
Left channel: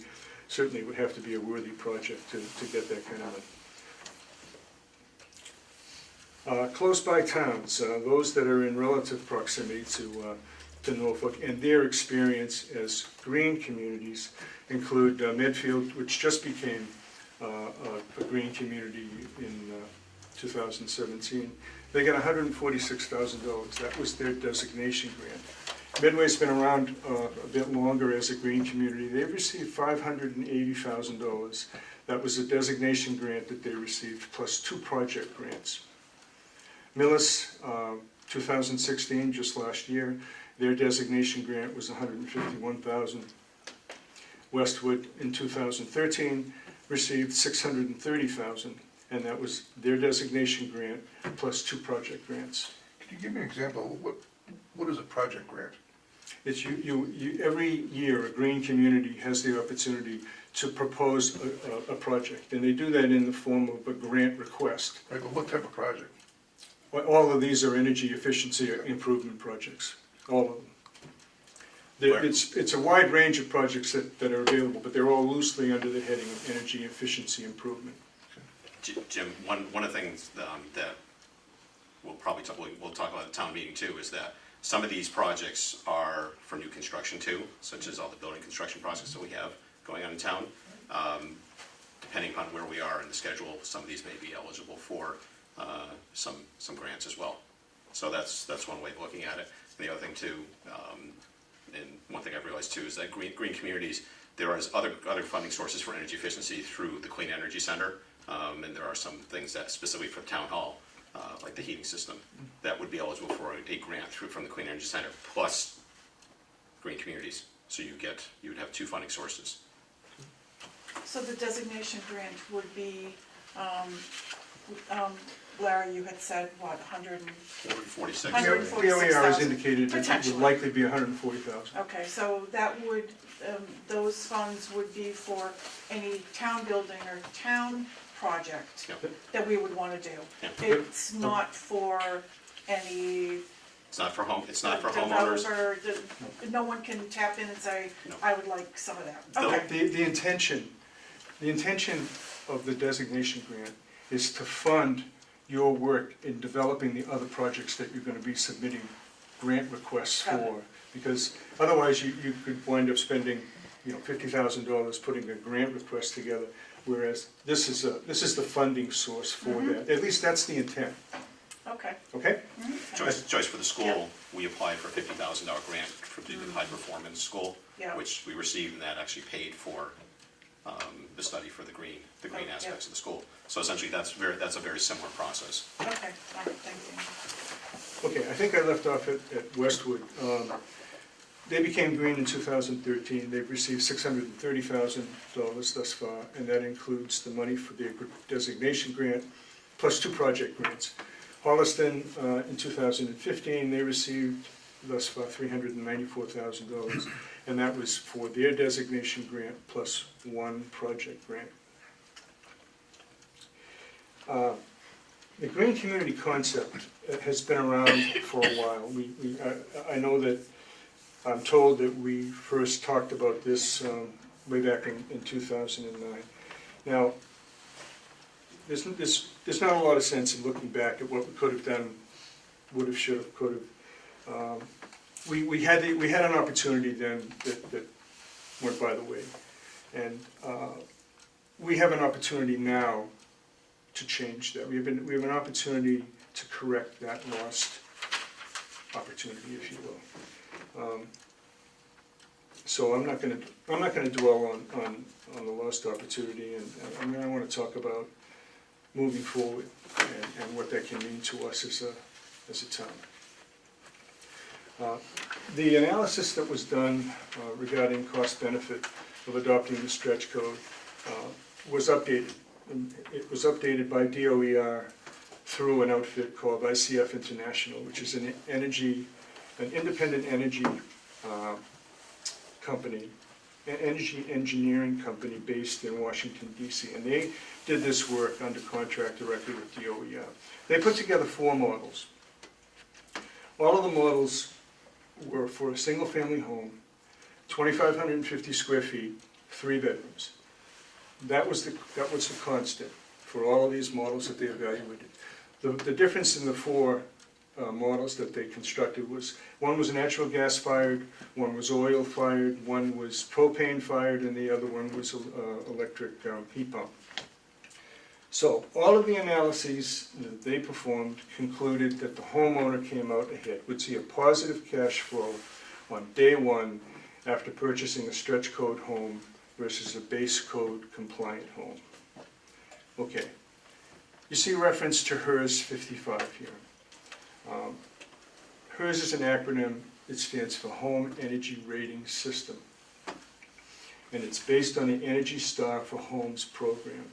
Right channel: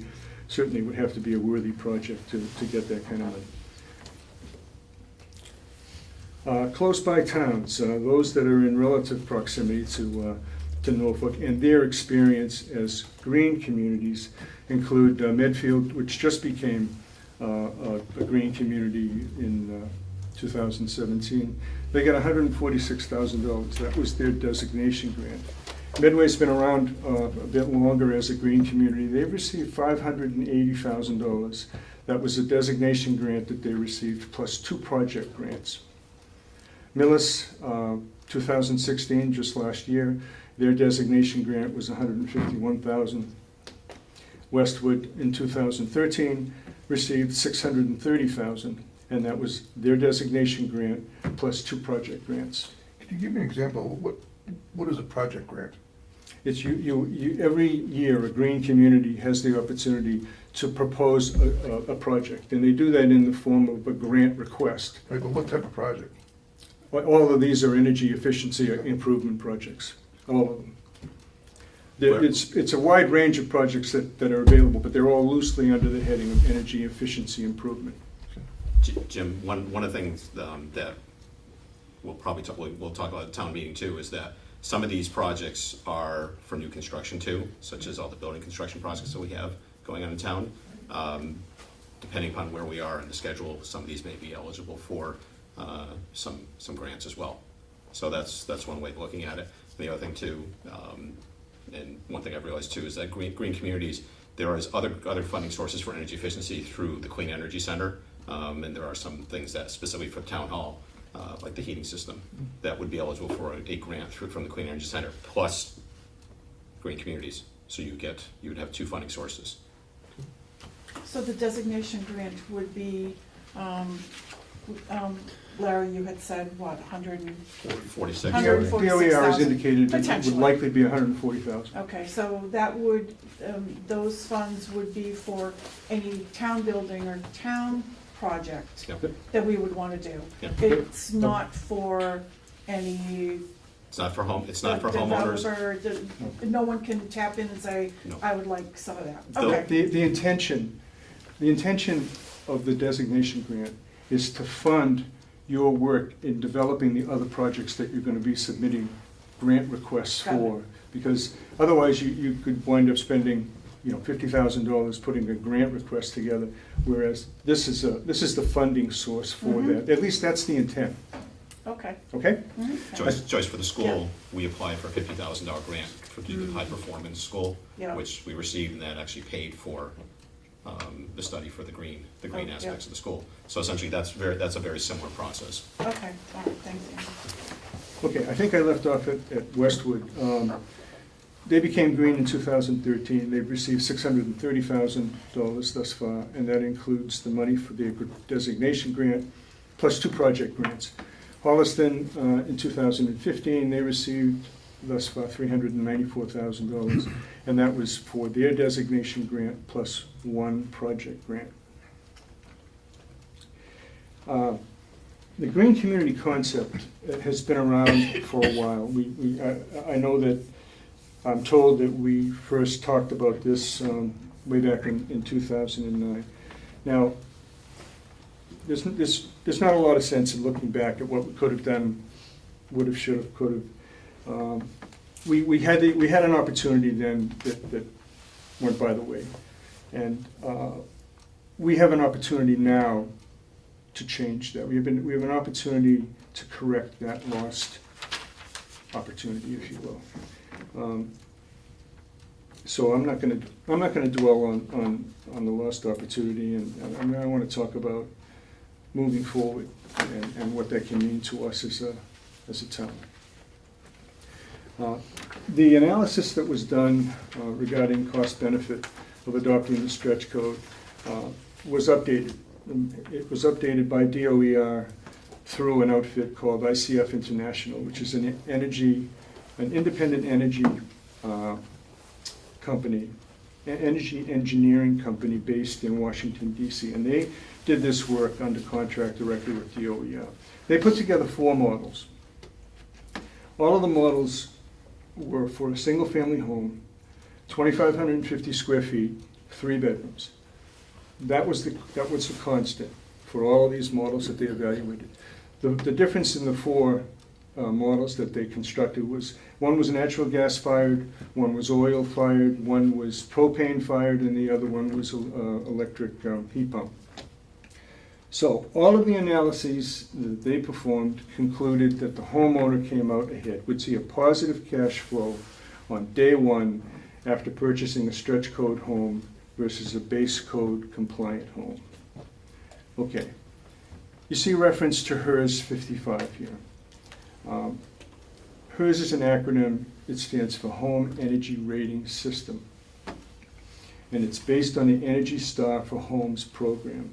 certainly would have to be a worthy project to get that kind of money. Close by towns, those that are in relative proximity to Norfolk and their experience as green communities include Medfield, which just became a green community in 2017. They got $146,000. That was their designation grant. Medway's been around a bit longer as a green community. They've received $580,000. That was a designation grant that they received, plus 2 project grants. Millis, 2016, just last year, their designation grant was $151,000. Westwood, in 2013, received $630,000, and that was their designation grant plus 2 project grants. Can you give me an example? What is a project grant? It's every year a green community has the opportunity to propose a project, and they do that in the form of a grant request. Right, but what type of project? All of these are energy efficiency improvement projects, all of them. It's a wide range of projects that are available, but they're all loosely under the heading of energy efficiency improvement. Jim, one of the things that we'll talk about at the town meeting too is that some of these projects are for new construction too, such as all the building construction projects that we have going on in town. Depending upon where we are in the schedule, some of these may be eligible for some grants as well. So that's one way of looking at it. And the other thing too, and one thing I've realized too, is that green communities, there is other funding sources for energy efficiency through the Clean Energy Center, and there are some things that specifically for town hall, like the heating system, that would be eligible for a grant from the Clean Energy Center, plus green communities. So you would have two funding sources. So the designation grant would be, Larry, you had said, what, 100 and, 46. 140. POER has indicated that it would Potentially. likely be 140,000. okay, so that would, those funds would be for any town building or town project Yep. that we would wanna do. Yep. It's not for any It's not for homeowners. developer, no one can tap in and say, No. I would like some of that. No. Okay, The intention of the designation grant is to fund your work in developing the other projects that you're gonna be submitting grant requests Got it. for. Because otherwise, you could wind up spending, $50,000 putting a grant request together, whereas this is the funding source for Mhm. that. At least that's the intent, okay. okay? Mhm. Joyce, for the school, we applied for a $50,000 grant to do the high performance school, Yeah. which we received, and that actually paid for the study for the green Oh, yeah. aspects of the school. So essentially, that's a very similar process. Okay, all right, thank you. Okay, I think I left off at Westwood. They became green in 2013. They've received $630,000 thus far, and that includes the money for their designation grant, plus 2 project grants. Holliston, in 2015, they received thus far $394,000, and that was for their designation grant plus 1 project grant. The green community concept has been around for a while. I know that, I'm told that we first talked about this way back in 2009. Now, there's not a lot of sense in looking back at what we could have done, would have, should have, could have. We had an opportunity then that went by the way, and we have an opportunity now to change that. We have an opportunity to correct that lost opportunity, if you will. So I'm not going to dwell on the lost opportunity, and I want to talk about moving forward and what that can mean to us as a town. The analysis that was done regarding cost benefit of adopting the stretch code was updated. It was updated by DOER through an outfit called ICF International, which is an independent energy company, an energy engineering company based in Washington, D.C. And they did this work under contract directly with DOER. They put together 4 models. All of the models were for a single-family home, 2,550 square feet, 3 bedrooms. That was the constant for all of these models that they evaluated. The difference in the 4 models that they constructed was, one was natural gas fired, one was oil fired, one was propane fired, and the other one was electric heat pump. So all of the analyses that they performed concluded that the homeowner came out ahead, would see a positive cash flow on day 1 after purchasing a stretch code home versus a base code compliant home. Okay, you see reference to HERS 55 here. HERS is an acronym. It stands for Home Energy Rating System, and it's based on the Energy Star for Homes program.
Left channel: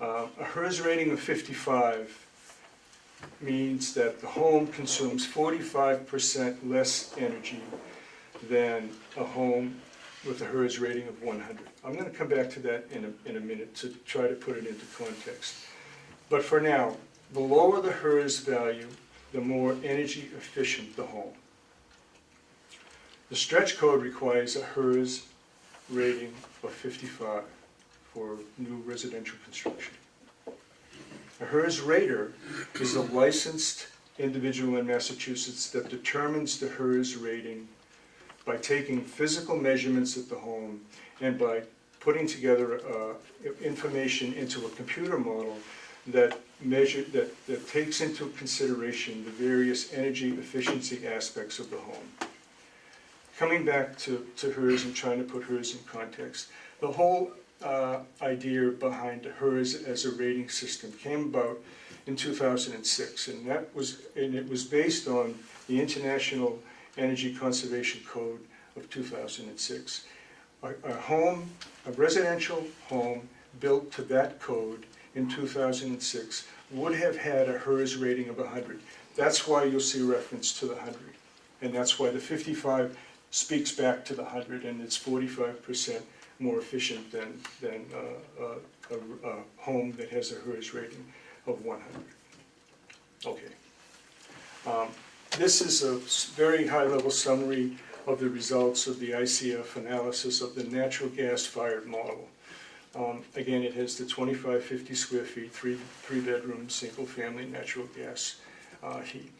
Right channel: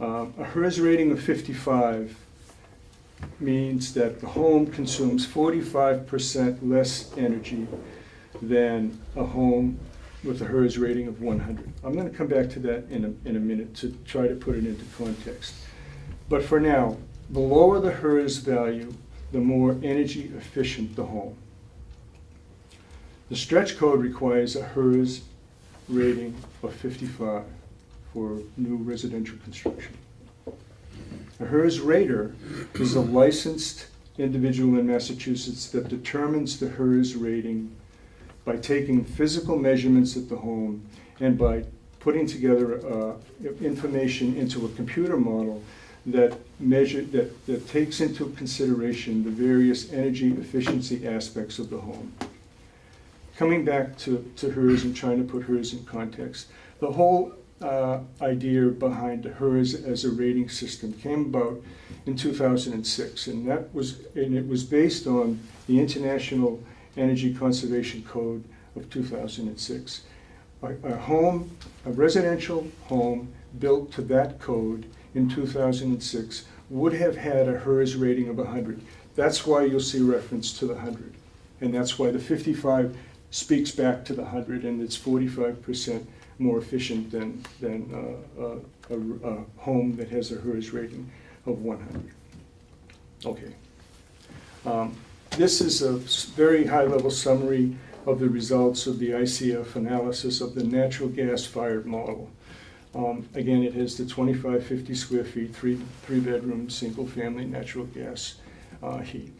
A HERS rating of 55 means that the home consumes 45% less energy than a home with a HERS rating of 100. I'm going to come back to that in a minute to try to put it into context. But for now, the lower the HERS value, the more energy efficient the home. The stretch code requires a HERS rating of 55 for new residential construction. A HERS rater is a licensed individual in Massachusetts that determines the HERS rating by taking physical measurements at the home and by putting together information into a computer model that takes into consideration the various energy efficiency aspects of the home. Coming back to HERS and trying to put HERS in context, the whole idea behind HERS as a rating system came about in 2006, and it was based on the International Energy Conservation Code of 2006. A residential home built to that code in 2006 would have had a HERS rating of 100. That's why you'll see reference to the 100. And that's why the 55 speaks back to the 100, and it's 45% more efficient than a home that has a HERS rating of 100. Okay. This is a very high-level summary of the results of the ICF analysis of the natural gas-fired model. Again, it has the 2550 square feet, three-bedroom, single-family natural gas heat.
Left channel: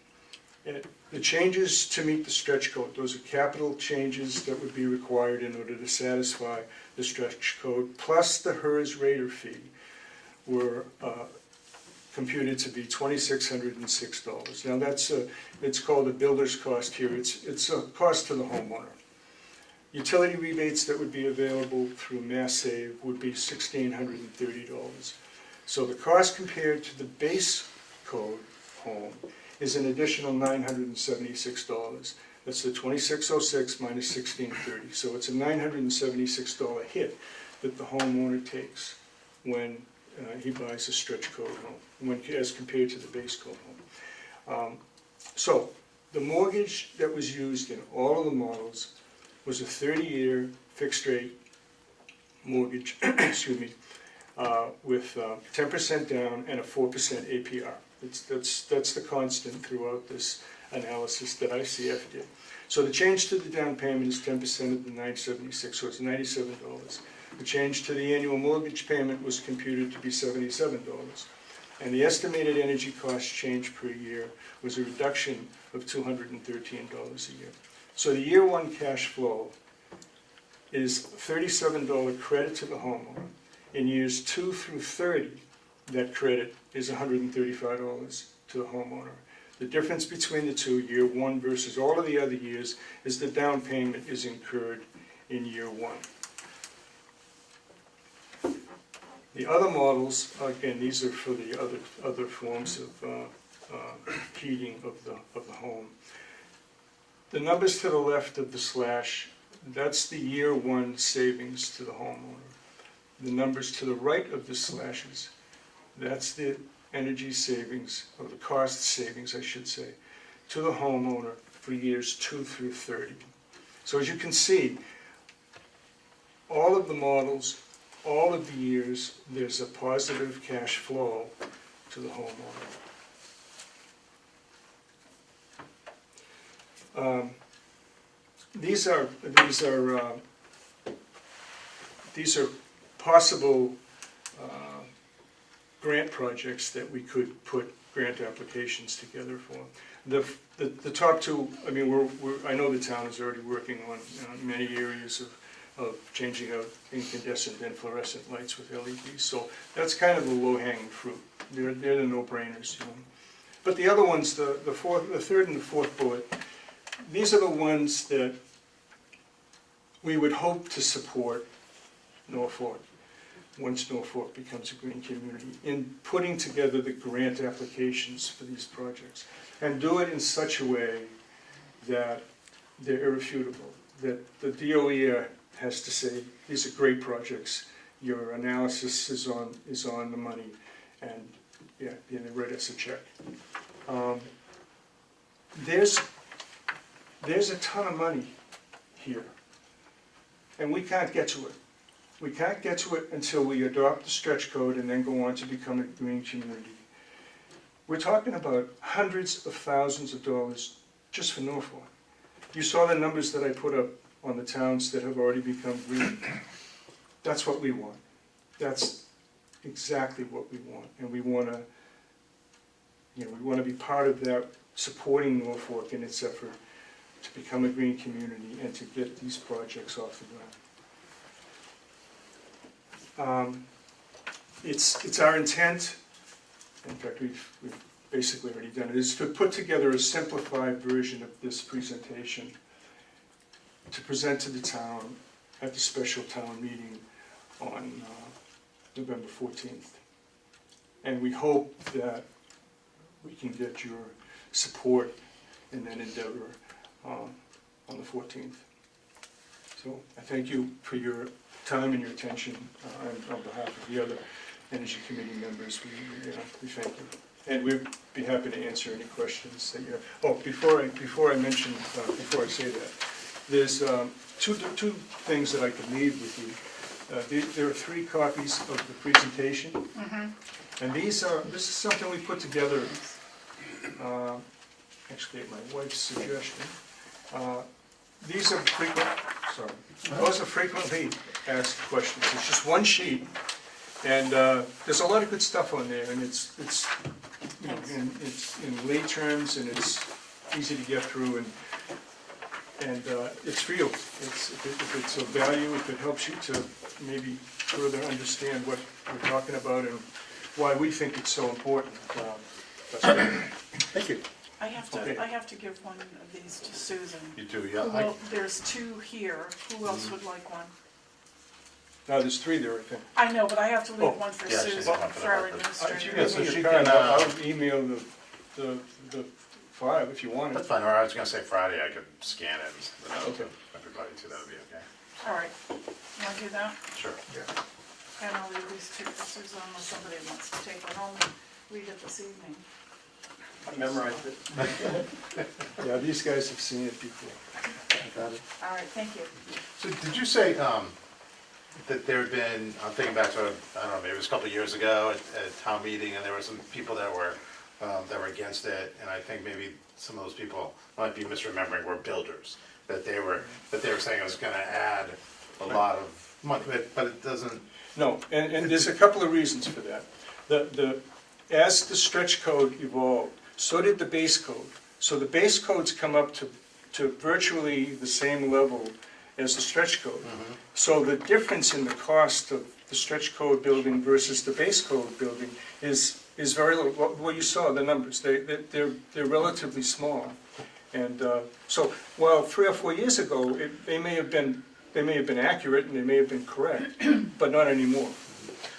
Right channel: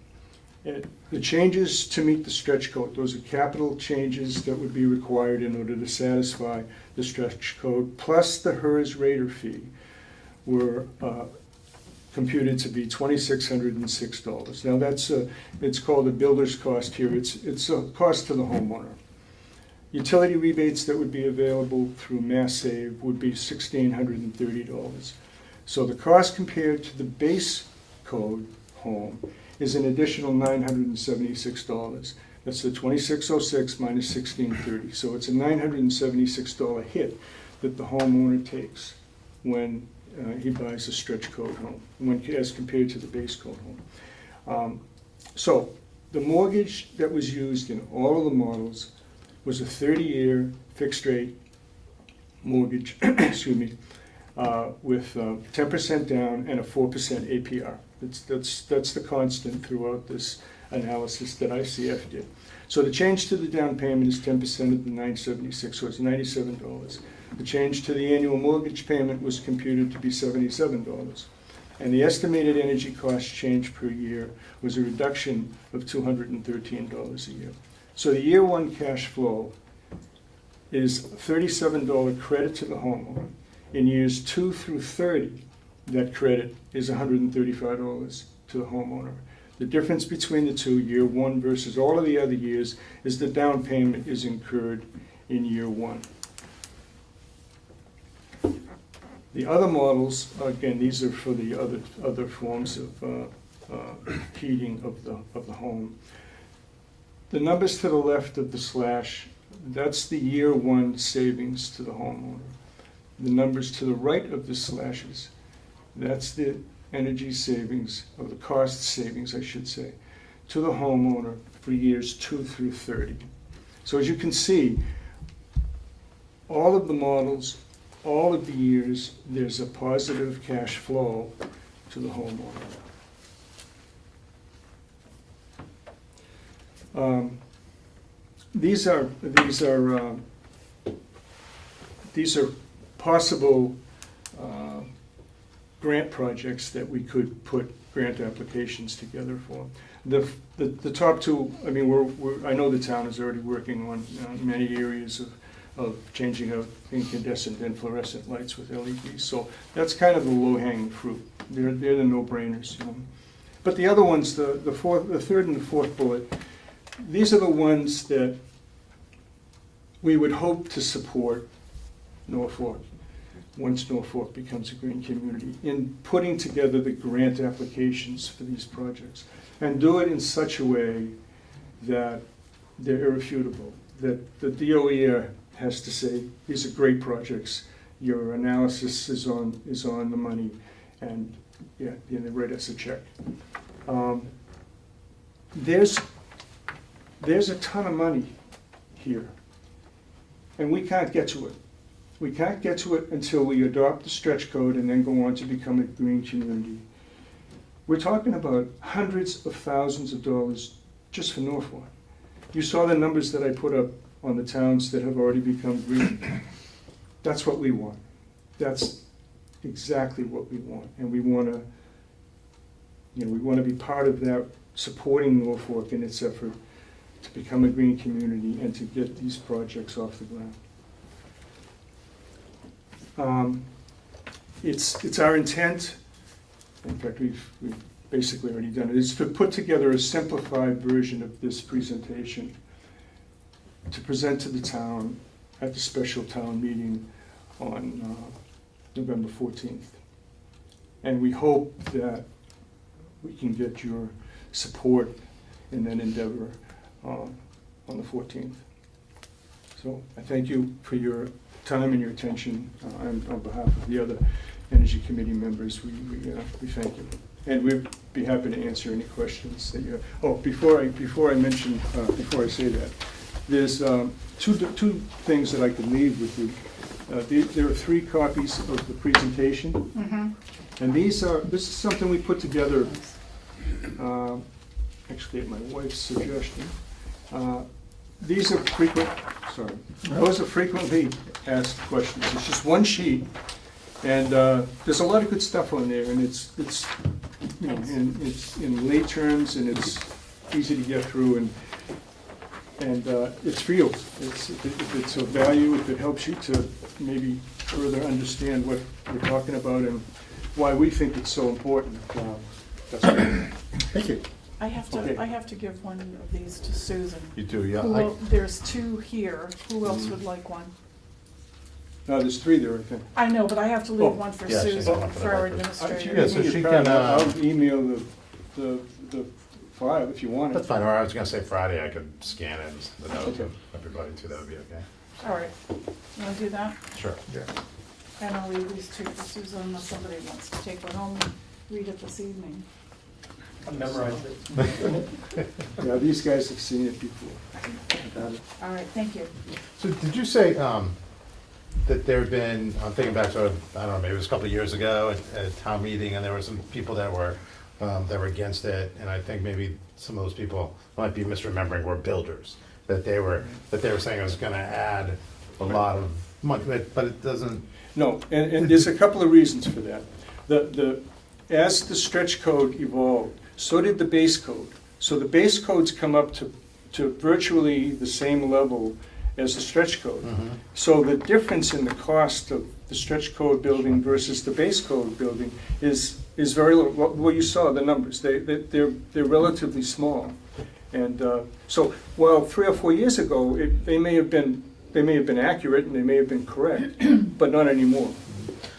The changes to meet the stretch code, those are capital changes that would be required in order to satisfy the stretch code, plus the HERS rater fee, were computed to be $2,606. Now it's called a builder's cost here. It's a cost to the homeowner. Utility rebates that would be available through Mass Save would be $1,630. So the cost compared to the base code home is an additional $976. That's the $2,606 minus $1,630. So it's a $976 hit that the homeowner takes when he buys a stretch code home, as compared to the base code home. So the mortgage that was used in all of the models was a 30-year fixed rate mortgage, excuse me, with 10% down and a 4% APR. That's the constant throughout this analysis that ICF did. So the change to the down payment is 10% of the $976, so it's $97. The change to the annual mortgage payment was computed to be $77. And the estimated energy cost change per year was a reduction of $213 a year. So the year one cash flow is $37 credit to the homeowner. In years 2 through 30, that credit is $135 to the homeowner. The difference between the two, year one versus all of the other years, is the down payment is incurred in year one. The other models, again, these are for the other forms of heating of the home. The numbers to the left of the slash, that's the year one savings to the homeowner. The numbers to the right of the slashes, that's the energy savings, or the cost savings, I should say, to the homeowner for years 2 through 30. So as you can see, all of the models, all of the years, there's a positive cash flow to the homeowner. These are possible grant projects that we could put grant applications together for. The top two, I mean, I know the town is already working on many areas of changing out incandescent and fluorescent lights with LEDs. So that's kind of the low-hanging fruit. They're the no-brainers. But the other ones, the third and the fourth bullet, these are the ones that we would hope to support Norfolk, once Norfolk becomes a green community, in putting together the grant applications for these projects, and do it in such a way that they're irrefutable, that the DOE has to say, these are great projects, your analysis is on the money, and yeah, they write us a check. There's a ton of money here, and we can't get to it. We can't get to it until we adopt the stretch code and then go on to become a green community. We're talking about hundreds of thousands of dollars just for Norfolk. You saw the numbers that I put up on the towns that have already become green. That's what we want. That's exactly what we want, and we want to be part of that, supporting Norfolk in its effort to become a green community and to get these projects off the ground. It's our intent, in fact we've basically already done it, is to put together a simplified version of this presentation to present to the town at the special town meeting on November 14th. And we hope that we can get your support in that endeavor on the 14th. So I thank you for your time and your attention on behalf of the other Energy Committee members. We thank you. And we'd be happy to answer any questions that you have. Oh, before I say that, there's two things that I can leave with you. There are 3 copies of the presentation. And this is something we put together, actually at my wife's suggestion. Those are frequently asked questions. It's just one sheet, and there's a lot of good stuff on there, and it's in lay terms, and it's easy to get through, and it's for you. If it's of value, if it helps you to maybe further understand what we're talking about and why we think it's so important. That's great. Thank you. I have Okay. to give one of these to Susan. You do, yeah. There's 2 here. Who else would like one? No, there's 3 there, I think. I know, but I have to leave one for Yeah, she's Susan, got one for the for our record. administrator. Yeah, so she Your can, pad, I'll email the file if you want That's it. fine, or I was gonna say Friday, I could scan it and the note Okay. of everybody too, that would be okay. All right, you wanna do that? Sure. Yeah. And I'll leave these 2 for Susan unless somebody wants to take one home and read it this evening. I memorized it. Yeah, these guys have seen it before. All right, thank you. So did you say, that there had been, I'm thinking back to, I don't know, maybe it was a couple of years ago at a town meeting, and there were some people that were against it, and I think maybe some of those people might be misremembering, were builders, that they were saying it was gonna add a lot of money, but it doesn't. No, and there's a couple of reasons for that. As the stretch code evolved, so did the base code. So the base codes come up to virtually the same level as the stretch code. So the difference in the cost of the stretch code building versus the base code building is very low. Well, you saw the numbers. They're relatively small. And so while 3 or 4 years ago, they may have been accurate and they may have been correct, but not anymore.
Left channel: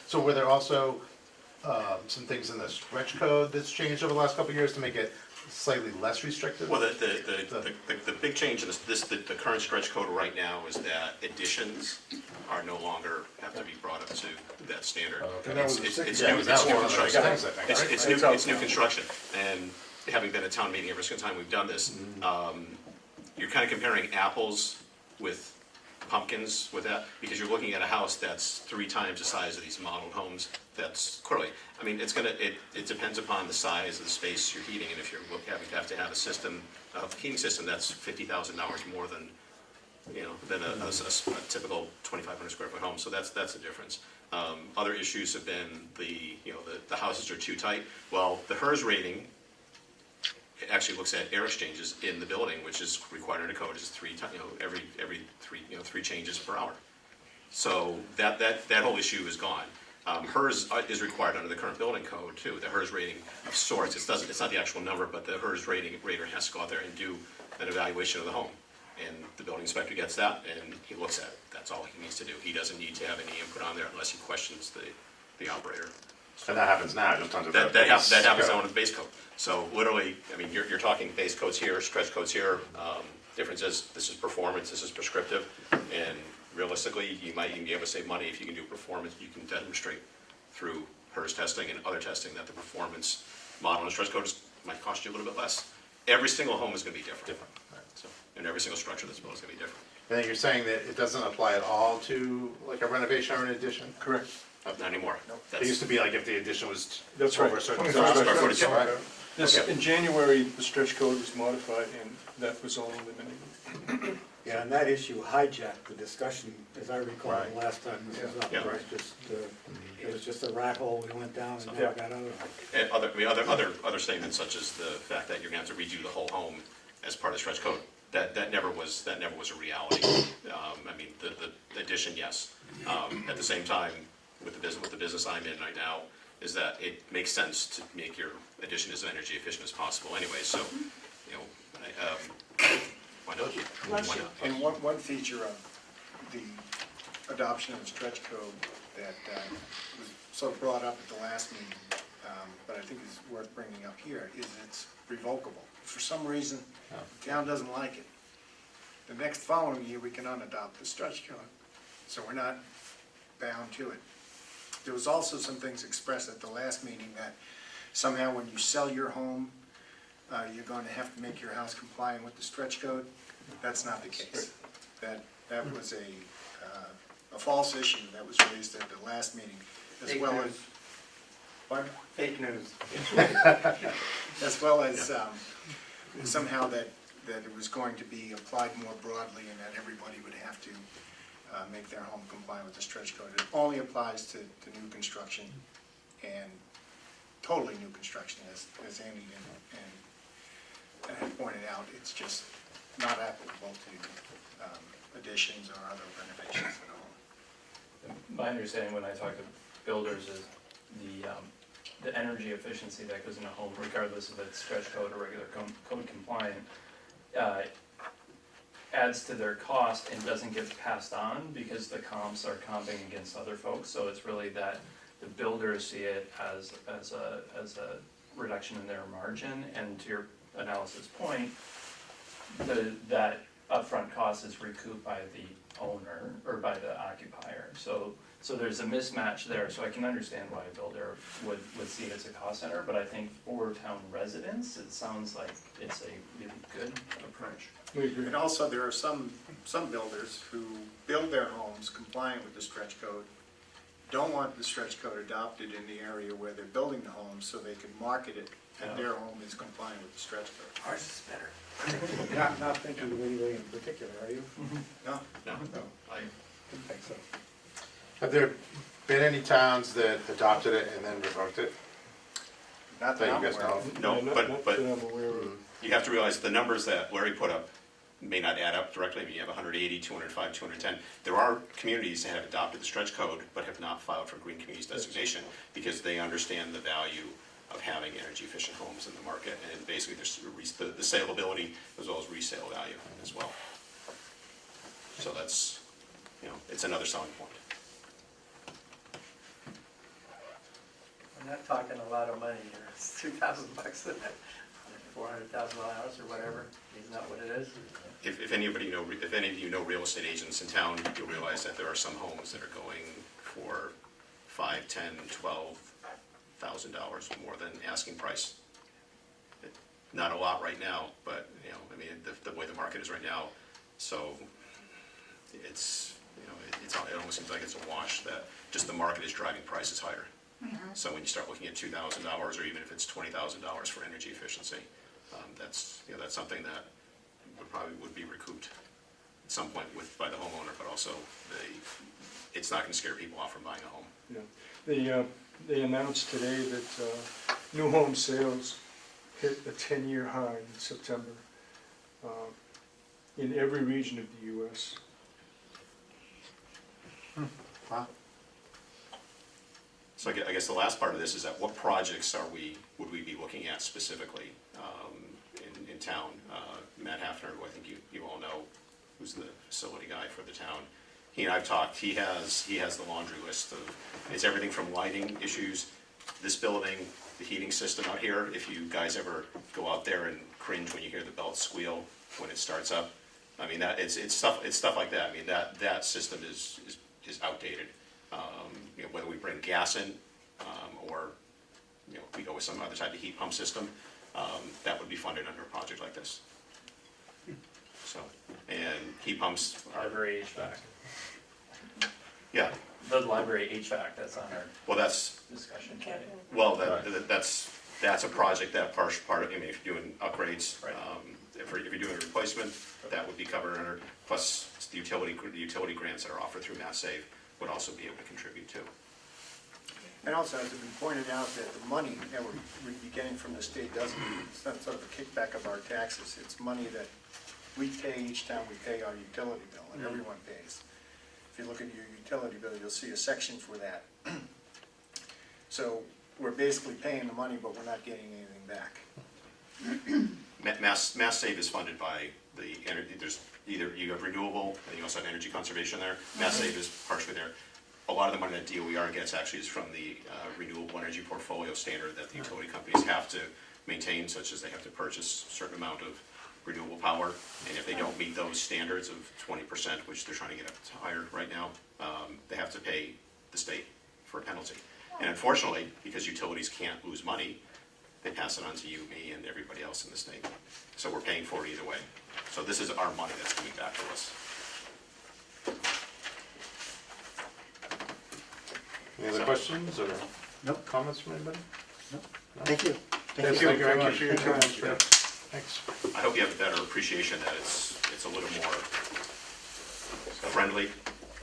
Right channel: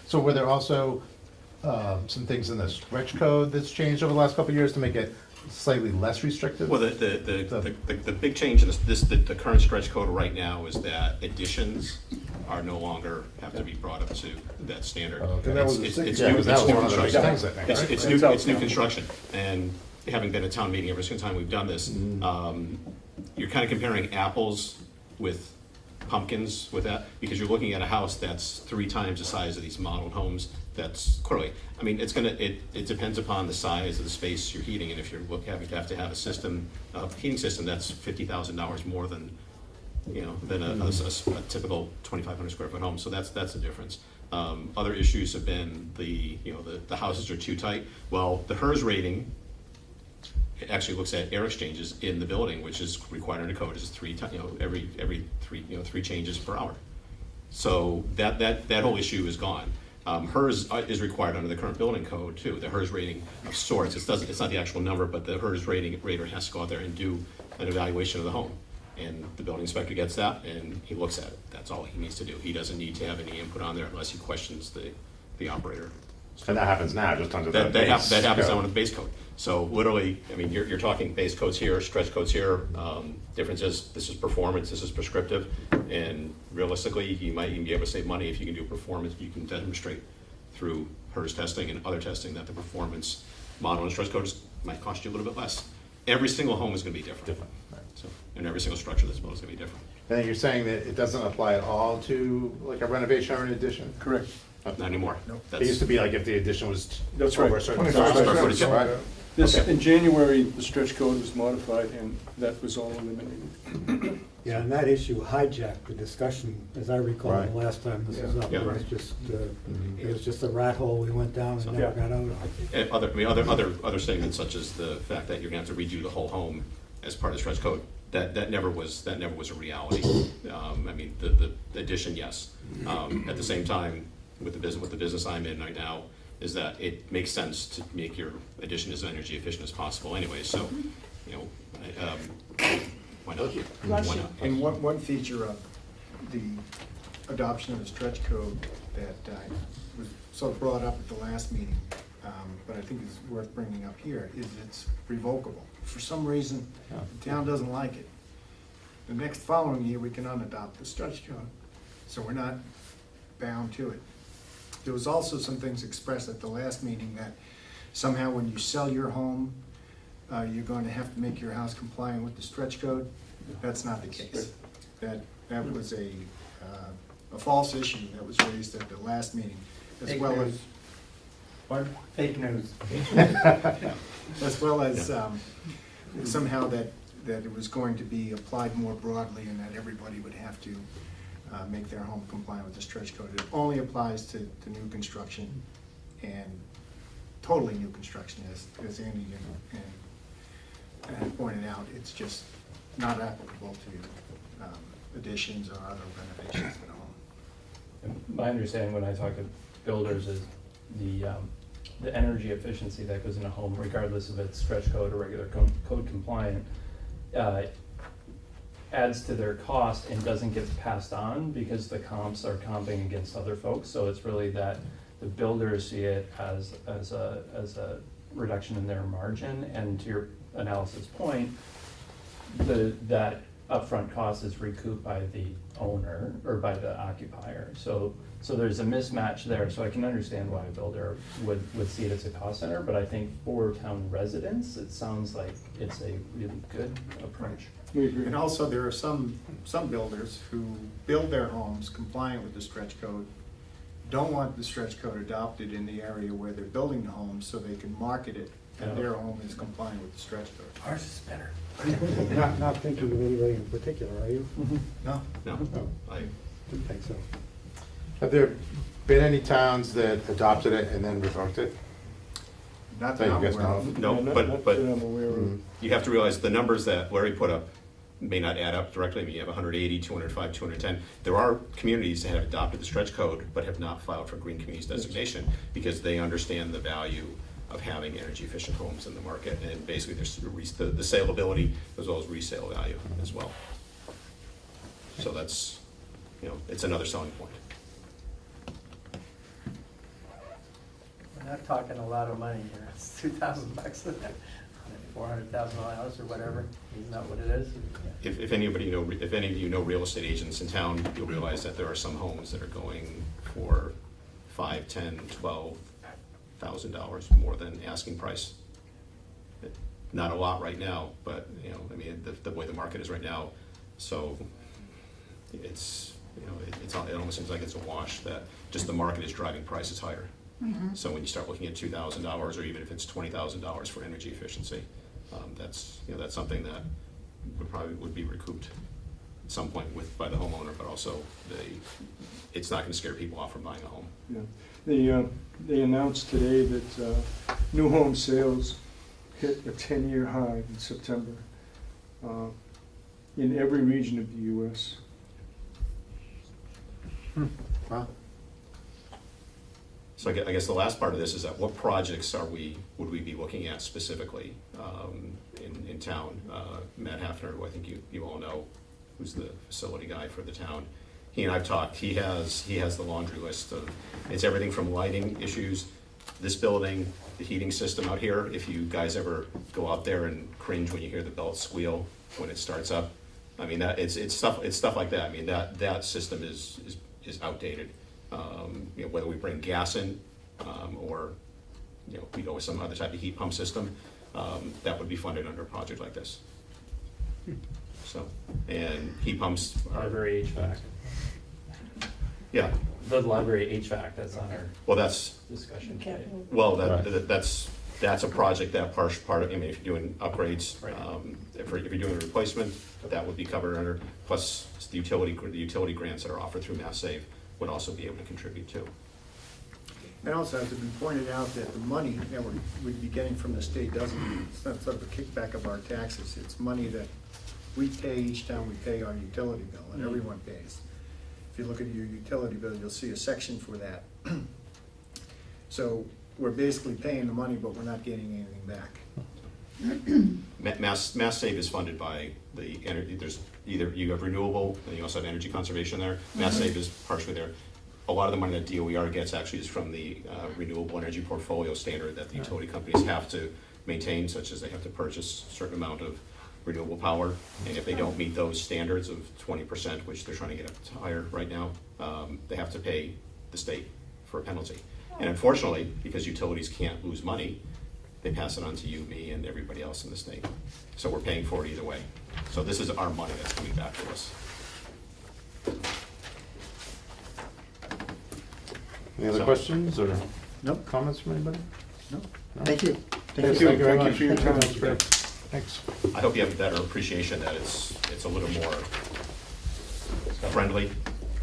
So were there also some things in the stretch code that's changed over the last couple of years to make it slightly less restrictive? Well, the big change in the current stretch code right now is that additions are no longer have to be brought up to that standard. Okay. And that was It's the new, Yeah, it's that was new one of those construction. things, I think, right? It's new construction, and having been at town meeting every single time we've done this, you're kind of comparing apples with pumpkins with that, because you're looking at a house that's 3 times the size of these modeled homes. That's clearly, I mean, it depends upon the size of the space you're heating, and if you're have to have a system, a heating system that's $50,000 more than, than a typical 2,500 square foot home. So that's the difference. Other issues have been the houses are too tight. Well, the HERS rating, it actually looks at air exchanges in the building, which is required under code, is 3 every 3 changes per hour. So that whole issue is gone. HERS is required under the current building code too. The HERS rating of sorts. It's not the actual number, but the HERS rater has to go out there and do an evaluation of the home, and the building inspector gets that and he looks at it. That's all he needs to do. He doesn't need to have any input on there unless he questions the operator. And that happens now, just under That the happens base now code. with the base code. So literally, I mean, you're talking base codes here, stretch codes here. Difference is, this is performance, this is prescriptive, and realistically, you might even be able to save money if you can do performance. You can demonstrate through HERS testing and other testing that the performance model and stretch code might cost you a little bit less. Every single home is going to be different. So, and every single structure that's built is going to be different. And then you're saying that it doesn't apply at all to like a renovation or an addition? Correct. Not anymore. It used to be like if the addition was That's over right. a certain 25 size. square footage. Right. Okay. In January, the stretch code was modified, and that was all eliminated. Yeah, and that issue hijacked the discussion, as I recall, Right. the last time this was up. Yeah. It was just a rat hole we went down and never got out of. And other statements such as the fact that you're going to have to redo the whole home as part of the stretch code, that never was a reality. I mean, the addition, yes. At the same time, with the business I'm in right now, is that it makes sense to make your addition as energy efficient as possible anyway. So, why not? Bless Why you. not? And one feature of the adoption of the stretch code that was sort of brought up at the last meeting, but I think is worth bringing up here, is it's revocable. For some reason, the town doesn't like it. the next following year, we can unadopt the stretch code. So we're not bound to it. There was also some things expressed at the last meeting that somehow when you sell your home, you're going to have to make your house compliant with the stretch code. That's not the case. That was a false issue that was raised at the last meeting, as Fake well news. as, what? Fake news. As well as somehow that it was going to be applied more broadly and that everybody would have to make their home compliant with the stretch code. It only applies to new construction and totally new construction, as Andy and pointed out. It's just not applicable to additions or other renovations at home. My understanding when I talk to builders is the energy efficiency that goes in a home, regardless of it's stretch code or regular code compliant, adds to their cost and doesn't get passed on because the comps are comping against other folks. So it's really that the builders see it as a reduction in their margin, and to your analysis point, that upfront cost is recouped by the owner or by the occupier. So there's a mismatch there. So I can understand why a builder would see it as a cost center, but I think for town residents, it sounds like it's a really good approach. And also, there are some builders who build their homes compliant with the stretch code, don't want the stretch code adopted in the area where they're building the home, so they can market it that their home is compliant with the stretch code. Ours is better. Not thinking of anybody in particular, are you? No? No, I, Didn't think so. Have there been any towns that adopted it and then revoked it? Not That that you I'm guys aware know of. of? no, Not but that I'm aware of. you have to realize the numbers that Larry put up may not add up directly. I mean, you have 180, 205, 210. There are communities that have adopted the stretch code but have not filed for green communities designation because they understand the value of having energy efficient homes in the market, and basically there's the saleability as well as resale value as well. So that's, it's another selling point. We're not talking a lot of money here. It's $2,000 a day, $400,000 house or whatever. Isn't that what it is? If any of you know real estate agents in town, you'll realize that there are some homes that are going for $5,000, $10,000, $12,000 more than asking price. Not a lot right now, but the way the market is right now, so it's it almost seems like it's a wash that just the market is driving prices higher. So when you start looking at $2,000 or even if it's $20,000 for energy efficiency, that's something that would be recouped at some point by the homeowner, but also it's not going to scare people off from buying a home. Yeah. They announced today that new home sales hit a 10-year high in September in every region of the U.S. Wow. So I guess the last part of this is that what projects would we be looking at specifically in town? Matt Hafner, who I think you all know, who's the facility guy for the town. He and I've talked. He has the laundry list of, it's everything from lighting issues, this building, the heating system out here. If you guys ever go out there and cringe when you hear the belt squeal when it starts up, I mean it's stuff like that. I mean that system is outdated. Whether we bring gas in or we go with some other type of heat pump system, that would be funded under a project like this. So, and heat pumps are Library HVAC. yeah. The library HVAC, that's on our Well, that's discussion. Capital. well that's a project that part of. I mean, if you're doing upgrades, Right. if you're doing a replacement, that would be covered under. Plus, the utility grants that are offered through Mass Save would also be able to contribute too. And also, as it's been pointed out, that the money that we'd be getting from the state it's not sort of a kickback of our taxes. It's money that we pay each time we pay our utility bill, and everyone pays. If you look at your utility bill, you'll see a section for that. So we're basically paying the money, but we're not getting anything back. Mass Save is funded by the energy. There's either you have renewable and you also have energy conservation there. Mass Save is partially there. A lot of the money that DOER gets actually is from the renewable energy portfolio standard that the utility companies have to maintain, such as they have to purchase a certain amount of renewable power, and if they don't meet those standards of 20%, which they're trying to get up to higher right now, they have to pay the state for a penalty. And unfortunately, because utilities can't lose money, they pass it on to you, me, and everybody else in the state. So we're paying for it either way. So this is our money that's coming back to us. Any other So- questions or Nope. comments from anybody? Nope. No? Thank you. Thank you very much for your time. Thanks. I hope you have a better appreciation that it's a little more friendly,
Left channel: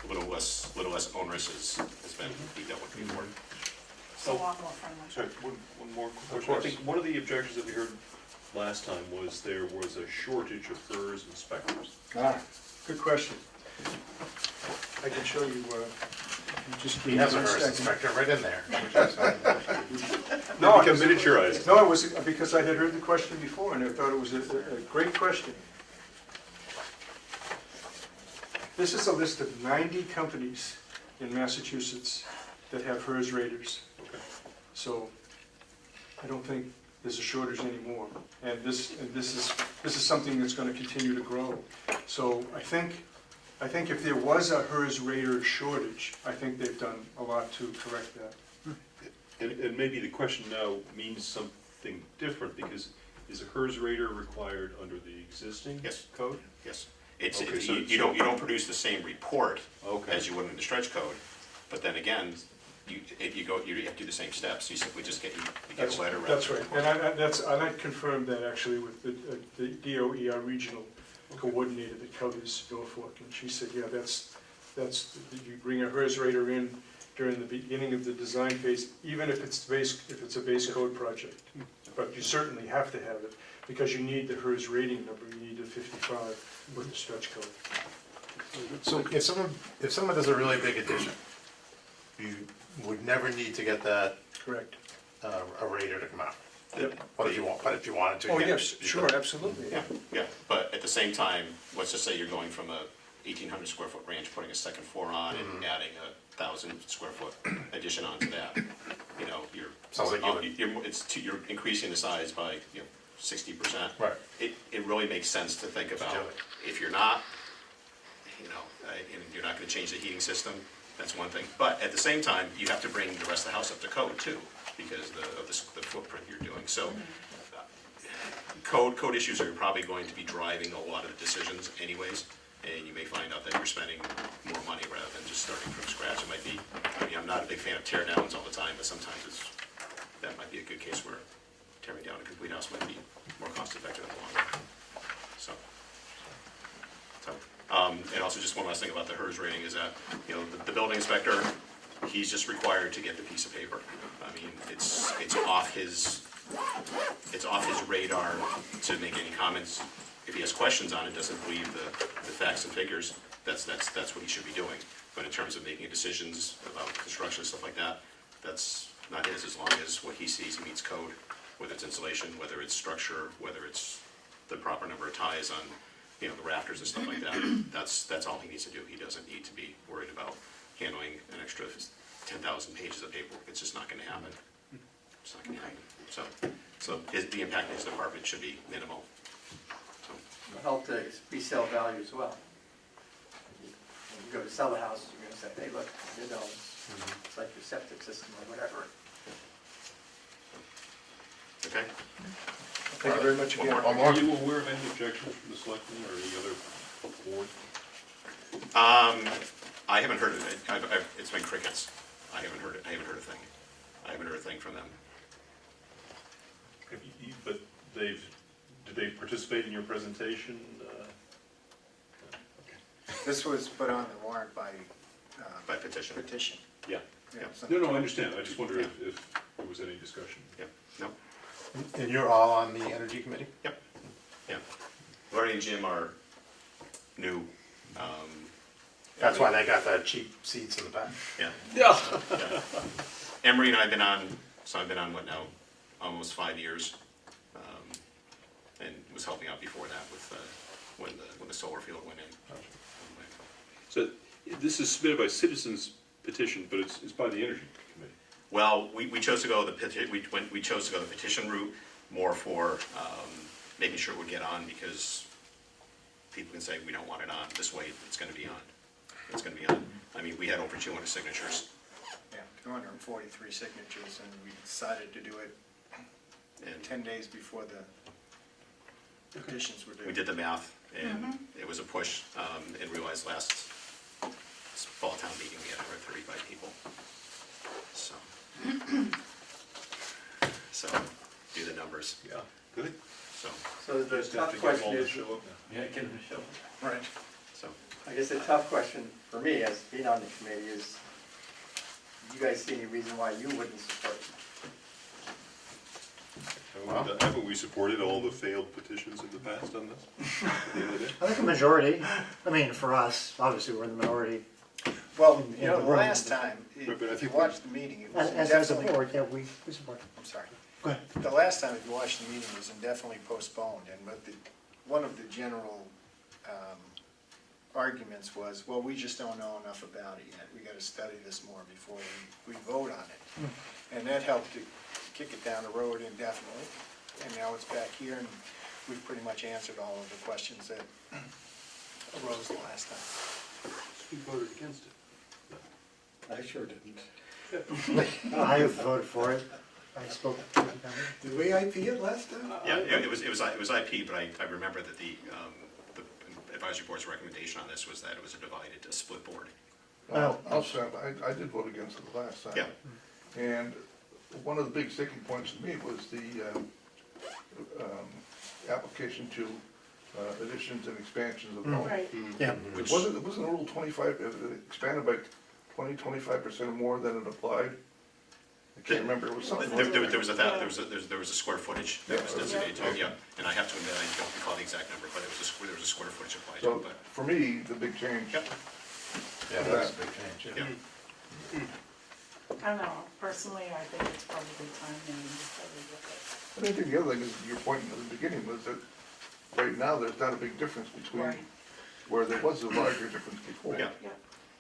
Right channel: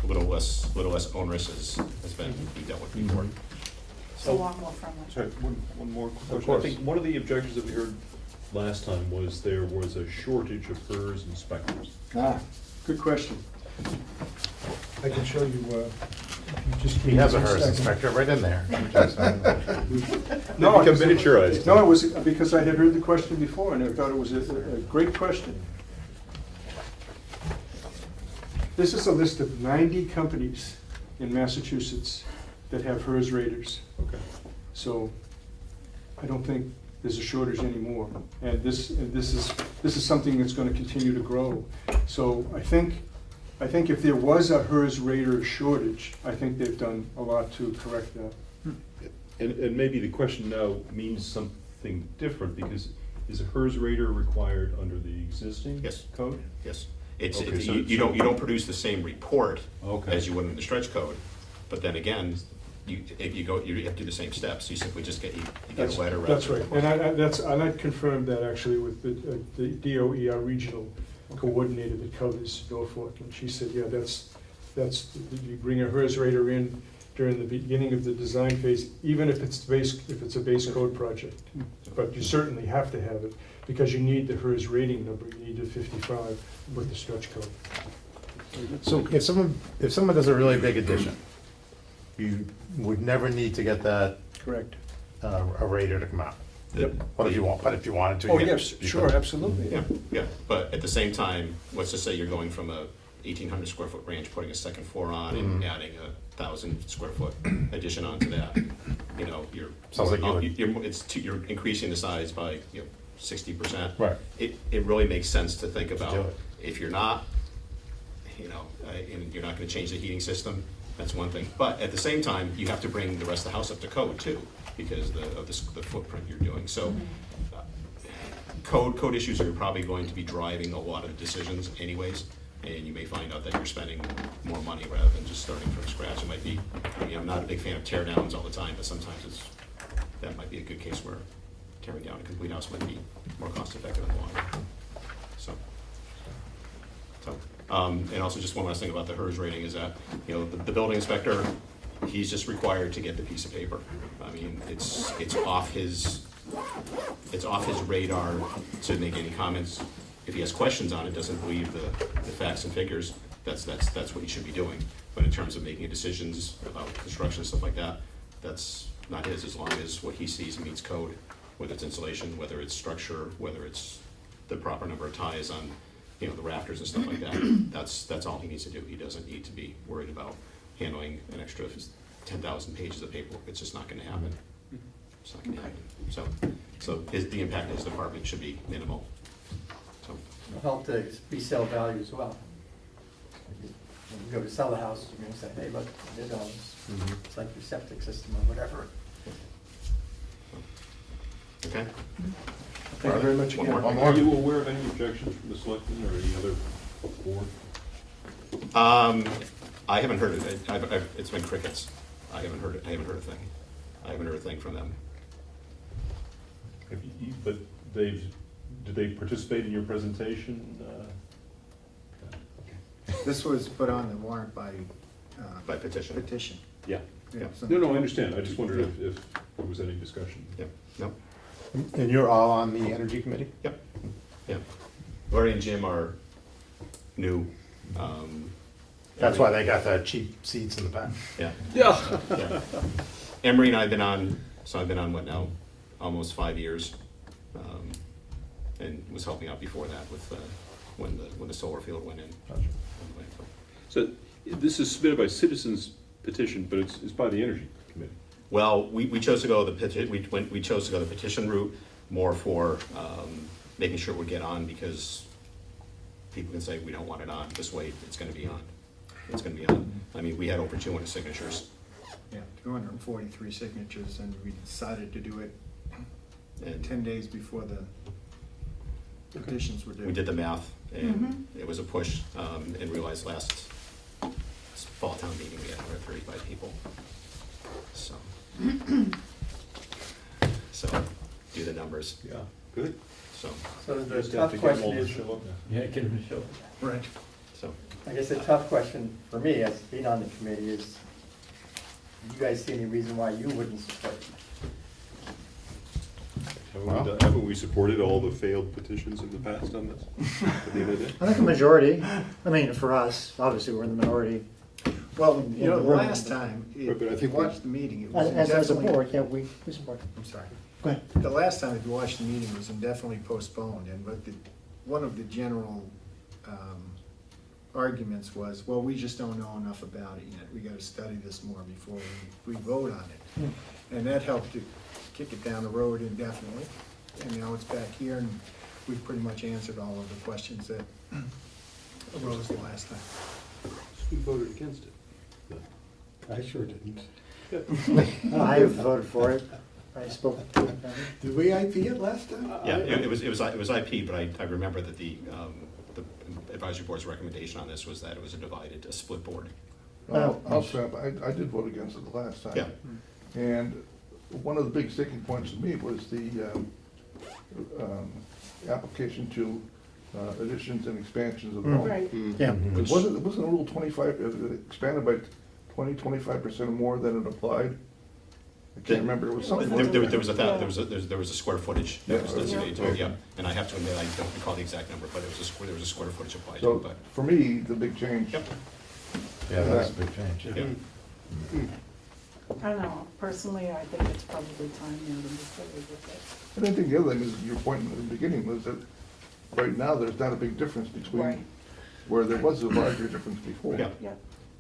a little less onerous has been dealt with before. It's a lot more friendly. Sorry, one more quick question. course. I think one of the objections that we heard last time was there was a shortage of HERS inspectors. Good question. I can show you, just. He has a HERS inspector right in there. They become miniaturized. No, it was because I had heard the question before, and I thought it was a great question. This is a list of 90 companies in Massachusetts that have HERS raters. Okay. So I don't think there's a shortage anymore. And this is something that's gonna continue to grow. So I think if there was a HERS rater shortage, I think they've done a lot to correct that. And maybe the question now means something different, because is a HERS rater required under the existing Yes. code? Yes. It's, Okay, so- you don't produce the same report Okay. as you would in the stretch code, but then again, you have to do the same steps. You simply just get a letter. rather That's than a right, report. and I confirmed that actually with the DOE, our regional coordinator that covers Norfolk, and she said, yeah, that's, you bring a HERS rater in during the beginning of the design phase, even if it's a base code project. But you certainly have to have it, because you need the HERS rating number, you need the 55 with the stretch code. So if someone does a really big addition, you would never need to get that, Correct. a rater to come out. Yep. What if you wanted to? Oh, you yes, you sure, could. absolutely. Yeah, but at the same time, let's just say you're going from a 1,800 square foot ranch, putting a second floor on and adding a 1,000 square foot addition onto that. You know, Sounds like you would- you're increasing the size by 60%. Right. It really makes sense to think do about, it. if you're not, and you're not gonna change the heating system, that's one thing. But at the same time, you have to bring the rest of the house up to code too, because of the footprint you're doing. So code issues are probably going to be driving a lot of the decisions anyways, and you may find out that you're spending more money rather than just starting from scratch. It might be, I'm not a big fan of tear downs all the time, but sometimes that might be a good case where tearing down a complete house might be more cost effective in the long run. So, and also just one last thing about the HERS rating is that, the building inspector, he's just required to get the piece of paper. I mean, it's off his radar to make any comments. If he has questions on it, doesn't believe the facts and figures, that's what he should be doing. But in terms of making decisions about construction and stuff like that, that's not his, as long as what he sees meets code, whether it's insulation, whether it's structure, whether it's the proper number of ties on, the rafters and stuff like that. That's all he needs to do. He doesn't need to be worried about handling an extra 10,000 pages of paperwork. It's just not gonna happen. It's not gonna happen. So the impact on his department should be minimal. So, It'll help to resale value as well. When you go to sell the house, you're gonna say, hey, look, it's like your septic system or whatever. okay? Thank you very much One again. more. Are you aware of any objections from the selectmen or any other board? I haven't heard of it. It's been crickets. I haven't heard a thing. I haven't heard a thing from them. But did they participate in your presentation? This was put on the warrant by By petition. petition. Yeah. Yeah. No, I understand. I just wondered if there was any discussion. Yep, no, And you're all on the energy committee? yep, yeah. Lori and Jim are new. That's why they got the cheap seats in the back. Yeah. Yeah. Yeah. Emery and I've been on, what now, almost 5 years. And was helping out before that with, when the solar field went in. So this is submitted by citizens petition, but it's by the Energy Committee. Well, we chose to go the petition route more for making sure it would get on, because people can say, we don't want it on, this way it's gonna be on. It's gonna be on. I mean, we had over 200 signatures, Yeah, 243 signatures, and we decided to do it and 10 days before the petitions were due. we did the math, and it was a push, and realized last fall town meeting, we had 135 people. So, so, do the numbers, Yeah, good. so, So the Just have tough to get them all question to is, show up now. Yeah, get them to show. Right. so. I guess the tough question for me as being on the committee is, do you guys see any reason why you wouldn't support it? Haven't we supported all the failed petitions in the past on this? At the end of the day? I think a majority, I mean, for us, obviously, we're in the minority. Well, you know, In the room. last time, Right, but I if you think we- watched the meeting, it was As a indefinitely. board, yeah, we support. I'm sorry. Go ahead. The last time, if you watched the meeting, it was indefinitely postponed, and what one of the general arguments was, well, we just don't know enough about it yet. We gotta study this more before we vote on it. And that helped to kick it down the road indefinitely, and now it's back here, and we've pretty much answered all of the questions that arose the last time. You voted against it. I sure didn't. I voted for it. I spoke. Did we IP it last time? Yeah, it was IP, but I remember that the advisory board's recommendation on this was that it was a split board. I'll say, I did vote against it the last time. Yeah. And one of the big sticking points to me was the application to additions and expansions of the home. Right. Yeah. It wasn't a Rule 25, it expanded by 25% more than it applied. I can't remember, it was something. There was a square footage that was Yeah. designated to it, Okay. yeah. And I have to admit, I don't recall the exact number, but there was a square footage applied to So, it, but, for me, the big change, Yep. Yeah, that's a big change. yeah. I don't know, personally, I think it's probably time now to move forward with and I think the other thing is, your point in the beginning was that right now, there's not a big difference Right. between where there was a larger difference before. Yeah. it. Yeah,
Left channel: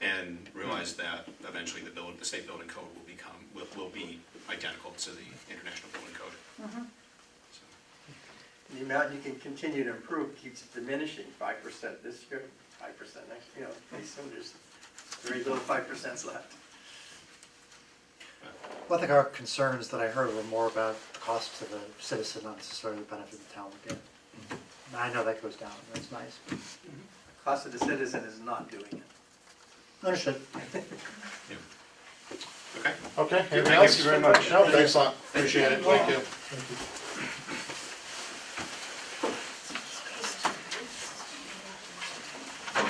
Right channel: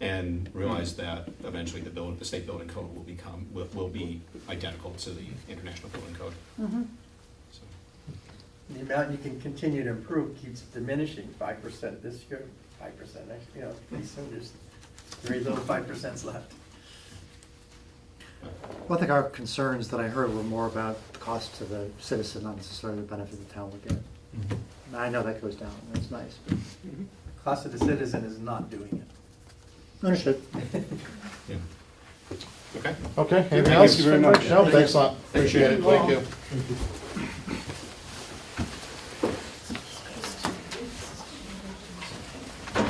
And realize that eventually the state building code will be identical to the international building code. So, The amount you can continue to improve keeps diminishing, 5% this year, 5% next, you know, pretty soon there's very little 5% left. Well, I think our concerns that I heard were more about the cost to the citizen, not necessarily the benefit the town would get. And I know that goes down, and that's nice. But Cost of the citizen is not doing it. understood. yeah. Okay? Okay, anything Thank else? you very much. No, thanks a lot, appreciate it, thank you. All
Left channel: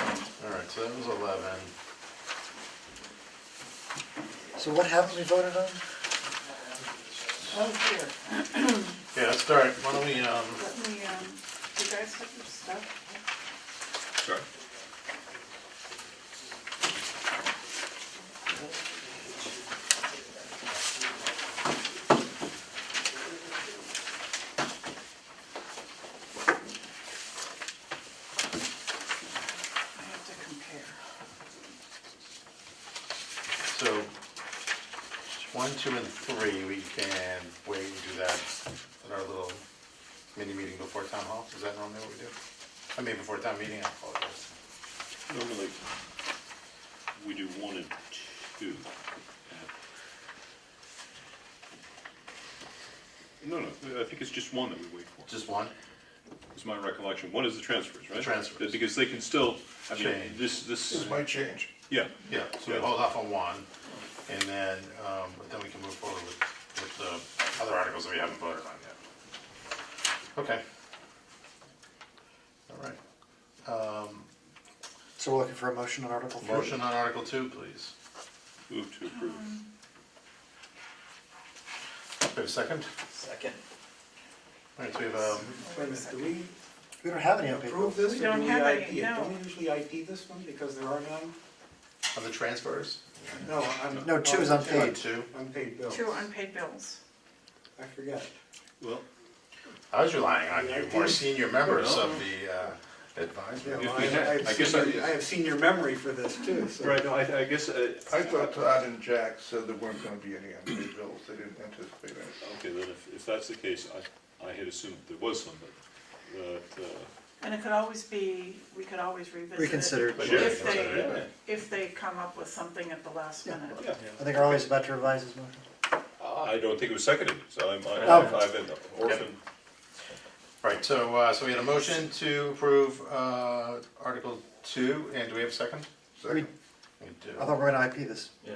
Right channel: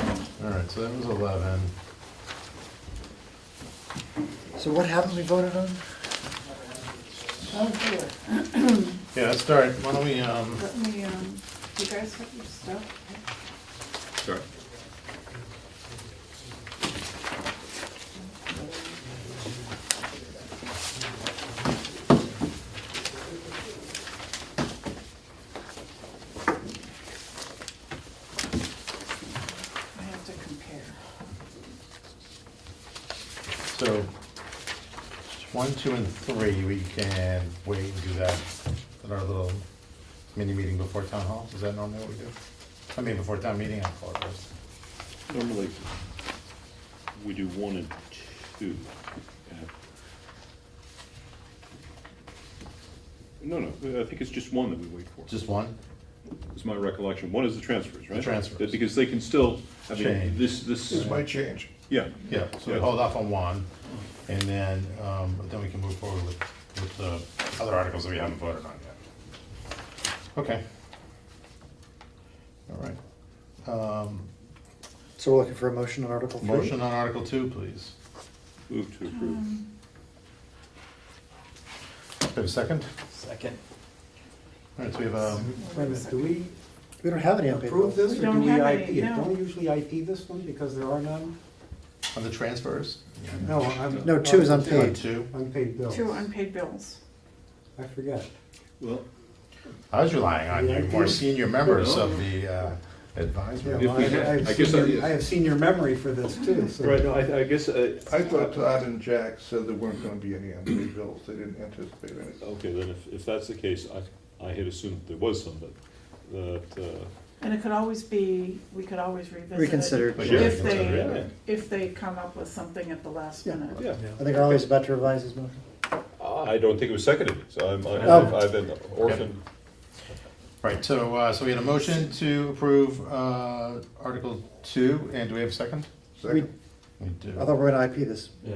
right, so that was 11. So what haven't we voted on? oh here, Yeah, let's start, why don't we, let me, you guys have your stuff? Sure. I have to compare. so, 1, 2, and 3, we can wait and do that at our little mini meeting before town hall, is that normally what we do? I mean, before town meeting, I apologize. Normally, we do 1 and 2. No, I think it's just 1 that we wait for. Just one? Is my recollection. 1 is the transfers, right? The transfers. Because they can still, I mean, Change. this, It might change. yeah. Yeah, so we Yeah. hold off on 1, and then we can move forward with the other articles that we haven't voted on yet. Okay. All right. So we're looking for a motion on Article 3? Motion on Article 2, please. Move to approve. We have a second? Second. All right, so we have, Wait a minute, do we We don't have any on paper. approve this, We or don't do we have IP any, it? no. Don't we usually IP this one because there are none? on the transfers? No, I'm. No, 2 is Article unpaid. 2? Unpaid bills. 2 unpaid bills. I forget. Well, I was relying on you, more senior members of the Yeah, advisory. well, I I have senior memory for this too, so. right, no, I guess, I thought Todd and Jack said there weren't gonna be any unpaid bills, they didn't anticipate any. okay, then if that's the case, I had assumed there was some, but And it could always be, we could always revisit it. Reconsider. Yeah, If consider they, it. if they come up with something at the last Yeah. minute. Yeah, I think Arlie's about to revise his motion. I don't think it was seconded, so Oh. I've been orphaned. Right, so we had a motion to approve Article 2, and do we have a second? Second. We do. I thought we were gonna IP this. Yeah.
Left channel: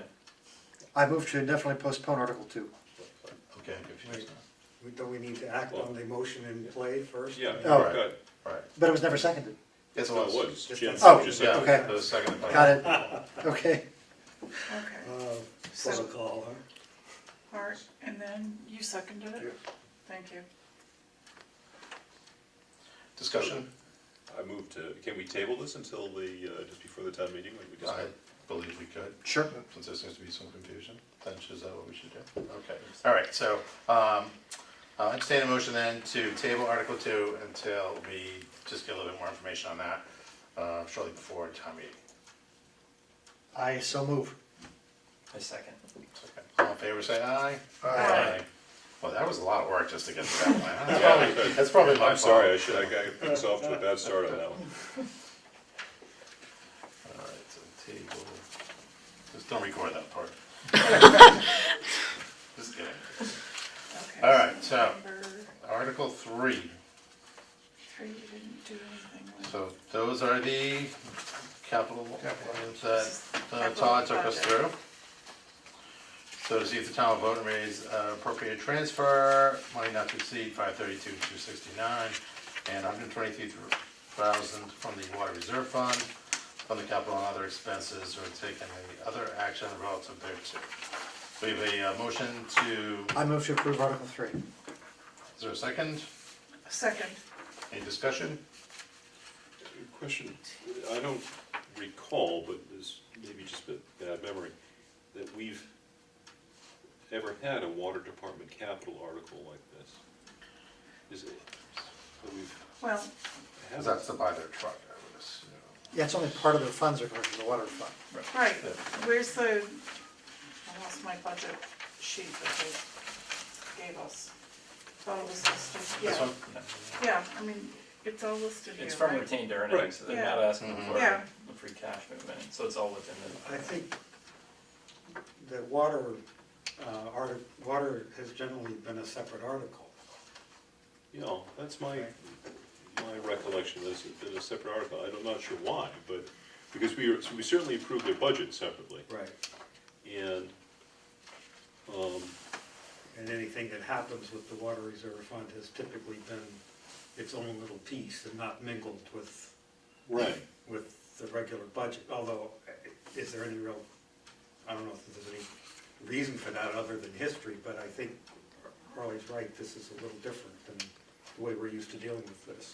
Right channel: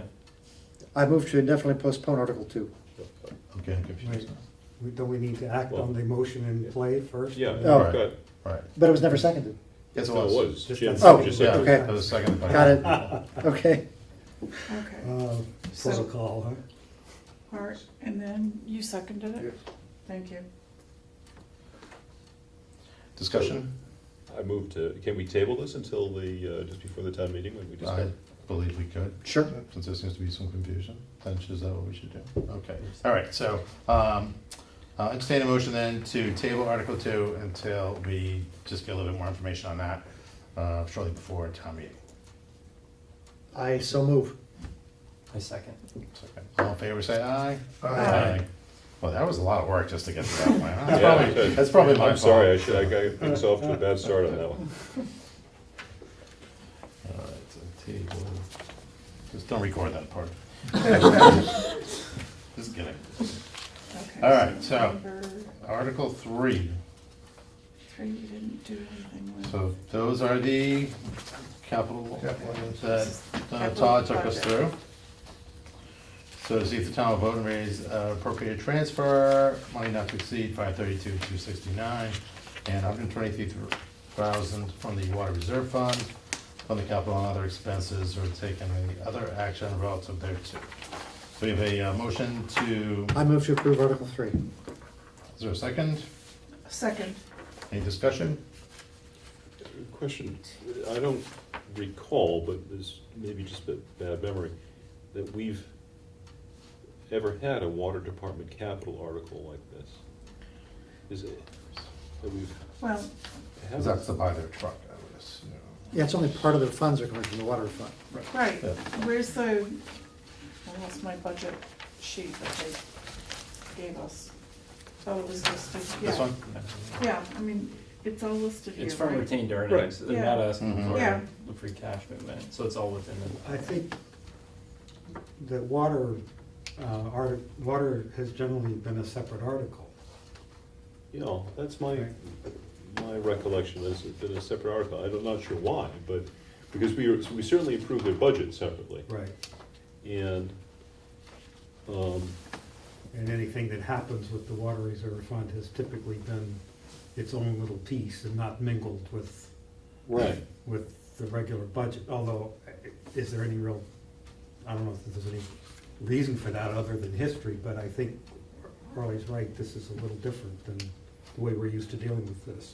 I move to indefinitely postpone Article 2. Okay, confused. Don't we need to act on the motion and play it first? Yeah, Oh. got it. All right. But it was never seconded. Yes, it No, was. it was. Just Jim that second. just Oh, seconded. okay. That was seconded by. Got it. Okay. Okay, So- Protocol, huh? all right, and then you seconded it? Yes. Thank you. Discussion? I moved to, can we table this until the, just before the town meeting when we discuss? I believe we could, Sure. since there seems to be some confusion. Then is that what we should do? Okay, all right, so, entertain a motion then to table Article 2 until we just get a little bit more information on that, shortly before town meeting. I so move. I second. Okay. All in favor, say aye. Aye. Well, that was a lot of work just to get to that one. That's Yeah, probably- okay. That's probably my I'm sorry, fault. I got things off to a bad start on that one. All right, so table, just don't record that part. Just kidding. Okay. All right, so- Number Article 3. 3, you didn't do anything with. So those are the capital items that Capital Todd took us project. through. So to see if the town will vote and raise appropriate transfer, money not to exceed 532,269, and 123,000 from the water reserve fund, from the capital and other expenses, or take any other action relative thereto. So we have a motion to, I move to approve Article 3. is there a second? Second, Any discussion? Question, I don't recall, but this maybe just a bad memory, that we've ever had a water department capital article like this. Is it, that we've well, Because that's to buy their truck, I would assume. Yeah, it's only part of the funds are coming from the water fund. right, Yeah. where's the, I lost my budget sheet that they gave us. Thought it was listed, This yeah, one? yeah, I mean, it's all listed here, It's from right? retained earnings, they're not Yeah. asking Mhm. for Yeah. the free cash movement, so it's all within the. I think that water has generally been a separate article. You know, that's my recollection, this has been a separate article, I'm not sure why, but, because we certainly approved their budget separately, Right. and, And anything that happens with the water reserve fund has typically been its own little piece and not mingled with the regular budget, although, is there any real, I don't know if there's any reason for that other than history, but I think Arlie's right, this is a little different than the way we're used to dealing with this.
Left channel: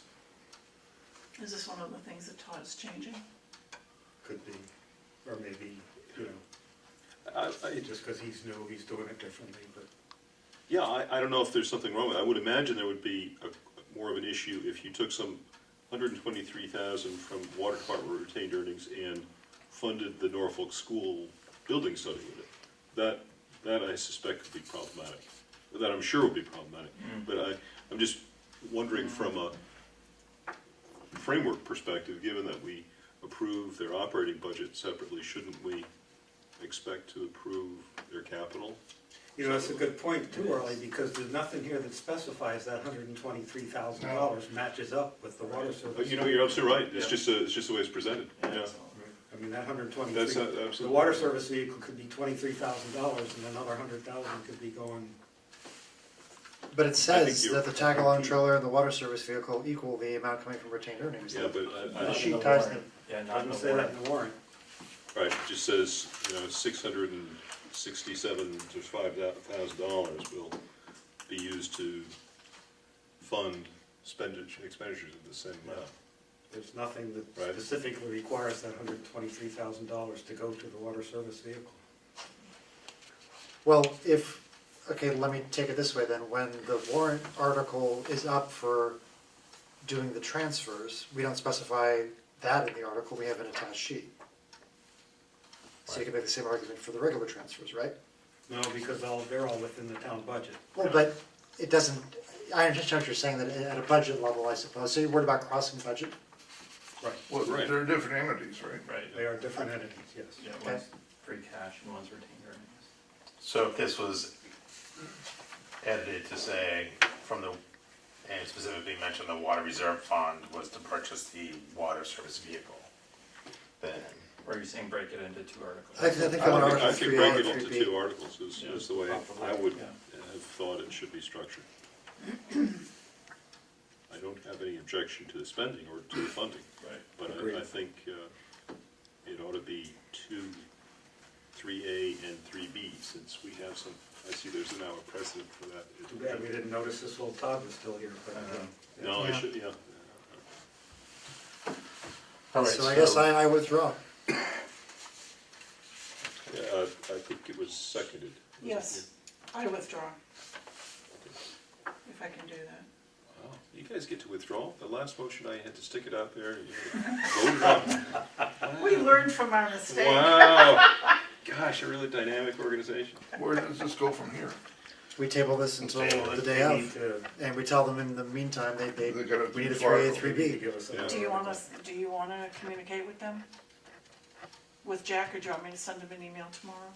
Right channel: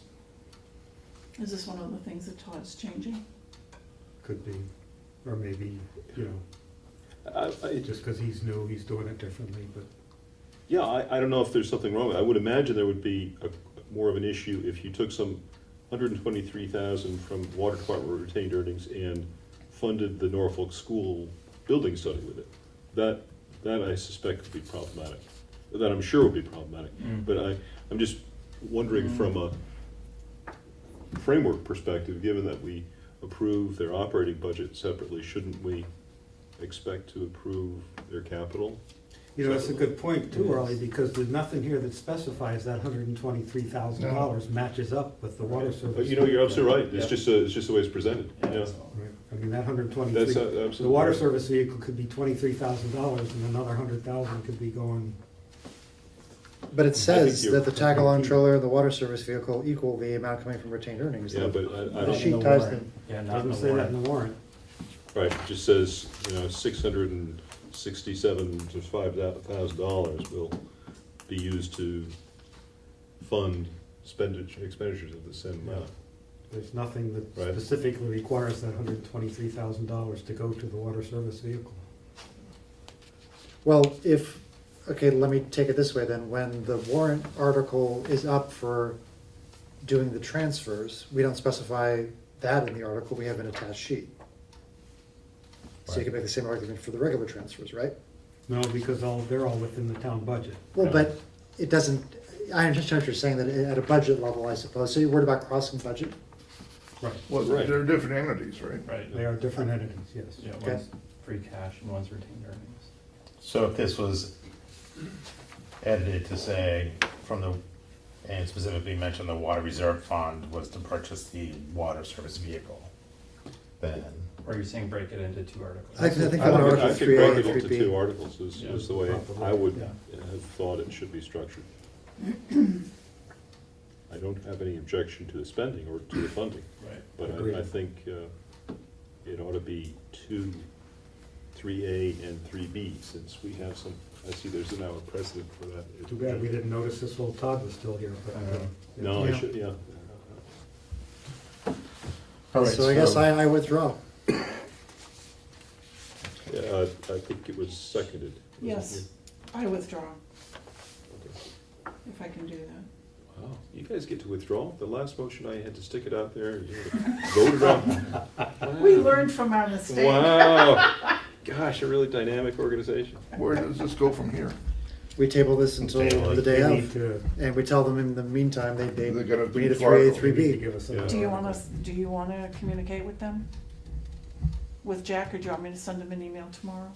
Is this one of the things that Todd's changing? Could be, or maybe, you know, I just because he's new, he's doing it differently, but yeah, I don't know if there's something wrong with it. I would imagine there would be more of an issue if you took some 123,000 from water department retained earnings and funded the Norfolk school building study with it. That I suspect would be problematic. That I'm sure would be problematic. But I'm just wondering from a framework perspective, given that we approve their operating budget separately, shouldn't we expect to approve their capital? you know, that's a good point too, Arlie, because there's nothing here that specifies that $123,000 matches up with the water service. But you know, you're absolutely right. It's Yeah. just the way it's presented. Yeah. Right. I mean, that That's 123, absolutely. the water service vehicle could be $23,000 and another 100,000 could be going, But it says you're- that the tag-along trailer and the water service vehicle equal the amount coming from retained earnings. Yeah, but The I don't, sheet the ties warrant. them. Yeah, not in doesn't the say that warrant. in the warrant. right, it just says, you know, $667,000 will be used to fund expenditures of the same amount. There's nothing that Right. specifically requires that $123,000 to go to the water service vehicle. Well, okay, let me take it this way then. When the warrant article is up for doing the transfers, we don't specify that in the article, we have an attached sheet. So you can make the same argument for the regular transfers, right? No, because they're all within the town budget. Well, but it doesn't, I understand what you're saying, that at a budget level, I suppose, so you're worried about crossing budget? Right, Well, Right. they're different entities, right? Right. they are different entities, yes. Yeah, Okay. one's free cash and one's retained earnings. So if this was edited to say from the, and specifically mentioned the water reserve fund was to purchase the water service vehicle, then, Or you're saying break it into two articles? I think I on would- Article I think 3A break and it into 3B. two articles is the way I would have thought it should be structured. I don't have any objection to the spending or to the funding. Right. But Agreed. I think it ought to be 3A and 3B, since we have some, I see there's now a precedent for that. Too bad we didn't notice this while Todd was still here, but. No, I Yeah. should, yeah. all right, So I guess I withdraw. Yeah, I think it was seconded. wasn't Yes, it? I withdraw, Okay. if I can do that. Wow, you guys get to withdraw? The last motion I had to stick it out there, you voted on. We learned from our mistake. Wow, gosh, a really dynamic organization. Where does this go from here? We table this until Table it. the day They need of, to, and we tell them in the meantime, they They gotta we need a do 3A, two they need to 3B. give us some. Yeah. Do you wanna communicate with them? With Jack, or do you want me to send him an email tomorrow?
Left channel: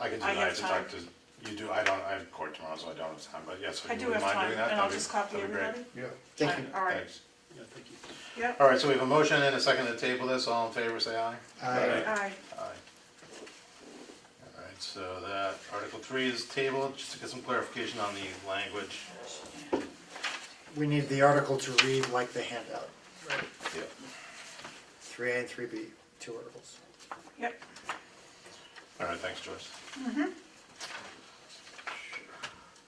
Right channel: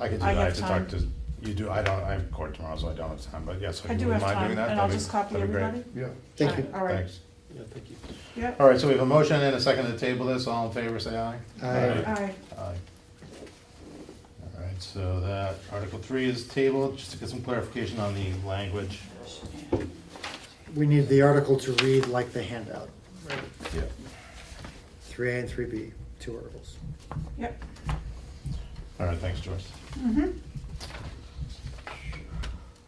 I could do I that, I have have to time. talk to, you do, I don't, I have court tomorrow, so I don't have time, but yes, I if do you have mind time, doing that, and I'll that'd be- just copy that'd be great. everybody. Yeah. Thank you. All right, Thanks. Yeah, thank you. yep, All right, so we have a motion and a second to table this, all in favor, say aye. Aye. aye. Aye. All right, so that Article 3 is tabled, just to get some clarification on the language. We need the article to read like the handout, Yeah. 3A and 3B, two articles. Yep. All right, thanks, Joyce.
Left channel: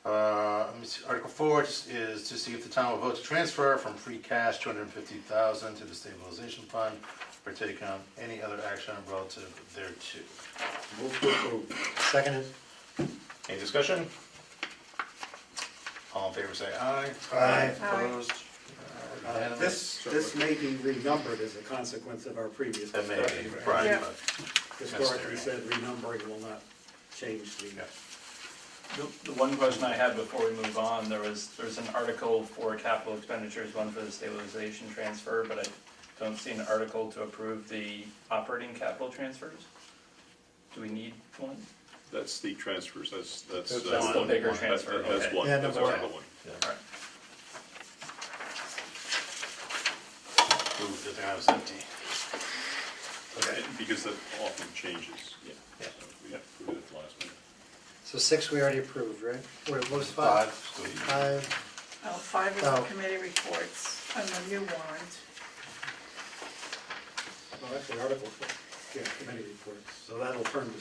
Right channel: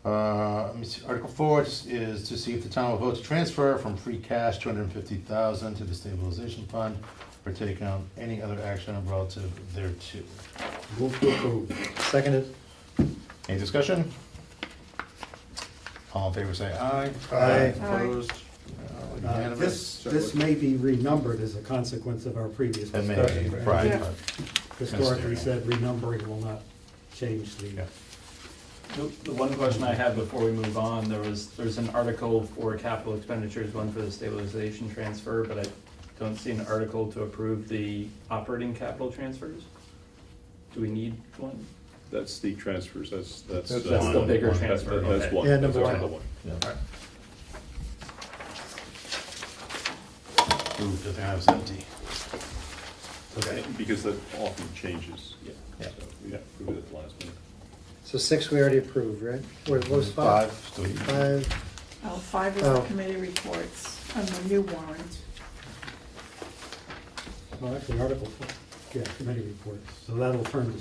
Let me see, Article 4 is to see if the town will vote to transfer from free cash $250,000 to the stabilization fund, or take any other action relative thereto. Move to approve. Seconded. Any discussion? All in favor say aye. Aye. Opposed? Unanimous? This may be renumbered as a consequence of our previous That may discussion. be, right? right, Yeah. but Historically said renumbering will not change the. The one question I had before we move on, there's an article for capital expenditures, one for the stabilization transfer, but I don't see an article to approve the operating capital transfers. Do we need one? That's the transfers, that's. That's the bigger transfer, That's okay. one, Yeah, that's number Article one. one. Ooh, good thing I was empty. Okay. Because that often changes, yeah, Yeah. so we approved it at the last minute. So 6 we already approved, right? What was 5? So you- 5. Oh, 5 is Oh. the committee reports on the new warrant. Well, actually, Article 4, yeah, committee reports, so that'll turn to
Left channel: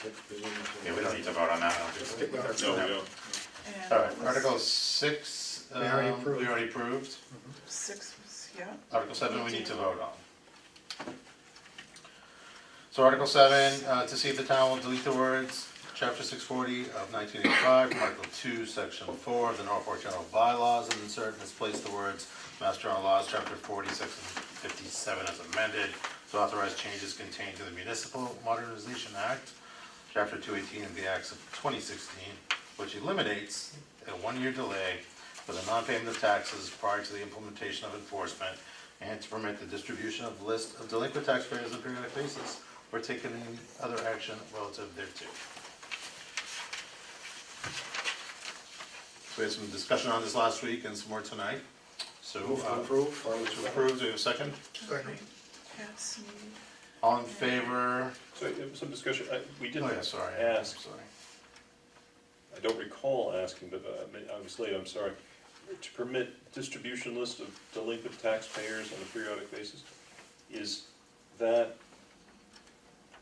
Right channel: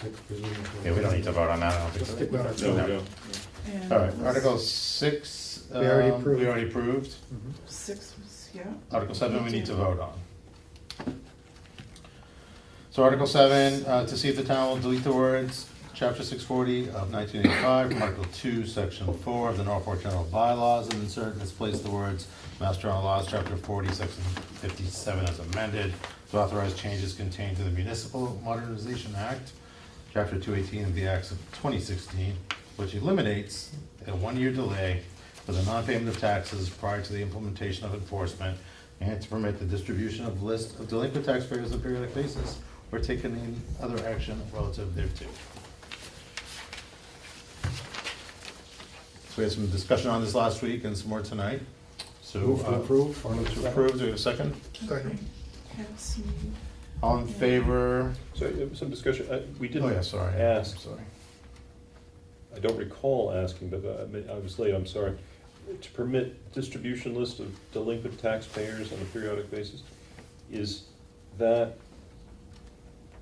6 presumably. Yeah, we don't need to vote on that, I don't Just think. stick with our. No, we don't. And All right, Article 6. We already approved. We already approved. 6 was, yeah. Article 7, we need to vote on. So Article 7, to see if the town will delete the words, Chapter 640 of 1985, from Article 2, Section 4 of the Norfolk General Bylaws, and insert and displace the words, Mass General Laws, Chapter 40, Section 57 as amended, to authorize changes contained in the Municipal Modernization Act, Chapter 218 of the Acts of 2016, which eliminates a one-year delay for the non-payment of taxes prior to the implementation of enforcement, and to permit the distribution of list of delinquent taxpayers on a periodic basis, or taking any other action relative thereto. So we had some discussion on this last week and some more tonight. So, Move to approve. move to approve, do we have a second? Second. Pat Sneed. All in favor? So there was some discussion, we Oh, didn't yeah, sorry. ask, Sorry. I don't recall asking, but I was late, I'm sorry, to permit distribution list of delinquent taxpayers on a periodic basis. Is that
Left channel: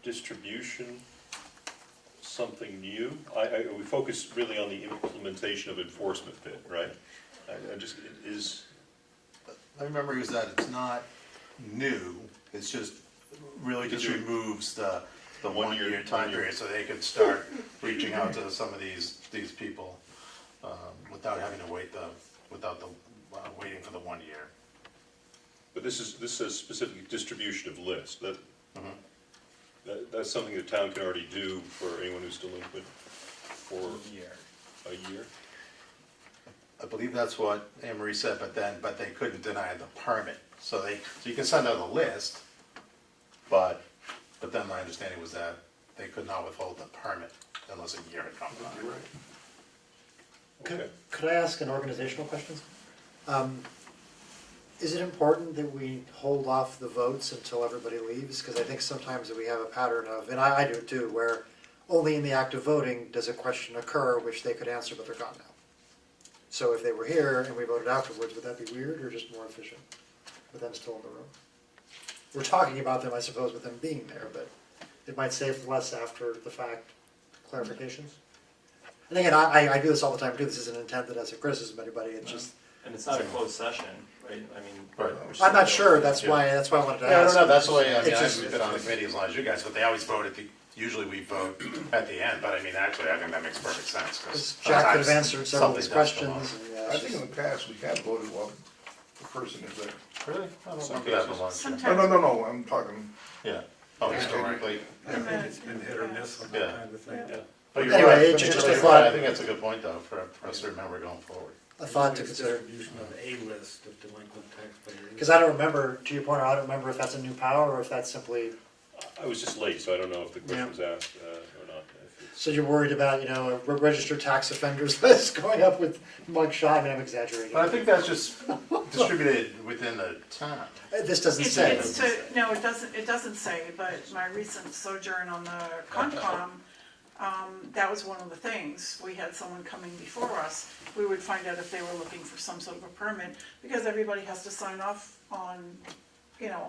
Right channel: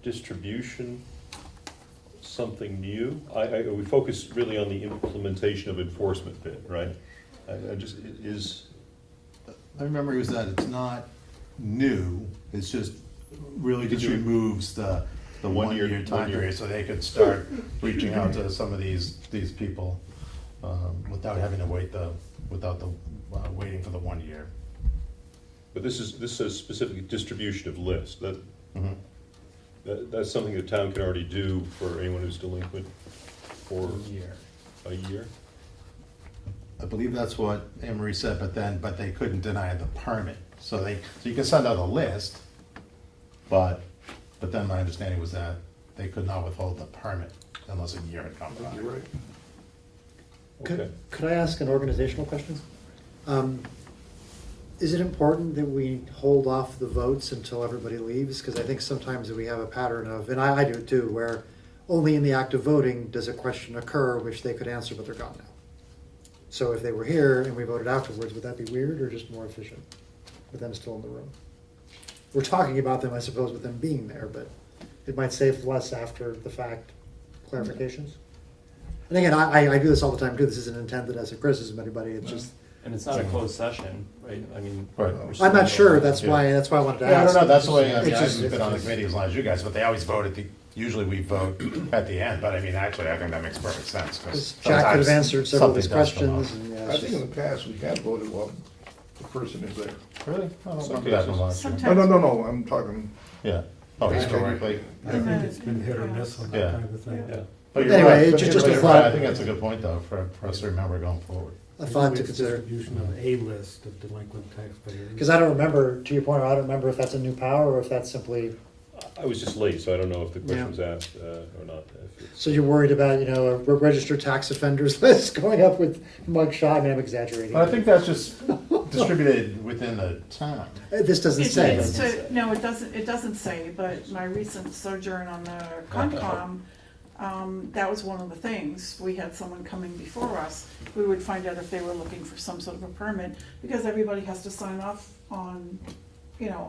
distribution something new? We focus really on the implementation of enforcement bit, right? I just, it is, My memory was that it's not new, it's just really just Did you- removes the One-year- one-year time one-year. period, so they could start reaching out to some of these people, without having to wait waiting for the 1 year. but this says specifically distribution of list, Mhm. that's something the town can already do for anyone who's delinquent for Year. a year? I believe that's what Anne Marie said, but they couldn't deny the permit. So you can send out a list, but then my understanding was that they could not withhold the permit unless a year had gone by. You're right. Okay. Could I ask an organizational question? Is it important that we hold off the votes until everybody leaves? Because I think sometimes we have a pattern of, and I do too, where only in the act of voting does a question occur which they could answer, but they're gone now. So if they were here and we voted afterwards, would that be weird or just more efficient with them still in the room? We're talking about them, I suppose, with them being there, but it might save less after the fact clarifications. And again, I do this all the time too. This isn't intended as a criticism of anybody. It's just, And it's not a closed session, right? I mean. Right. we're I'm not still- sure. That's why I wanted to Yeah, I ask. don't know, that's the way, I mean, It's I just- haven't been on the committee as long as you guys, but they always vote usually we vote at the end, but I mean, actually, I think that makes perfect sense. 'Cause Jack could have sometimes answered several of these something does come questions. up. And, yeah, I it's think in just- the past, we have voted while the person is there. Really? I don't Some remember that cases. from last year. Sometimes. No, I'm talking, Yeah. Oh, historically. I think it's been hit or miss on Yeah. that kind of thing. Yeah. But you're Anyway, right. it's just a You're thought. right. I think that's a good point though, for us to remember going forward. a thought to It's consider. distribution of a list of delinquent taxpayers. Because I don't remember, to your point, I don't remember if that's a new power or if that's simply, I was just late, so I don't know if the question Yeah. was asked or not. If it's- so you're worried about, a registered tax offenders list going up with mugshot, I mean, I'm exaggerating. But I think that's just distributed within the town. This doesn't It's, say. it's to, no, it doesn't say, but my recent sojourn on the Concom, that was one of the things. We had someone coming before us. We would find out if they were looking for some sort of a permit, because everybody has to sign off on,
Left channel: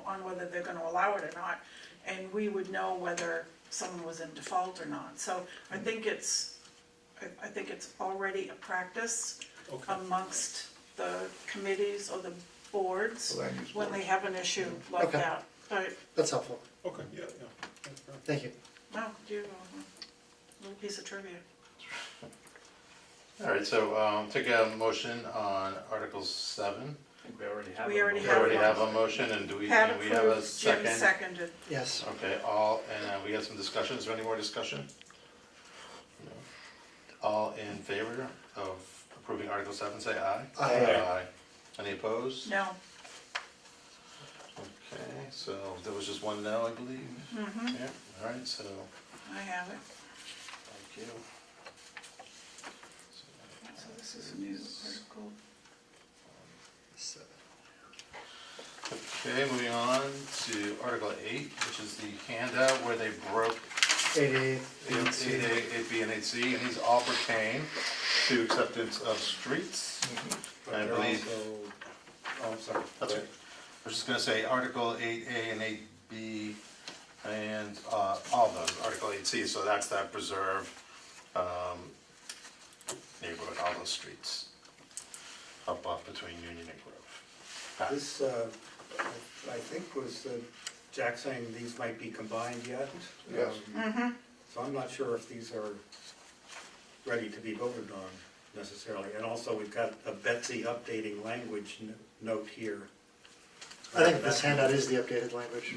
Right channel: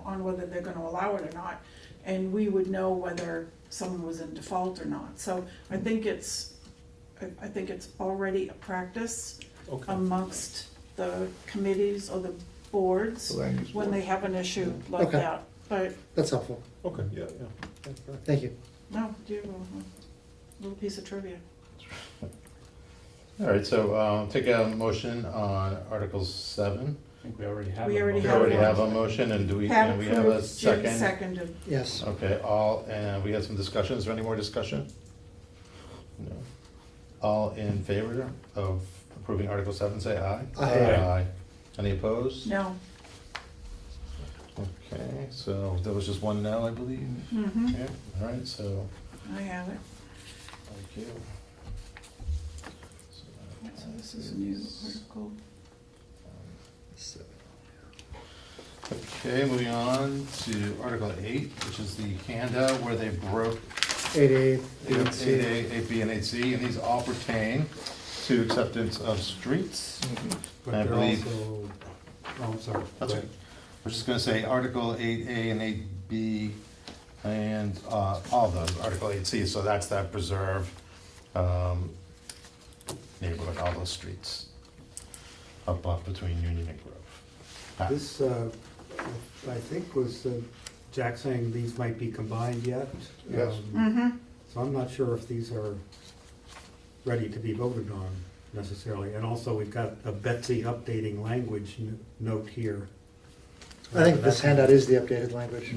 on whether they're gonna allow it or not. And we would know whether someone was in default or not. So I think it's already a practice Okay. amongst the committees or the boards the land use when they board. have an issue like Okay. that. But, That's helpful. Okay, yeah. That's fair. Thank you. no, do you have a little piece of trivia? All right, so take a motion on Article 7. I think we already have. We a already We motion. already one. have a motion, and do we Pat have a approved, Jim second? seconded. Yes. Okay, and we had some discussion. Is there any more discussion? No. All in favor of approving Article 7, say aye. Aye. Any opposed? No. Okay, so there was just one no, I believe. Mm-hmm. Yeah, all right, so, I have it. thank you. So this is a new article. Okay, moving on to Article 8, which is the handout where they broke 8A, 8A, 8B, and 8C, and these all pertain to acceptance of streets. But I they're believe- also, oh, I'm sorry. That's Go it. We're just gonna say Article 8A and 8B, and all of those, Article 8C, so that's that preserve neighborhood, all those streets up off between Union and Grove. Pat? This, I think was Jack saying these might be combined yet. Yes. Mm-hmm. So I'm not sure if these are ready to be voted on necessarily. And also, we've got a Betsy updating language note here. I think this handout is the updated language.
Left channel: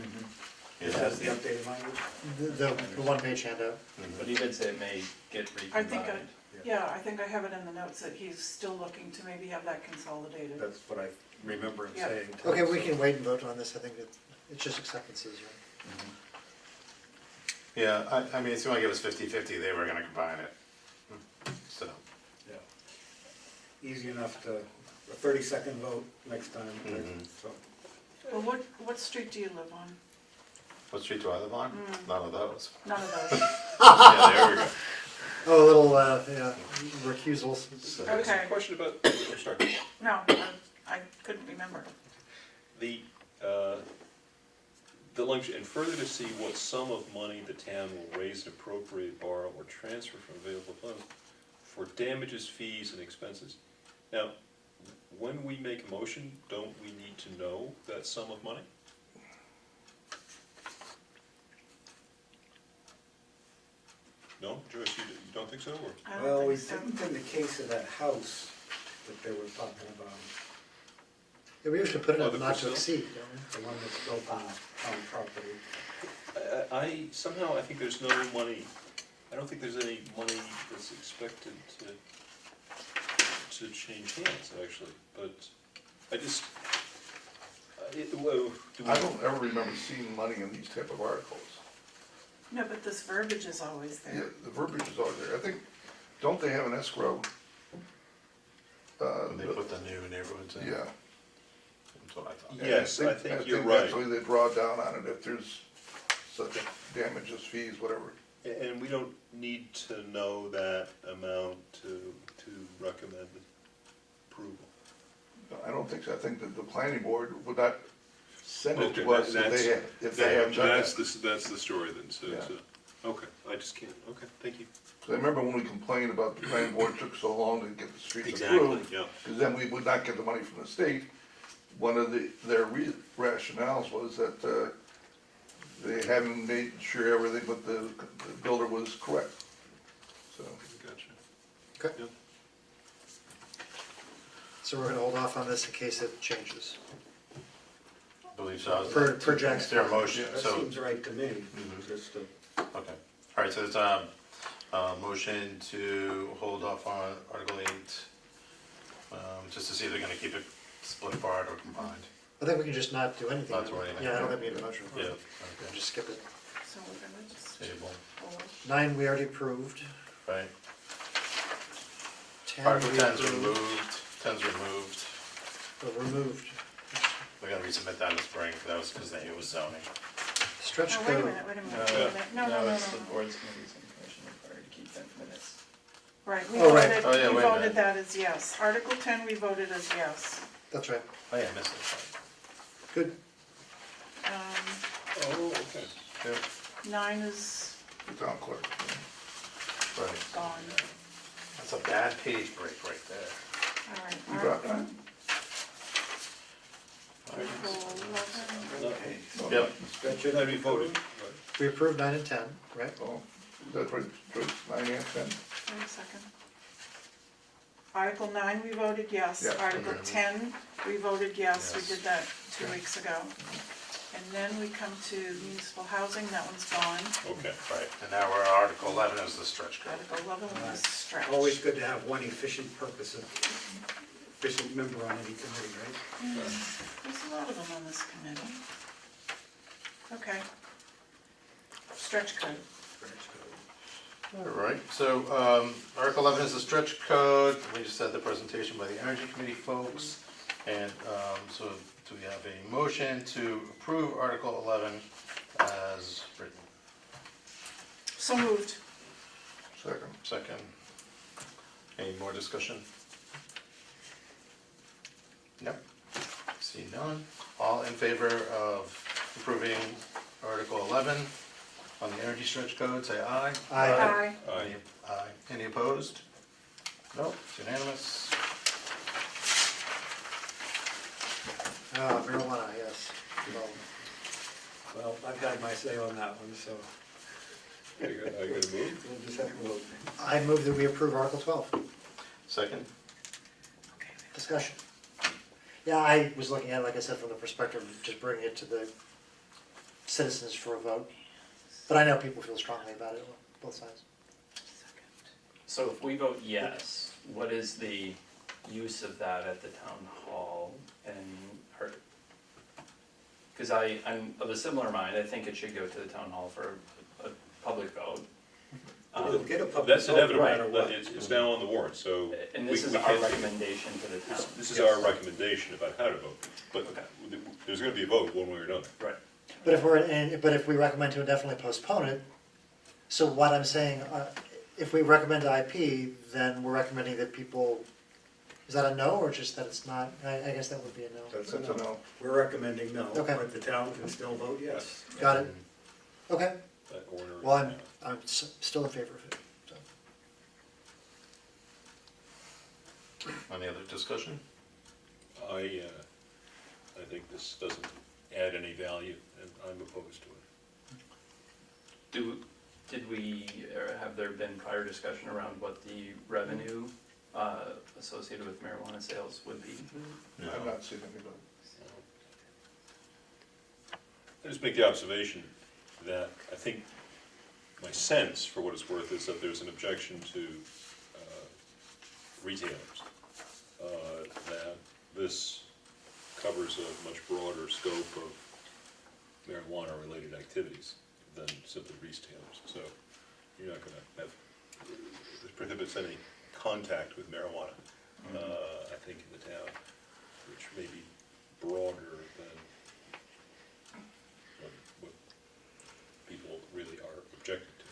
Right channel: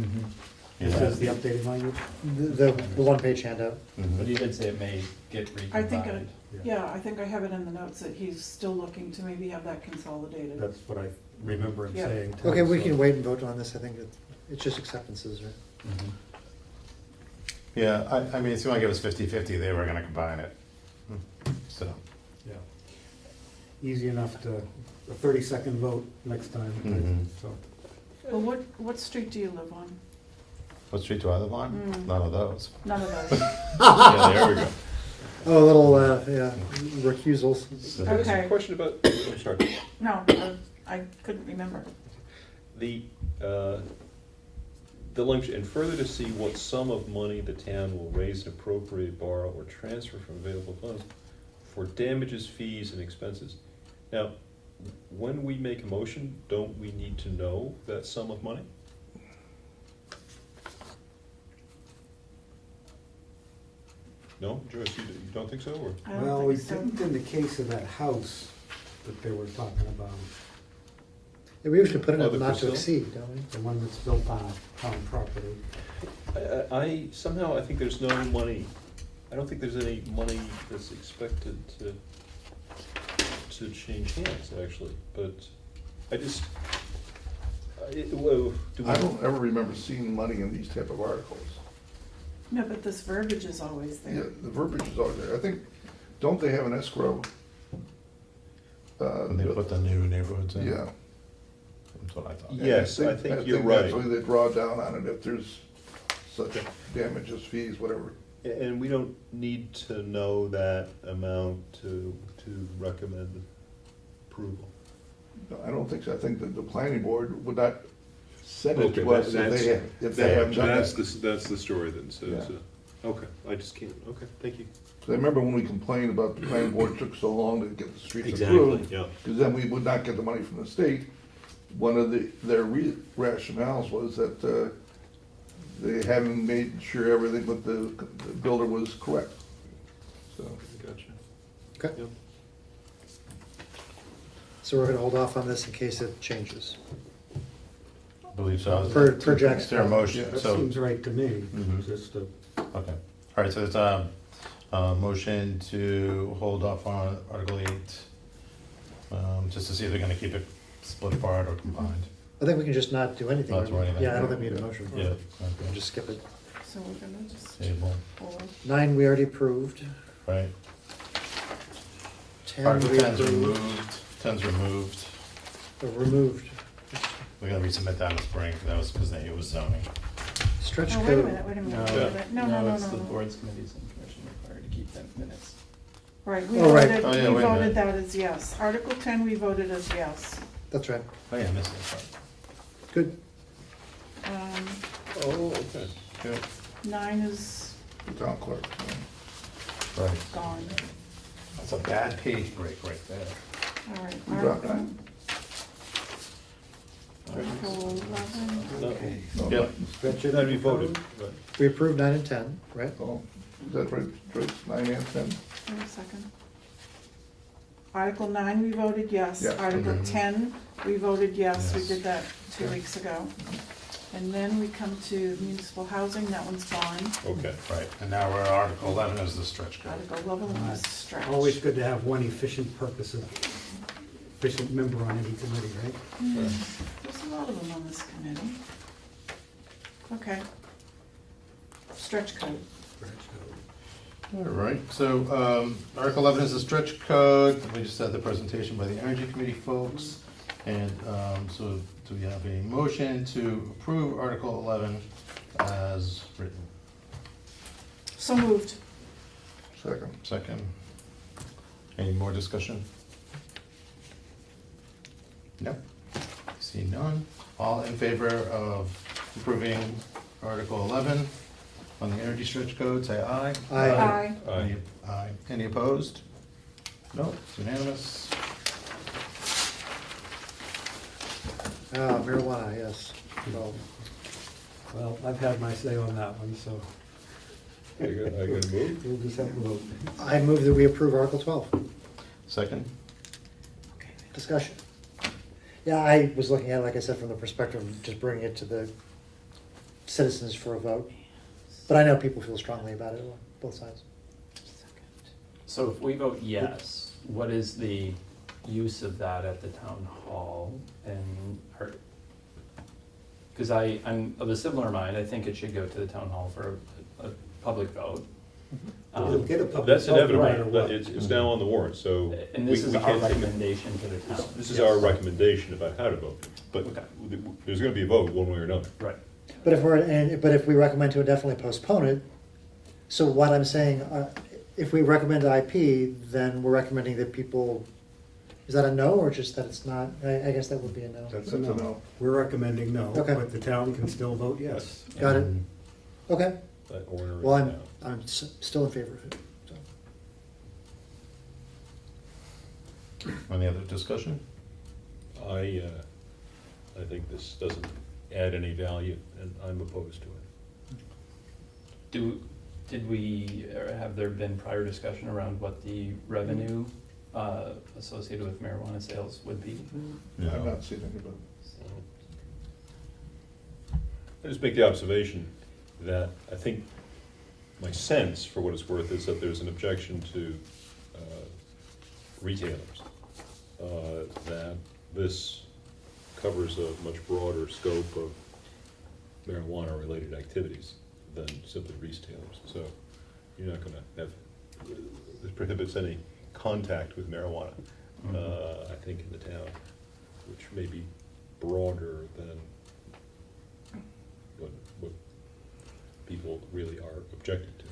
Is Yeah. this the updated language? The one-page handout. But Mhm. he did say it may get I think, recombined. yeah, I think I have it in the notes that he's still looking to maybe have that consolidated. That's what I remember him Yeah. saying. too, Okay, we so- can wait and vote on this. I think it's just acceptances, right? Mhm. Yeah, I mean, it seemed like it was 50-50, they were gonna combine it. So, Yeah. Easy enough to, a 30-second vote next time, Mhm. so. Well, what street do you live on? what street do I live on? Mm. None of those. None of those. Yeah, there we go. Oh, a little, recusals. So- Can I ask Okay. a question about, I'm sorry, No, I couldn't remember. the language, and further to see what sum of money the town will raise and appropriate, borrow, or transfer from available funds for damages, fees, and expenses. Now, when we make a motion, don't we need to know that sum of money? No, Joyce, you don't think so, or? I don't Well, think we so. didn't in the case of that house that they were talking about, Yeah, we usually put it Oh, at the not to Priscilla? exceed, don't we? the one that's built on town property. I somehow, I think there's no money, I don't think there's any money that's expected to to change hands, actually, but I just, do we? I don't ever remember seeing money in these type of articles. No, but this verbiage is always Yeah, there. the verbiage is out there. I think, don't they have an escrow? When they put the new neighborhoods in. Yeah. That's what I thought. Yes, I think you're right. Actually, they draw down on it if there's such damages, fees, whatever. And we don't need to know that amount to recommend approval. No, I don't think so. I think that the planning board would not send it Okay, to us that's- if they haven't done That's it. that's the story then, so, Yeah. okay, I just can't, okay, thank you. So I remember when we complained about the planning board took so long to get the streets Exactly, approved, yeah. because then we would not get the money from the state. One of their rationales was that they haven't made sure everything with the builder was correct. So, Gotcha. Okay. Yep. So we're gonna hold off on this in case it changes. I believe so. Per Jack's Is there a motion? That So, seems right to me, Mhm. just to. okay. All right, so it's motion to hold off on Article 8, just to see if they're gonna keep it split apart or combined. I think we can just not do anything. Not do anything. Yeah, I don't think we need a motion. Yeah, We'll okay. just skip it. So we're gonna just Table, hold. 9, we already approved. right? 10, Article we 10's approved. removed, 10's removed. Or removed. We're gonna resubmit that in the spring, that was because it was zoning. Stretch Oh, code. wait a minute, wait a minute, No, wait a minute. No, no, no, it's the no, no. board's committees and commission required to keep them minutes. Right, we Oh, right. voted, Oh, yeah, we wait a minute. voted that as yes. Article 10, we voted as yes. That's right. Oh, yeah, this is, Good. Um, Oh, okay. good, 9 is the town clerk. right. gone. That's a bad page break right there. All right, You dropped Article, that? Article 11. Okay. No, Yep. Stretch Then we voted, right. We approved 9 and 10, right? Oh, is that right, Joyce? 9 and 10? Wait a second. Article 9, we voted yes. Yeah. Article Okay. 10, we voted yes. We Yes. did that 2 weeks ago. And then we come to municipal housing, that one's gone. Okay. Right, and now we're at Article 11 is the stretch code. Article 11 is stretch. Always good to have one efficient efficient member on any committee, right? There's a lot of them on this committee. Okay. Stretch code. All right, so Article 11 is the stretch code. We just had the presentation by the Energy Committee folks. And so do we have a motion to approve Article 11 as written? So moved. Second. Second. Any more discussion? No? See none. All in favor of approving Article 11 on the energy stretch code, say aye. Aye. Aye. Aye. Aye. Any opposed? No, it's unanimous. Marijuana, yes. Well, Well, I've had my say on that one, so I got a move? we'll just have to vote. I move that we approve Article 12. Second? Discussion. Yeah, I was looking at it, like I said, from the perspective of just bringing it to the citizens for a vote. But I know people feel strongly about it on both sides. So if we vote yes, what is the use of that at the town hall? And, because I'm of a similar mind, I think it should go to the town hall for a public vote. We'll get a public That's vote no matter inevitable, what. but it's now on the warrant, so. And this we- is we our can't take it. recommendation to the town. This is our recommendation about how to vote, but Okay. there's gonna be a vote one way or another. Right. But if we recommend to indefinitely postpone it, so what I'm saying, if we recommend IP, then we're recommending that people, is that a no, or just that it's not? I guess that would be a no. That's a That's a no. no. We're recommending no, Okay. but the town can still vote yes. Got it. Okay, That order is well, now. I'm still in favor of it, so. Any other discussion? I think this doesn't add any value, and I'm opposed to it. Did we, or have there been prior discussion around what the revenue associated with marijuana sales would be? I've not seen anybody. I just make the observation that I think my sense, for what it's worth, is that there's an objection to retailers. that this covers a much broader scope of marijuana-related activities than simply retailers. So you're not gonna have, this prohibits any contact with marijuana, I think, in the town, which may be broader than what people really are objecting to.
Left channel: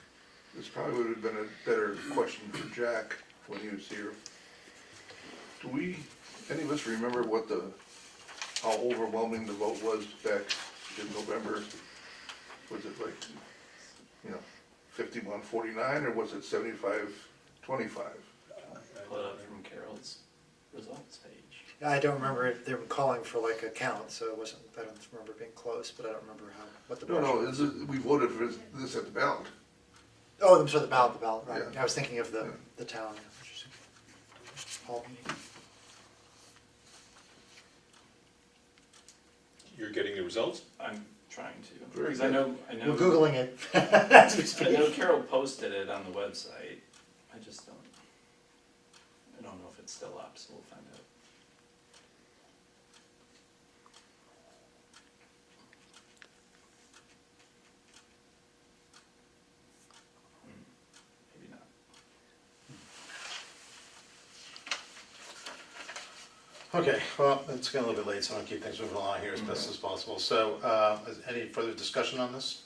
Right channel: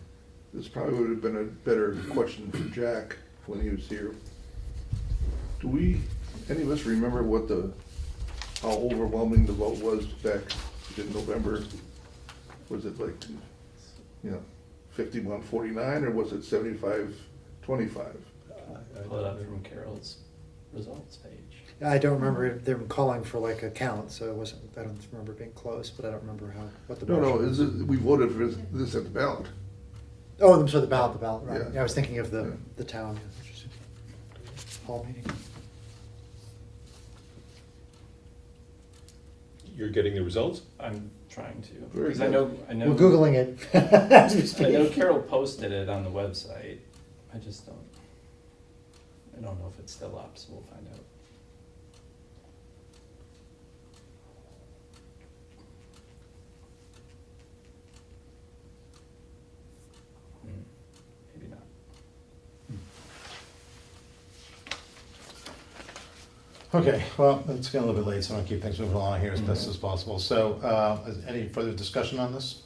This probably would have been a better question for Jack when he was here. Do we, any of us remember how overwhelming the vote was back in November? Was it like, 51-49, or was it 75-25? Pull it up from Carol's results page. I don't remember them calling for like a count, so it wasn't, I don't remember being close, but I don't remember what the. No, motion was. we voted for this at the ballot. Oh, I'm sorry, the ballot, right. Yeah. I was thinking of Yeah. the town. Hall meeting. You're getting the results? I'm trying to, Very because I good. know, We're Googling it as we I speak. know Carol posted it on the website. I just I don't know if it's still up, so we'll find out. Maybe not. Okay, well, it's getting a little bit late, so I'll keep things moving along here as best as possible. So, is any further discussion on this?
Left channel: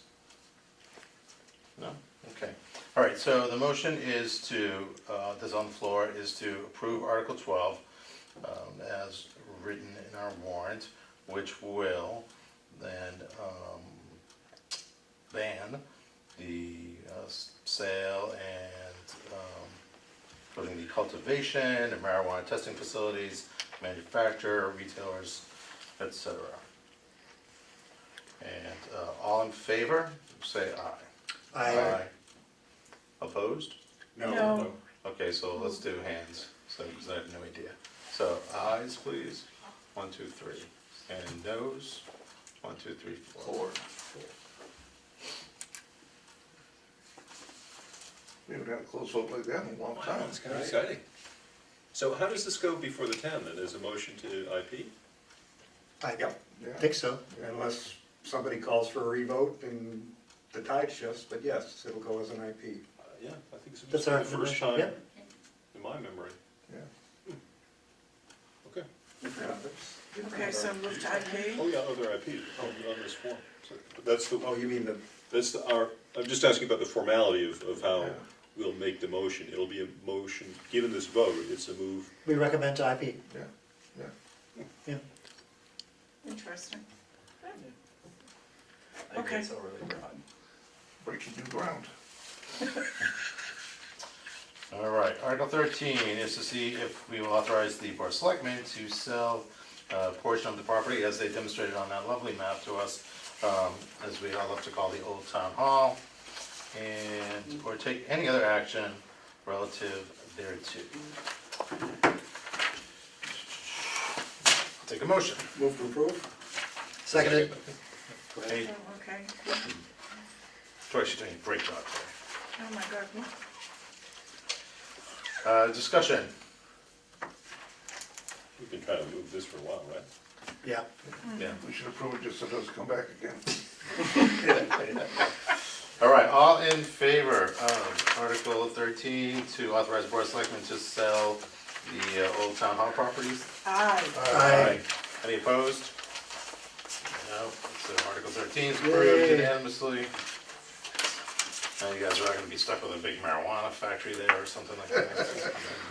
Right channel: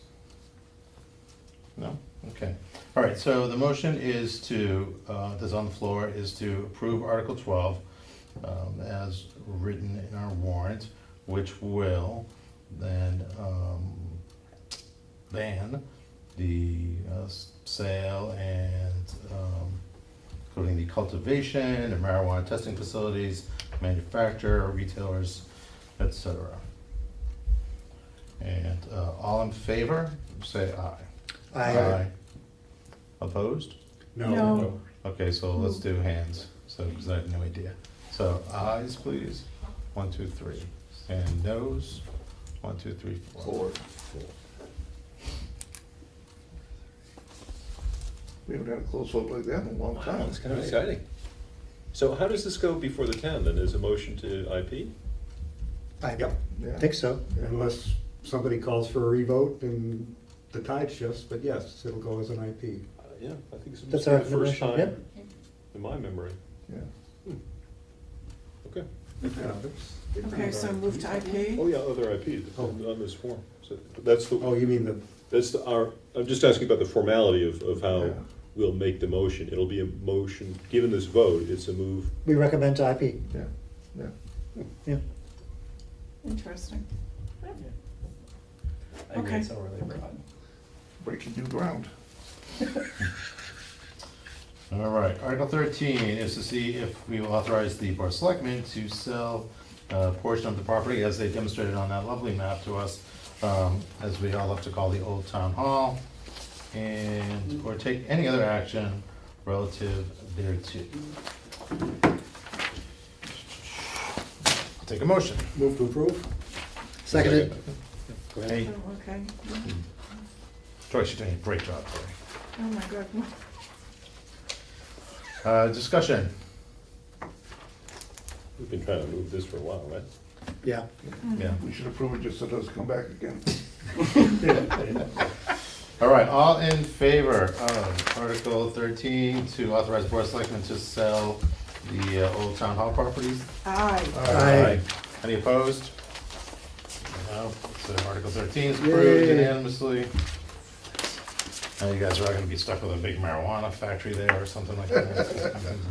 No? Okay. All right, so the motion is that's on the floor, is to approve Article 12 as written in our warrant, which will then ban the sale and including the cultivation of marijuana testing facilities, manufacturer, retailers, etc. And all in favor, say aye. Aye. Opposed? No. Okay, so let's do hands, so, because I have no idea. So ayes, please. 1, 2, 3. And noes? 1, 2, 3, 4. We haven't had a close vote like that in a long time. It's kind of exciting. So how does this go before the town then? Is a motion to IP? I Yep. Yeah. think so. Unless somebody calls for a revote and the tide shifts, but yes, it'll go as an IP. Yeah, I think That's it's our the first recommendation, time yep. in my memory. Yeah. Okay. Yeah, that's- Okay, so move to IP. Oh, yeah, other IPs on this form. So that's the, Oh, you mean the, that's I'm just asking about the formality of how Yeah. we'll make the motion. It'll be a motion, given this vote, it's a move. We recommend to IP. Yeah. Yeah. Interesting. I agree, Okay. it's overly broad. Breaking new ground. All right, Article 13 is to see if we will authorize the Board of Selectmen to sell a portion of the property as they demonstrated on that lovely map to us, as we all love to call the Old Town Hall, and, or take any other action relative thereto. I'll take a motion. move to approve? Seconded. Go ahead. Okay. Joyce, you're doing a great job there. Oh my God. Discussion. We've been trying to move this for a while, right? Yeah. Yeah. We should approve it just so it doesn't come back again. All right, all in favor of Article 13 to authorize Board of Selectmen to sell the Old Town Hall properties? Aye. Aye. Any opposed? No, so Article 13 is approved Yay. unanimously. And you guys are all gonna be stuck with a big marijuana factory there or something like that.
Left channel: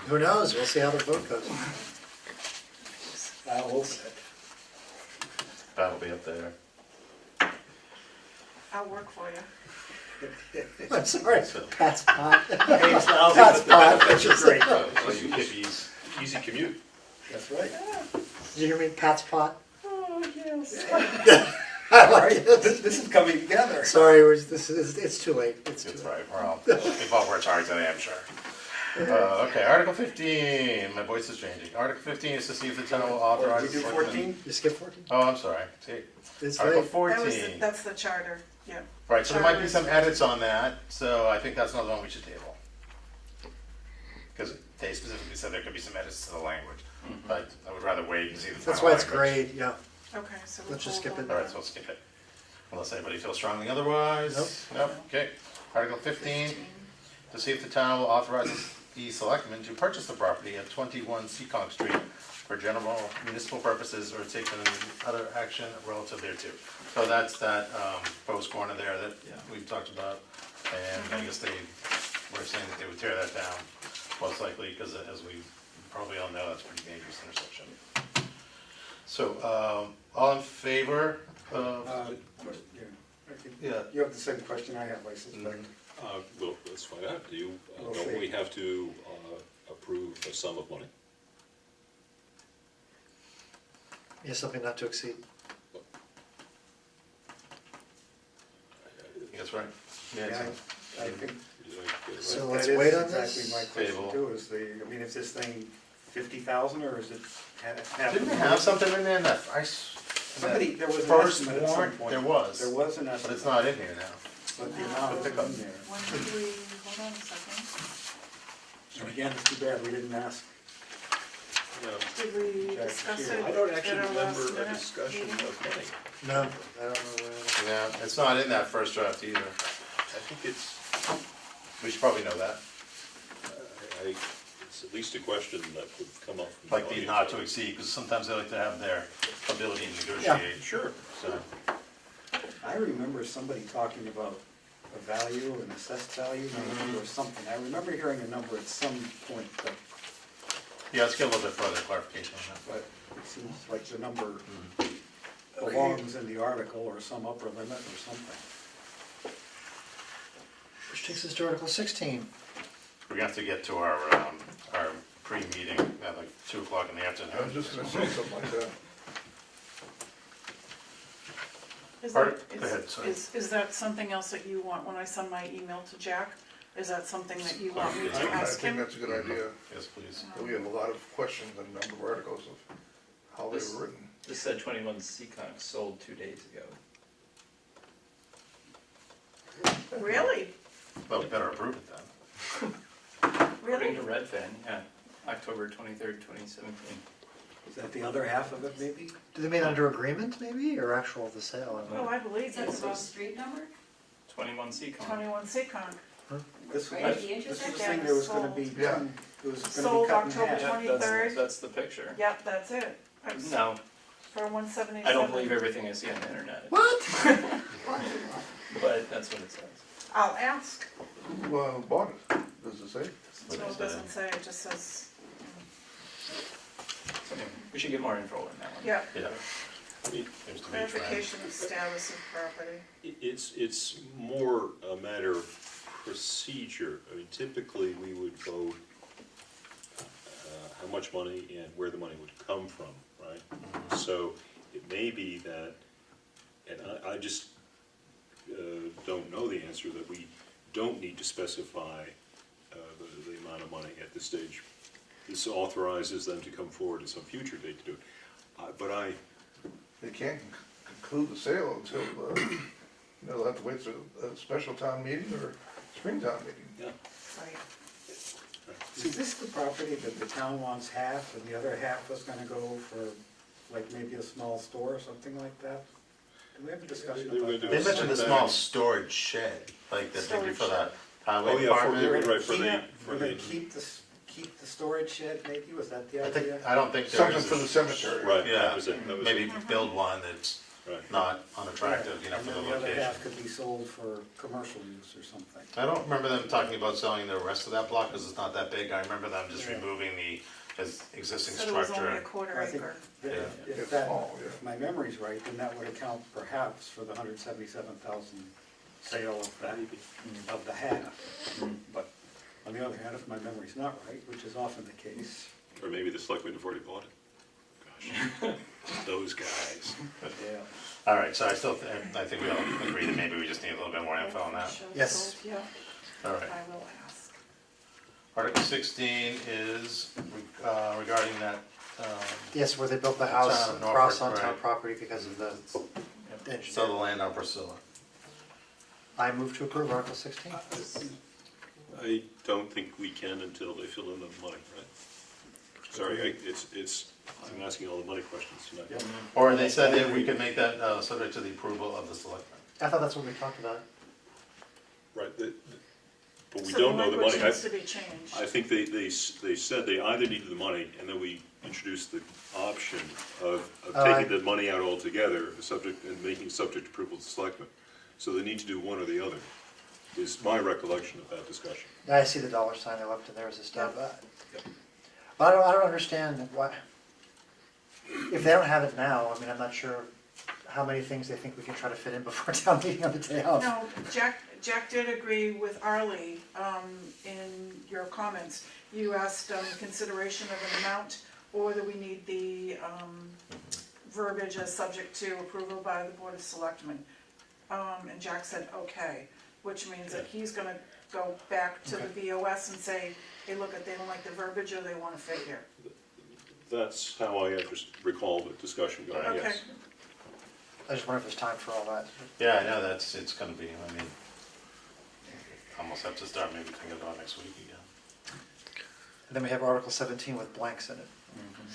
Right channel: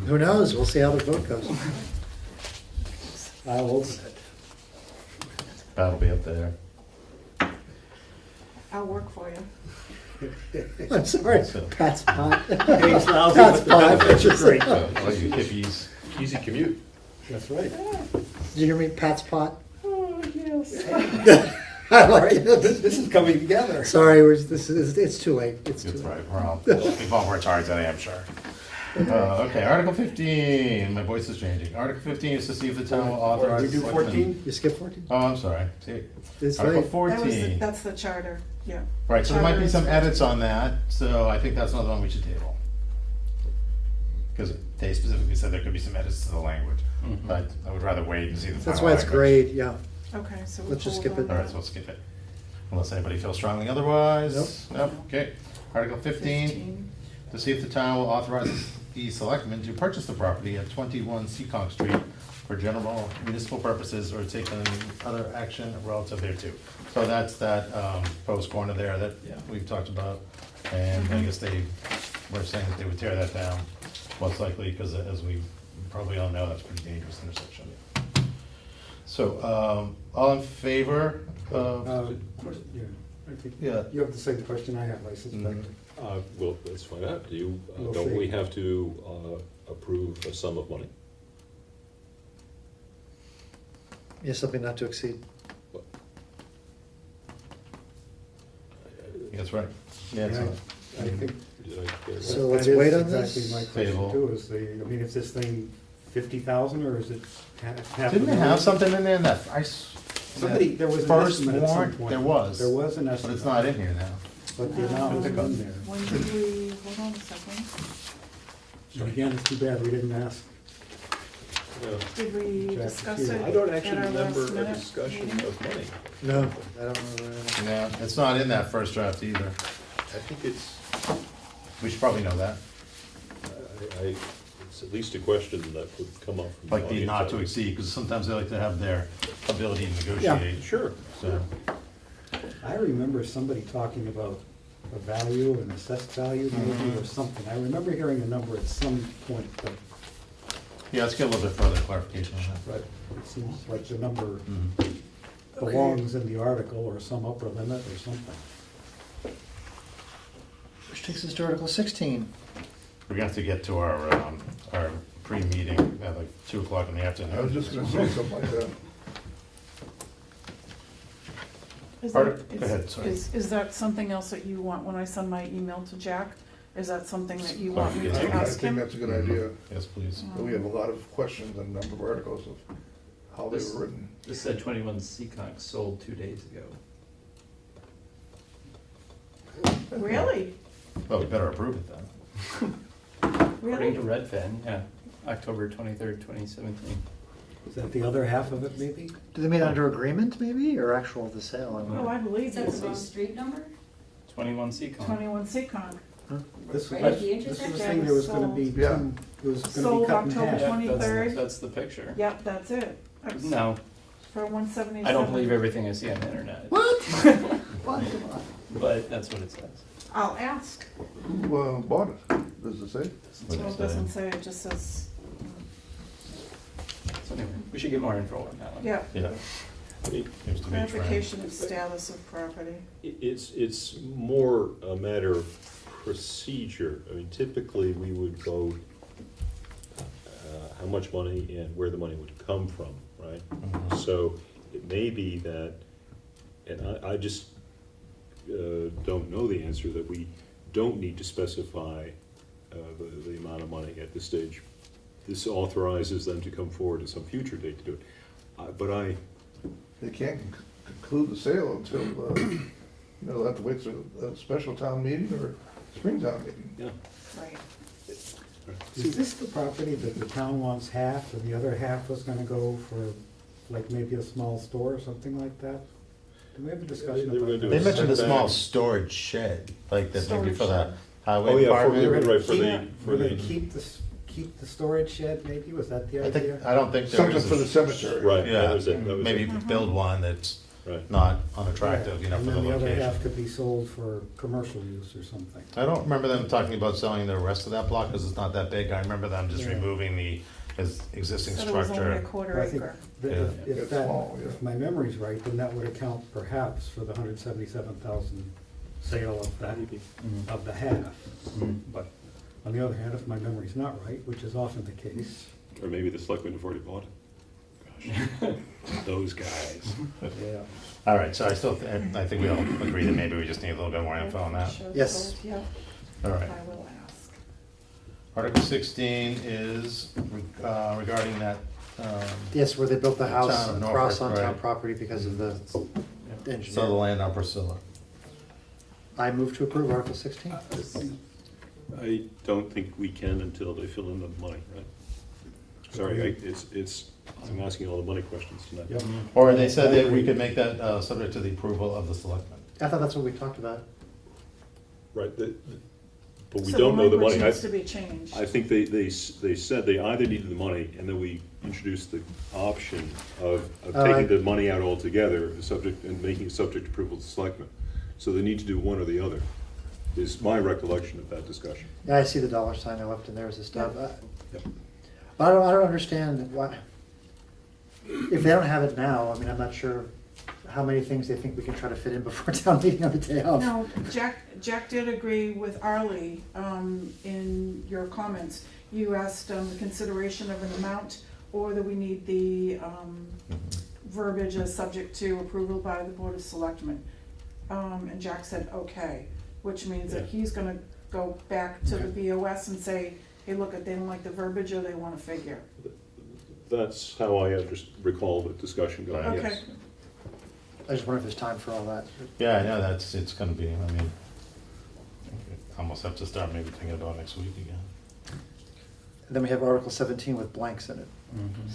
Who knows? We'll see how the vote goes. Will. That'll be up there. I'll work for you. I'm sorry. So, Pat's pot. Pays lousy, Pat's but the pot. benefits are great. all you hippies. Easy commute. That's right. Did you hear me? Pat's pot. Oh, yes. I like it. This is coming together. Sorry, it's too late. It's too That's late. right, we're all, we've all worked hard today, I'm sure. Okay, Article 15, my voice is changing. Article 15 is to see if the town will authorize. We do the selectmen- 14? You skip 14? Oh, I'm sorry. See, It's Article late. That was 14. that's the charter, yeah. Right, so there might be Charter some is- edits on that, so I think that's another one we should table. Because they specifically said there could be some edits to the language. but I would rather wait and see the final That's why it's language. great, yeah. Okay, so we'll Let's just hold skip it. on All right, that. so we'll skip it. Unless anybody feels strongly otherwise? Nope. Nope, okay. Article 15, to see if the town will authorize the selectmen to purchase the property at 21 Seekonk Street for general municipal purposes or take any other action relative thereto. So that's that post corner there that we've talked about, and I guess they were saying that they would tear that down, most likely, because as we probably all know, that's a pretty dangerous intersection. So, all in favor of? Yeah, I think, Yeah. you have the same question I have, I suspect. Well, let's find out. Do you, We'll don't see. we have to approve a sum of money? Yeah, something not to exceed. That's right. Yeah, Yeah, I think Did I get it right? So let's that is wait on exactly this. my question Table. too, is I mean, is this thing 50,000 or is it half a Didn't we million? have something in there that, Somebody, there was an First estimate at some warrant, point. there was. There was an but estimate. it's not in here now. But the amount is in there. When did we, hold on a second, So again, it's too bad we didn't ask. did we Jack, discuss here. it I don't at actually our remember last a minute discussion meeting? of money. No, I don't know. Yeah, it's not in that first draft either. I think it's, We should probably know that. it's at least a question that would come up from the Like the audience. not to exceed, because sometimes they like to have their ability to negotiate. Sure. So, I remember somebody talking about a value, an assessed value maybe, or something. I remember hearing a number at some point, yeah, let's get a little bit further clarification on that. but it seems like the number Mhm. belongs in the article or some upper limit or something. Which takes us to Article 16. We're gonna have to get to our pre-meeting at like 2 o'clock in the afternoon. I was just gonna say something like that. Is Pardon? that- Go ahead, sorry. Is that something else that you want, when I send my email to Jack, is that something that you want me Yeah. to I ask think him? that's a good idea. Yes, please. We have a lot of questions and a number of articles of how they were written. This said 21 Seekonk sold 2 days ago. Really? Well, we better approve it then. According to Really? Redfin, yeah, October 23rd, 2017. Is that the other half of it maybe? Do they mean under agreement maybe, or actual the sale? I don't Oh, know. I believe Is that this the wrong is street number? 21 Seekonk. 21 Seacon. This was, Right at the this was the intersection? thing, there was gonna be Yeah. two, it was gonna be Sold cut in October half. Yeah, 23rd. that's the picture. Yep, that's it. That's No, For 177. I don't believe everything I see on the internet. But that's what it says. I'll ask. Who bought it? Does it say? Well, it doesn't say, it just says, So anyway, we should get more info on that one. yeah, Yeah. I mean, Seems to be trying. clarification of status of property. It's more a matter of procedure. I mean, typically, we would vote how much money and where the money would come from, right? Mhm. So it may be that, and I just don't know the answer, that we don't need to specify the amount of money at this stage. This authorizes them to come forward at some future date to do it. But They can't conclude the sale until, they'll have to wait till a special town meeting or spring town meeting. yeah. Right. Is this the property that the town wants half and the other half was gonna go for like maybe a small store or something like that? Did we have a discussion They were about gonna They that? mentioned a small Setback. storage shed, like that maybe Storage for the shed. highway Oh, yeah, department. for, right, for the, Were for they the, keep the storage shed maybe, was that the I think, idea? I don't think there Something is. for the cemetery. right, Yeah, that was it, that was maybe it, build one that's right. not unattractive, you know, And for the then the other half location. could be sold for commercial use or something. I don't remember them talking about selling the rest of that block, because it's not that big. I remember them just Yeah. removing the existing Said it was only a structure. quarter I think acre. that Yeah. if It's that, small, yeah. if my memory's right, then that would account perhaps for the 177,000 sale of that, Maybe. of the half. Mhm. But on the other hand, if my memory's not right, which is often the case, Or maybe the selectmen have already bought it. Gosh, those guys. yeah. All right, so I think we all agree that maybe we just need a little bit more info on that. Shows Yes. sold, Yeah, All I right. will ask. Article 16 is regarding that, Yes, where they built the house Town of across Norfolk, on town right. property because of the sell the engineer. land on Priscilla. I move to approve Article 16. I don't think we can until they fill in the money, right? Sorry, I'm asking all the money questions tonight. Yep. Or they said that we could make that subject to the approval of the selectmen. I thought that's what we talked about. Right, but we So don't know the language money. needs to be changed. I think they said they either needed the money, and then we introduced the option of taking the money out altogether, and making it subject to approval of the selectmen. So they need to do one or the other, is my recollection of that discussion. Yeah, I see the dollar sign they left in there as a stub. Yep. I don't understand why, if they don't have it now, I mean, I'm not sure how many things they think we can try to fit in before town meeting on the day of. No, Jack did agree with Arlie, in your comments. You asked, consideration of an amount, or that we need the, verbiage as subject to approval by the Board of Selectmen. And Jack said, okay, which means that he's gonna go back to the BOS and say, hey, look, they don't like the verbiage or they want a figure. That's how I recall the discussion going, Okay. yes. I just wonder if there's time for all that. Yeah, I know, it's gonna be, I mean, almost have to start maybe thinking about next week again. And then we have Article 17 with blanks in it.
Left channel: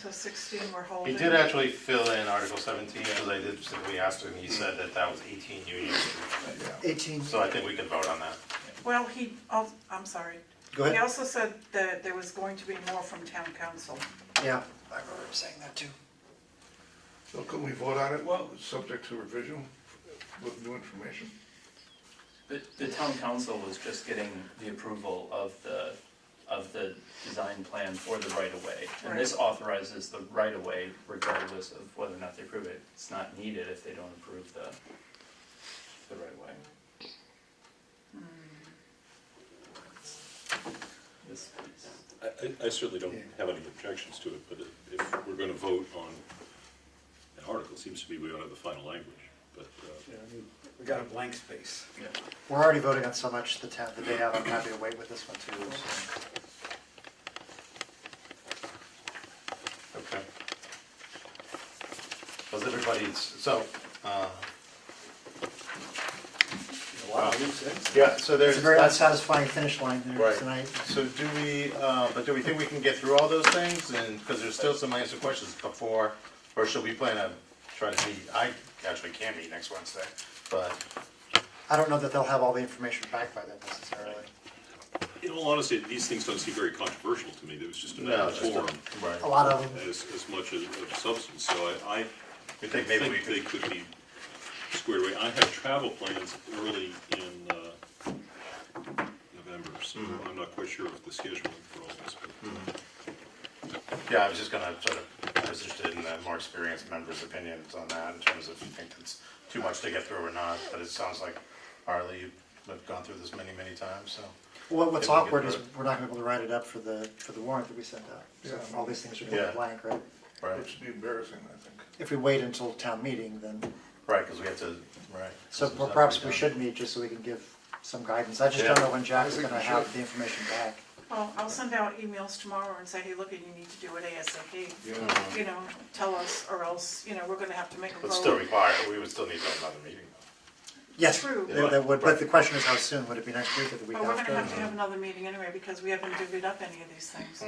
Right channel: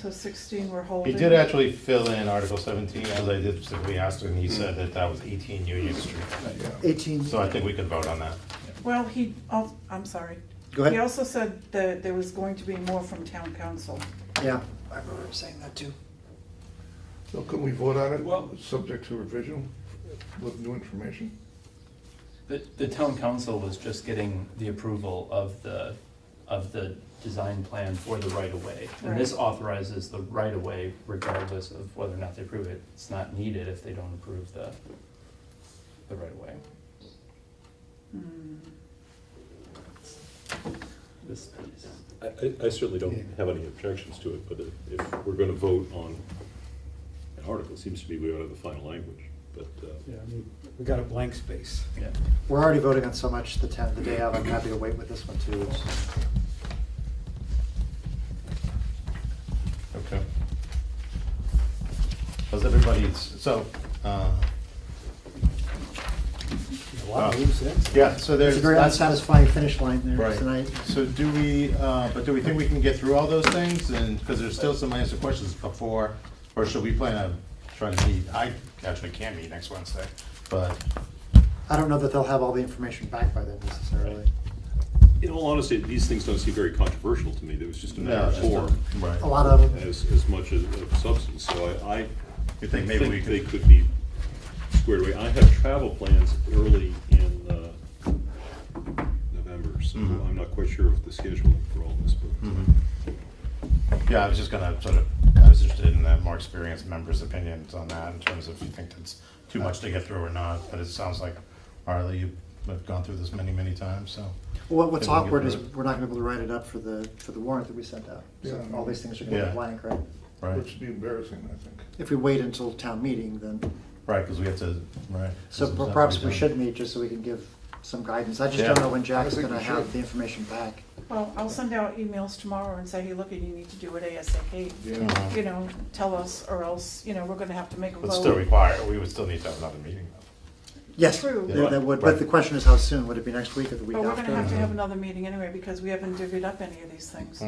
So 16 we're He holding. did actually fill in Article 17, as I did, we asked him, he said that that was 18 Union Street. 18, So I think we could vote on that. Well, I'm sorry. go He ahead. also said that there was going to be more from town council. Yeah, I remember him saying that too. So can we vote on it, Well- subject to revision with new information? The town council was just getting the approval of the design plan for the right-of-way. And this authorizes the right-of-way regardless of whether or not they approve it. It's not needed if they don't approve the right-of-way. This piece. I certainly don't have any objections to it, but if we're gonna vote on an article, it seems to me we ought to have the final language, but, Yeah, I mean, we got a blank space. Yeah. We're already voting on so much the day of. I'm happy to wait with this one too. Okay. How's everybody's, so, A lot of loose ends. yeah, so there's. It's a very that's- unsatisfying finish line there Right. tonight. So do we, but do we think we can get through all those things? And, because there's still some unanswered questions before, or should we plan on trying to meet? I actually can't meet next Wednesday, but, I don't know that they'll have all the information back by then necessarily. in all honesty, these things don't seem very controversial to me. There was just a matter no, of just a- form right. A lot of them. as much as of substance, so I You think maybe we they could, could be squared away. I have travel plans early in November, so Mhm. I'm not quite sure of the scheduling for all this, but. yeah, I was just gonna sort of, I was interested in the more experienced members' opinions on that in terms of if you think it's too much to get through or not, but it sounds like, Harley, you've gone through this many, many times, so. What's Maybe we can awkward do is it. we're not gonna be able to write it up for the warrant that we sent out. So Yeah. all these things are gonna Yeah. be blank, right? Right, Which would be embarrassing, I think. If we wait until town meeting, then, right, because we have to, right. so This is not perhaps really we done. should meet just so we can give some guidance. I just Yeah. don't know when Jack's I think gonna we have should. the information back. Well, I'll send out emails tomorrow and say, hey, look, you need to do it ASAP. Yeah. Mhm. You know, tell us, or else, you know, we're gonna have to make a But still vote. require, we would still need to have another meeting. Yes, True. yeah, that would, Right. but the question is how soon? Would it be next week or the week But we're after? gonna have to have another meeting anyway, because we haven't divvied up any of these things.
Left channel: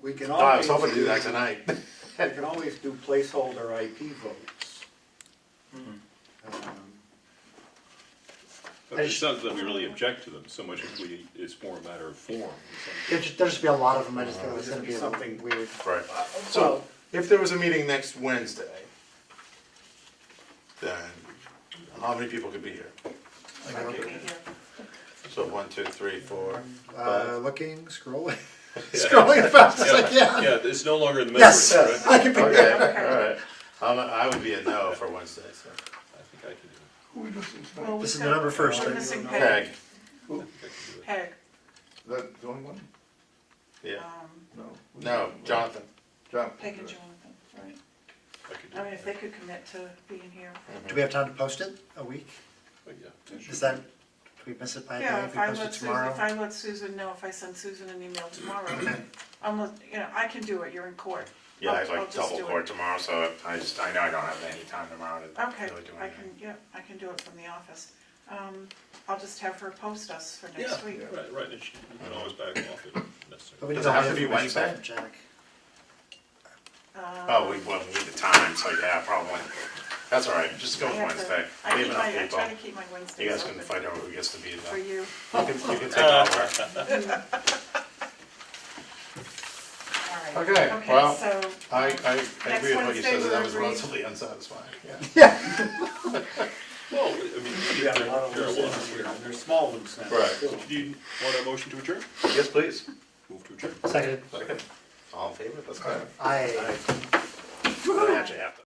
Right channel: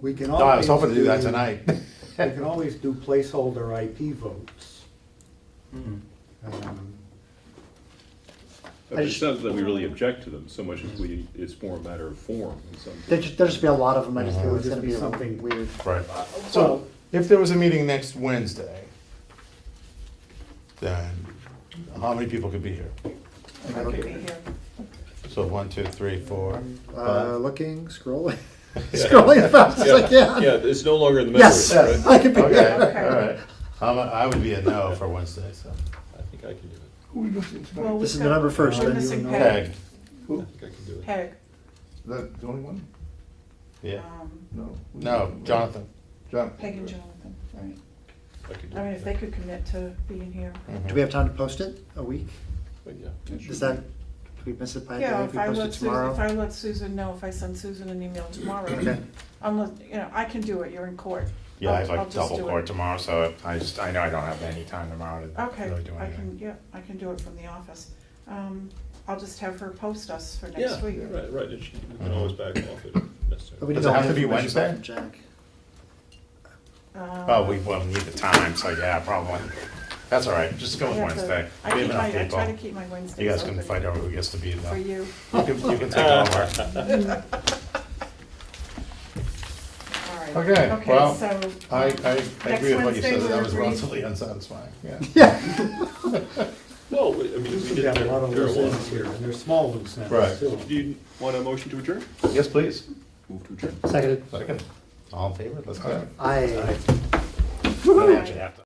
We can No, I was always hoping to do that tonight. We can always do placeholder IP votes. Mhm. It sounds that we really object to them so much as it's more a matter of form. in some There'll just be a lot of them. I just feel It'll it's just gonna be be something- weird. Right. So, if there was a meeting next Wednesday, then how many people could be here? I could be here. So 1, 2, 3, 4. Looking, scrolling, Yeah. scrolling as fast as I can. Yeah, it's no longer in the Yes, memory, right? I could be Okay, there. all right. I would be a no for Wednesday, so. I think I can do it. Who are we missing Well, tonight? we've This is got- November 1st, We're then you missing know. Peg. Peg, I think I can do it. Peg. Is that the only one? yeah. No. No, Jonathan. John. Peg and Jonathan, right. I can do I mean, it. if they could commit to being here. Do we have time to post it? A week? But yeah, it should Is be. that, do we miss it by a day? Yeah, If if we I post let it Susan, tomorrow? if I let Susan know, if I send Susan an email tomorrow, Okay. unless, you know, I can do it, you're in court. Yeah, I have I'll like just double do it. court tomorrow, so I know I don't have any time tomorrow to Okay, really do I anything. can, yeah, I can do it from the office. I'll just have her post us for Yeah, next week. right, and you can always back off if necessary. But we Does didn't it know have to the be information back Wednesday? from Jack. Oh, we need the time, so yeah, probably. That's all right, just go with Wednesday. I Leave keep enough my, I people. try to keep my You Wednesdays guys can open fight over who gets to be for them. you. You can take over. All right. Okay, well, so, I next agree with what you Wednesday said, that we're was agreed. relatively unsatisfying, yeah. Well, I mean, We got a lot of loose marijuana. ends here, and they're small ones now. Right. too. Do you want a motion to adjourn? Yes, please. Move to adjourn. Seconded. Second. All in favor, let's go. I. We actually have to.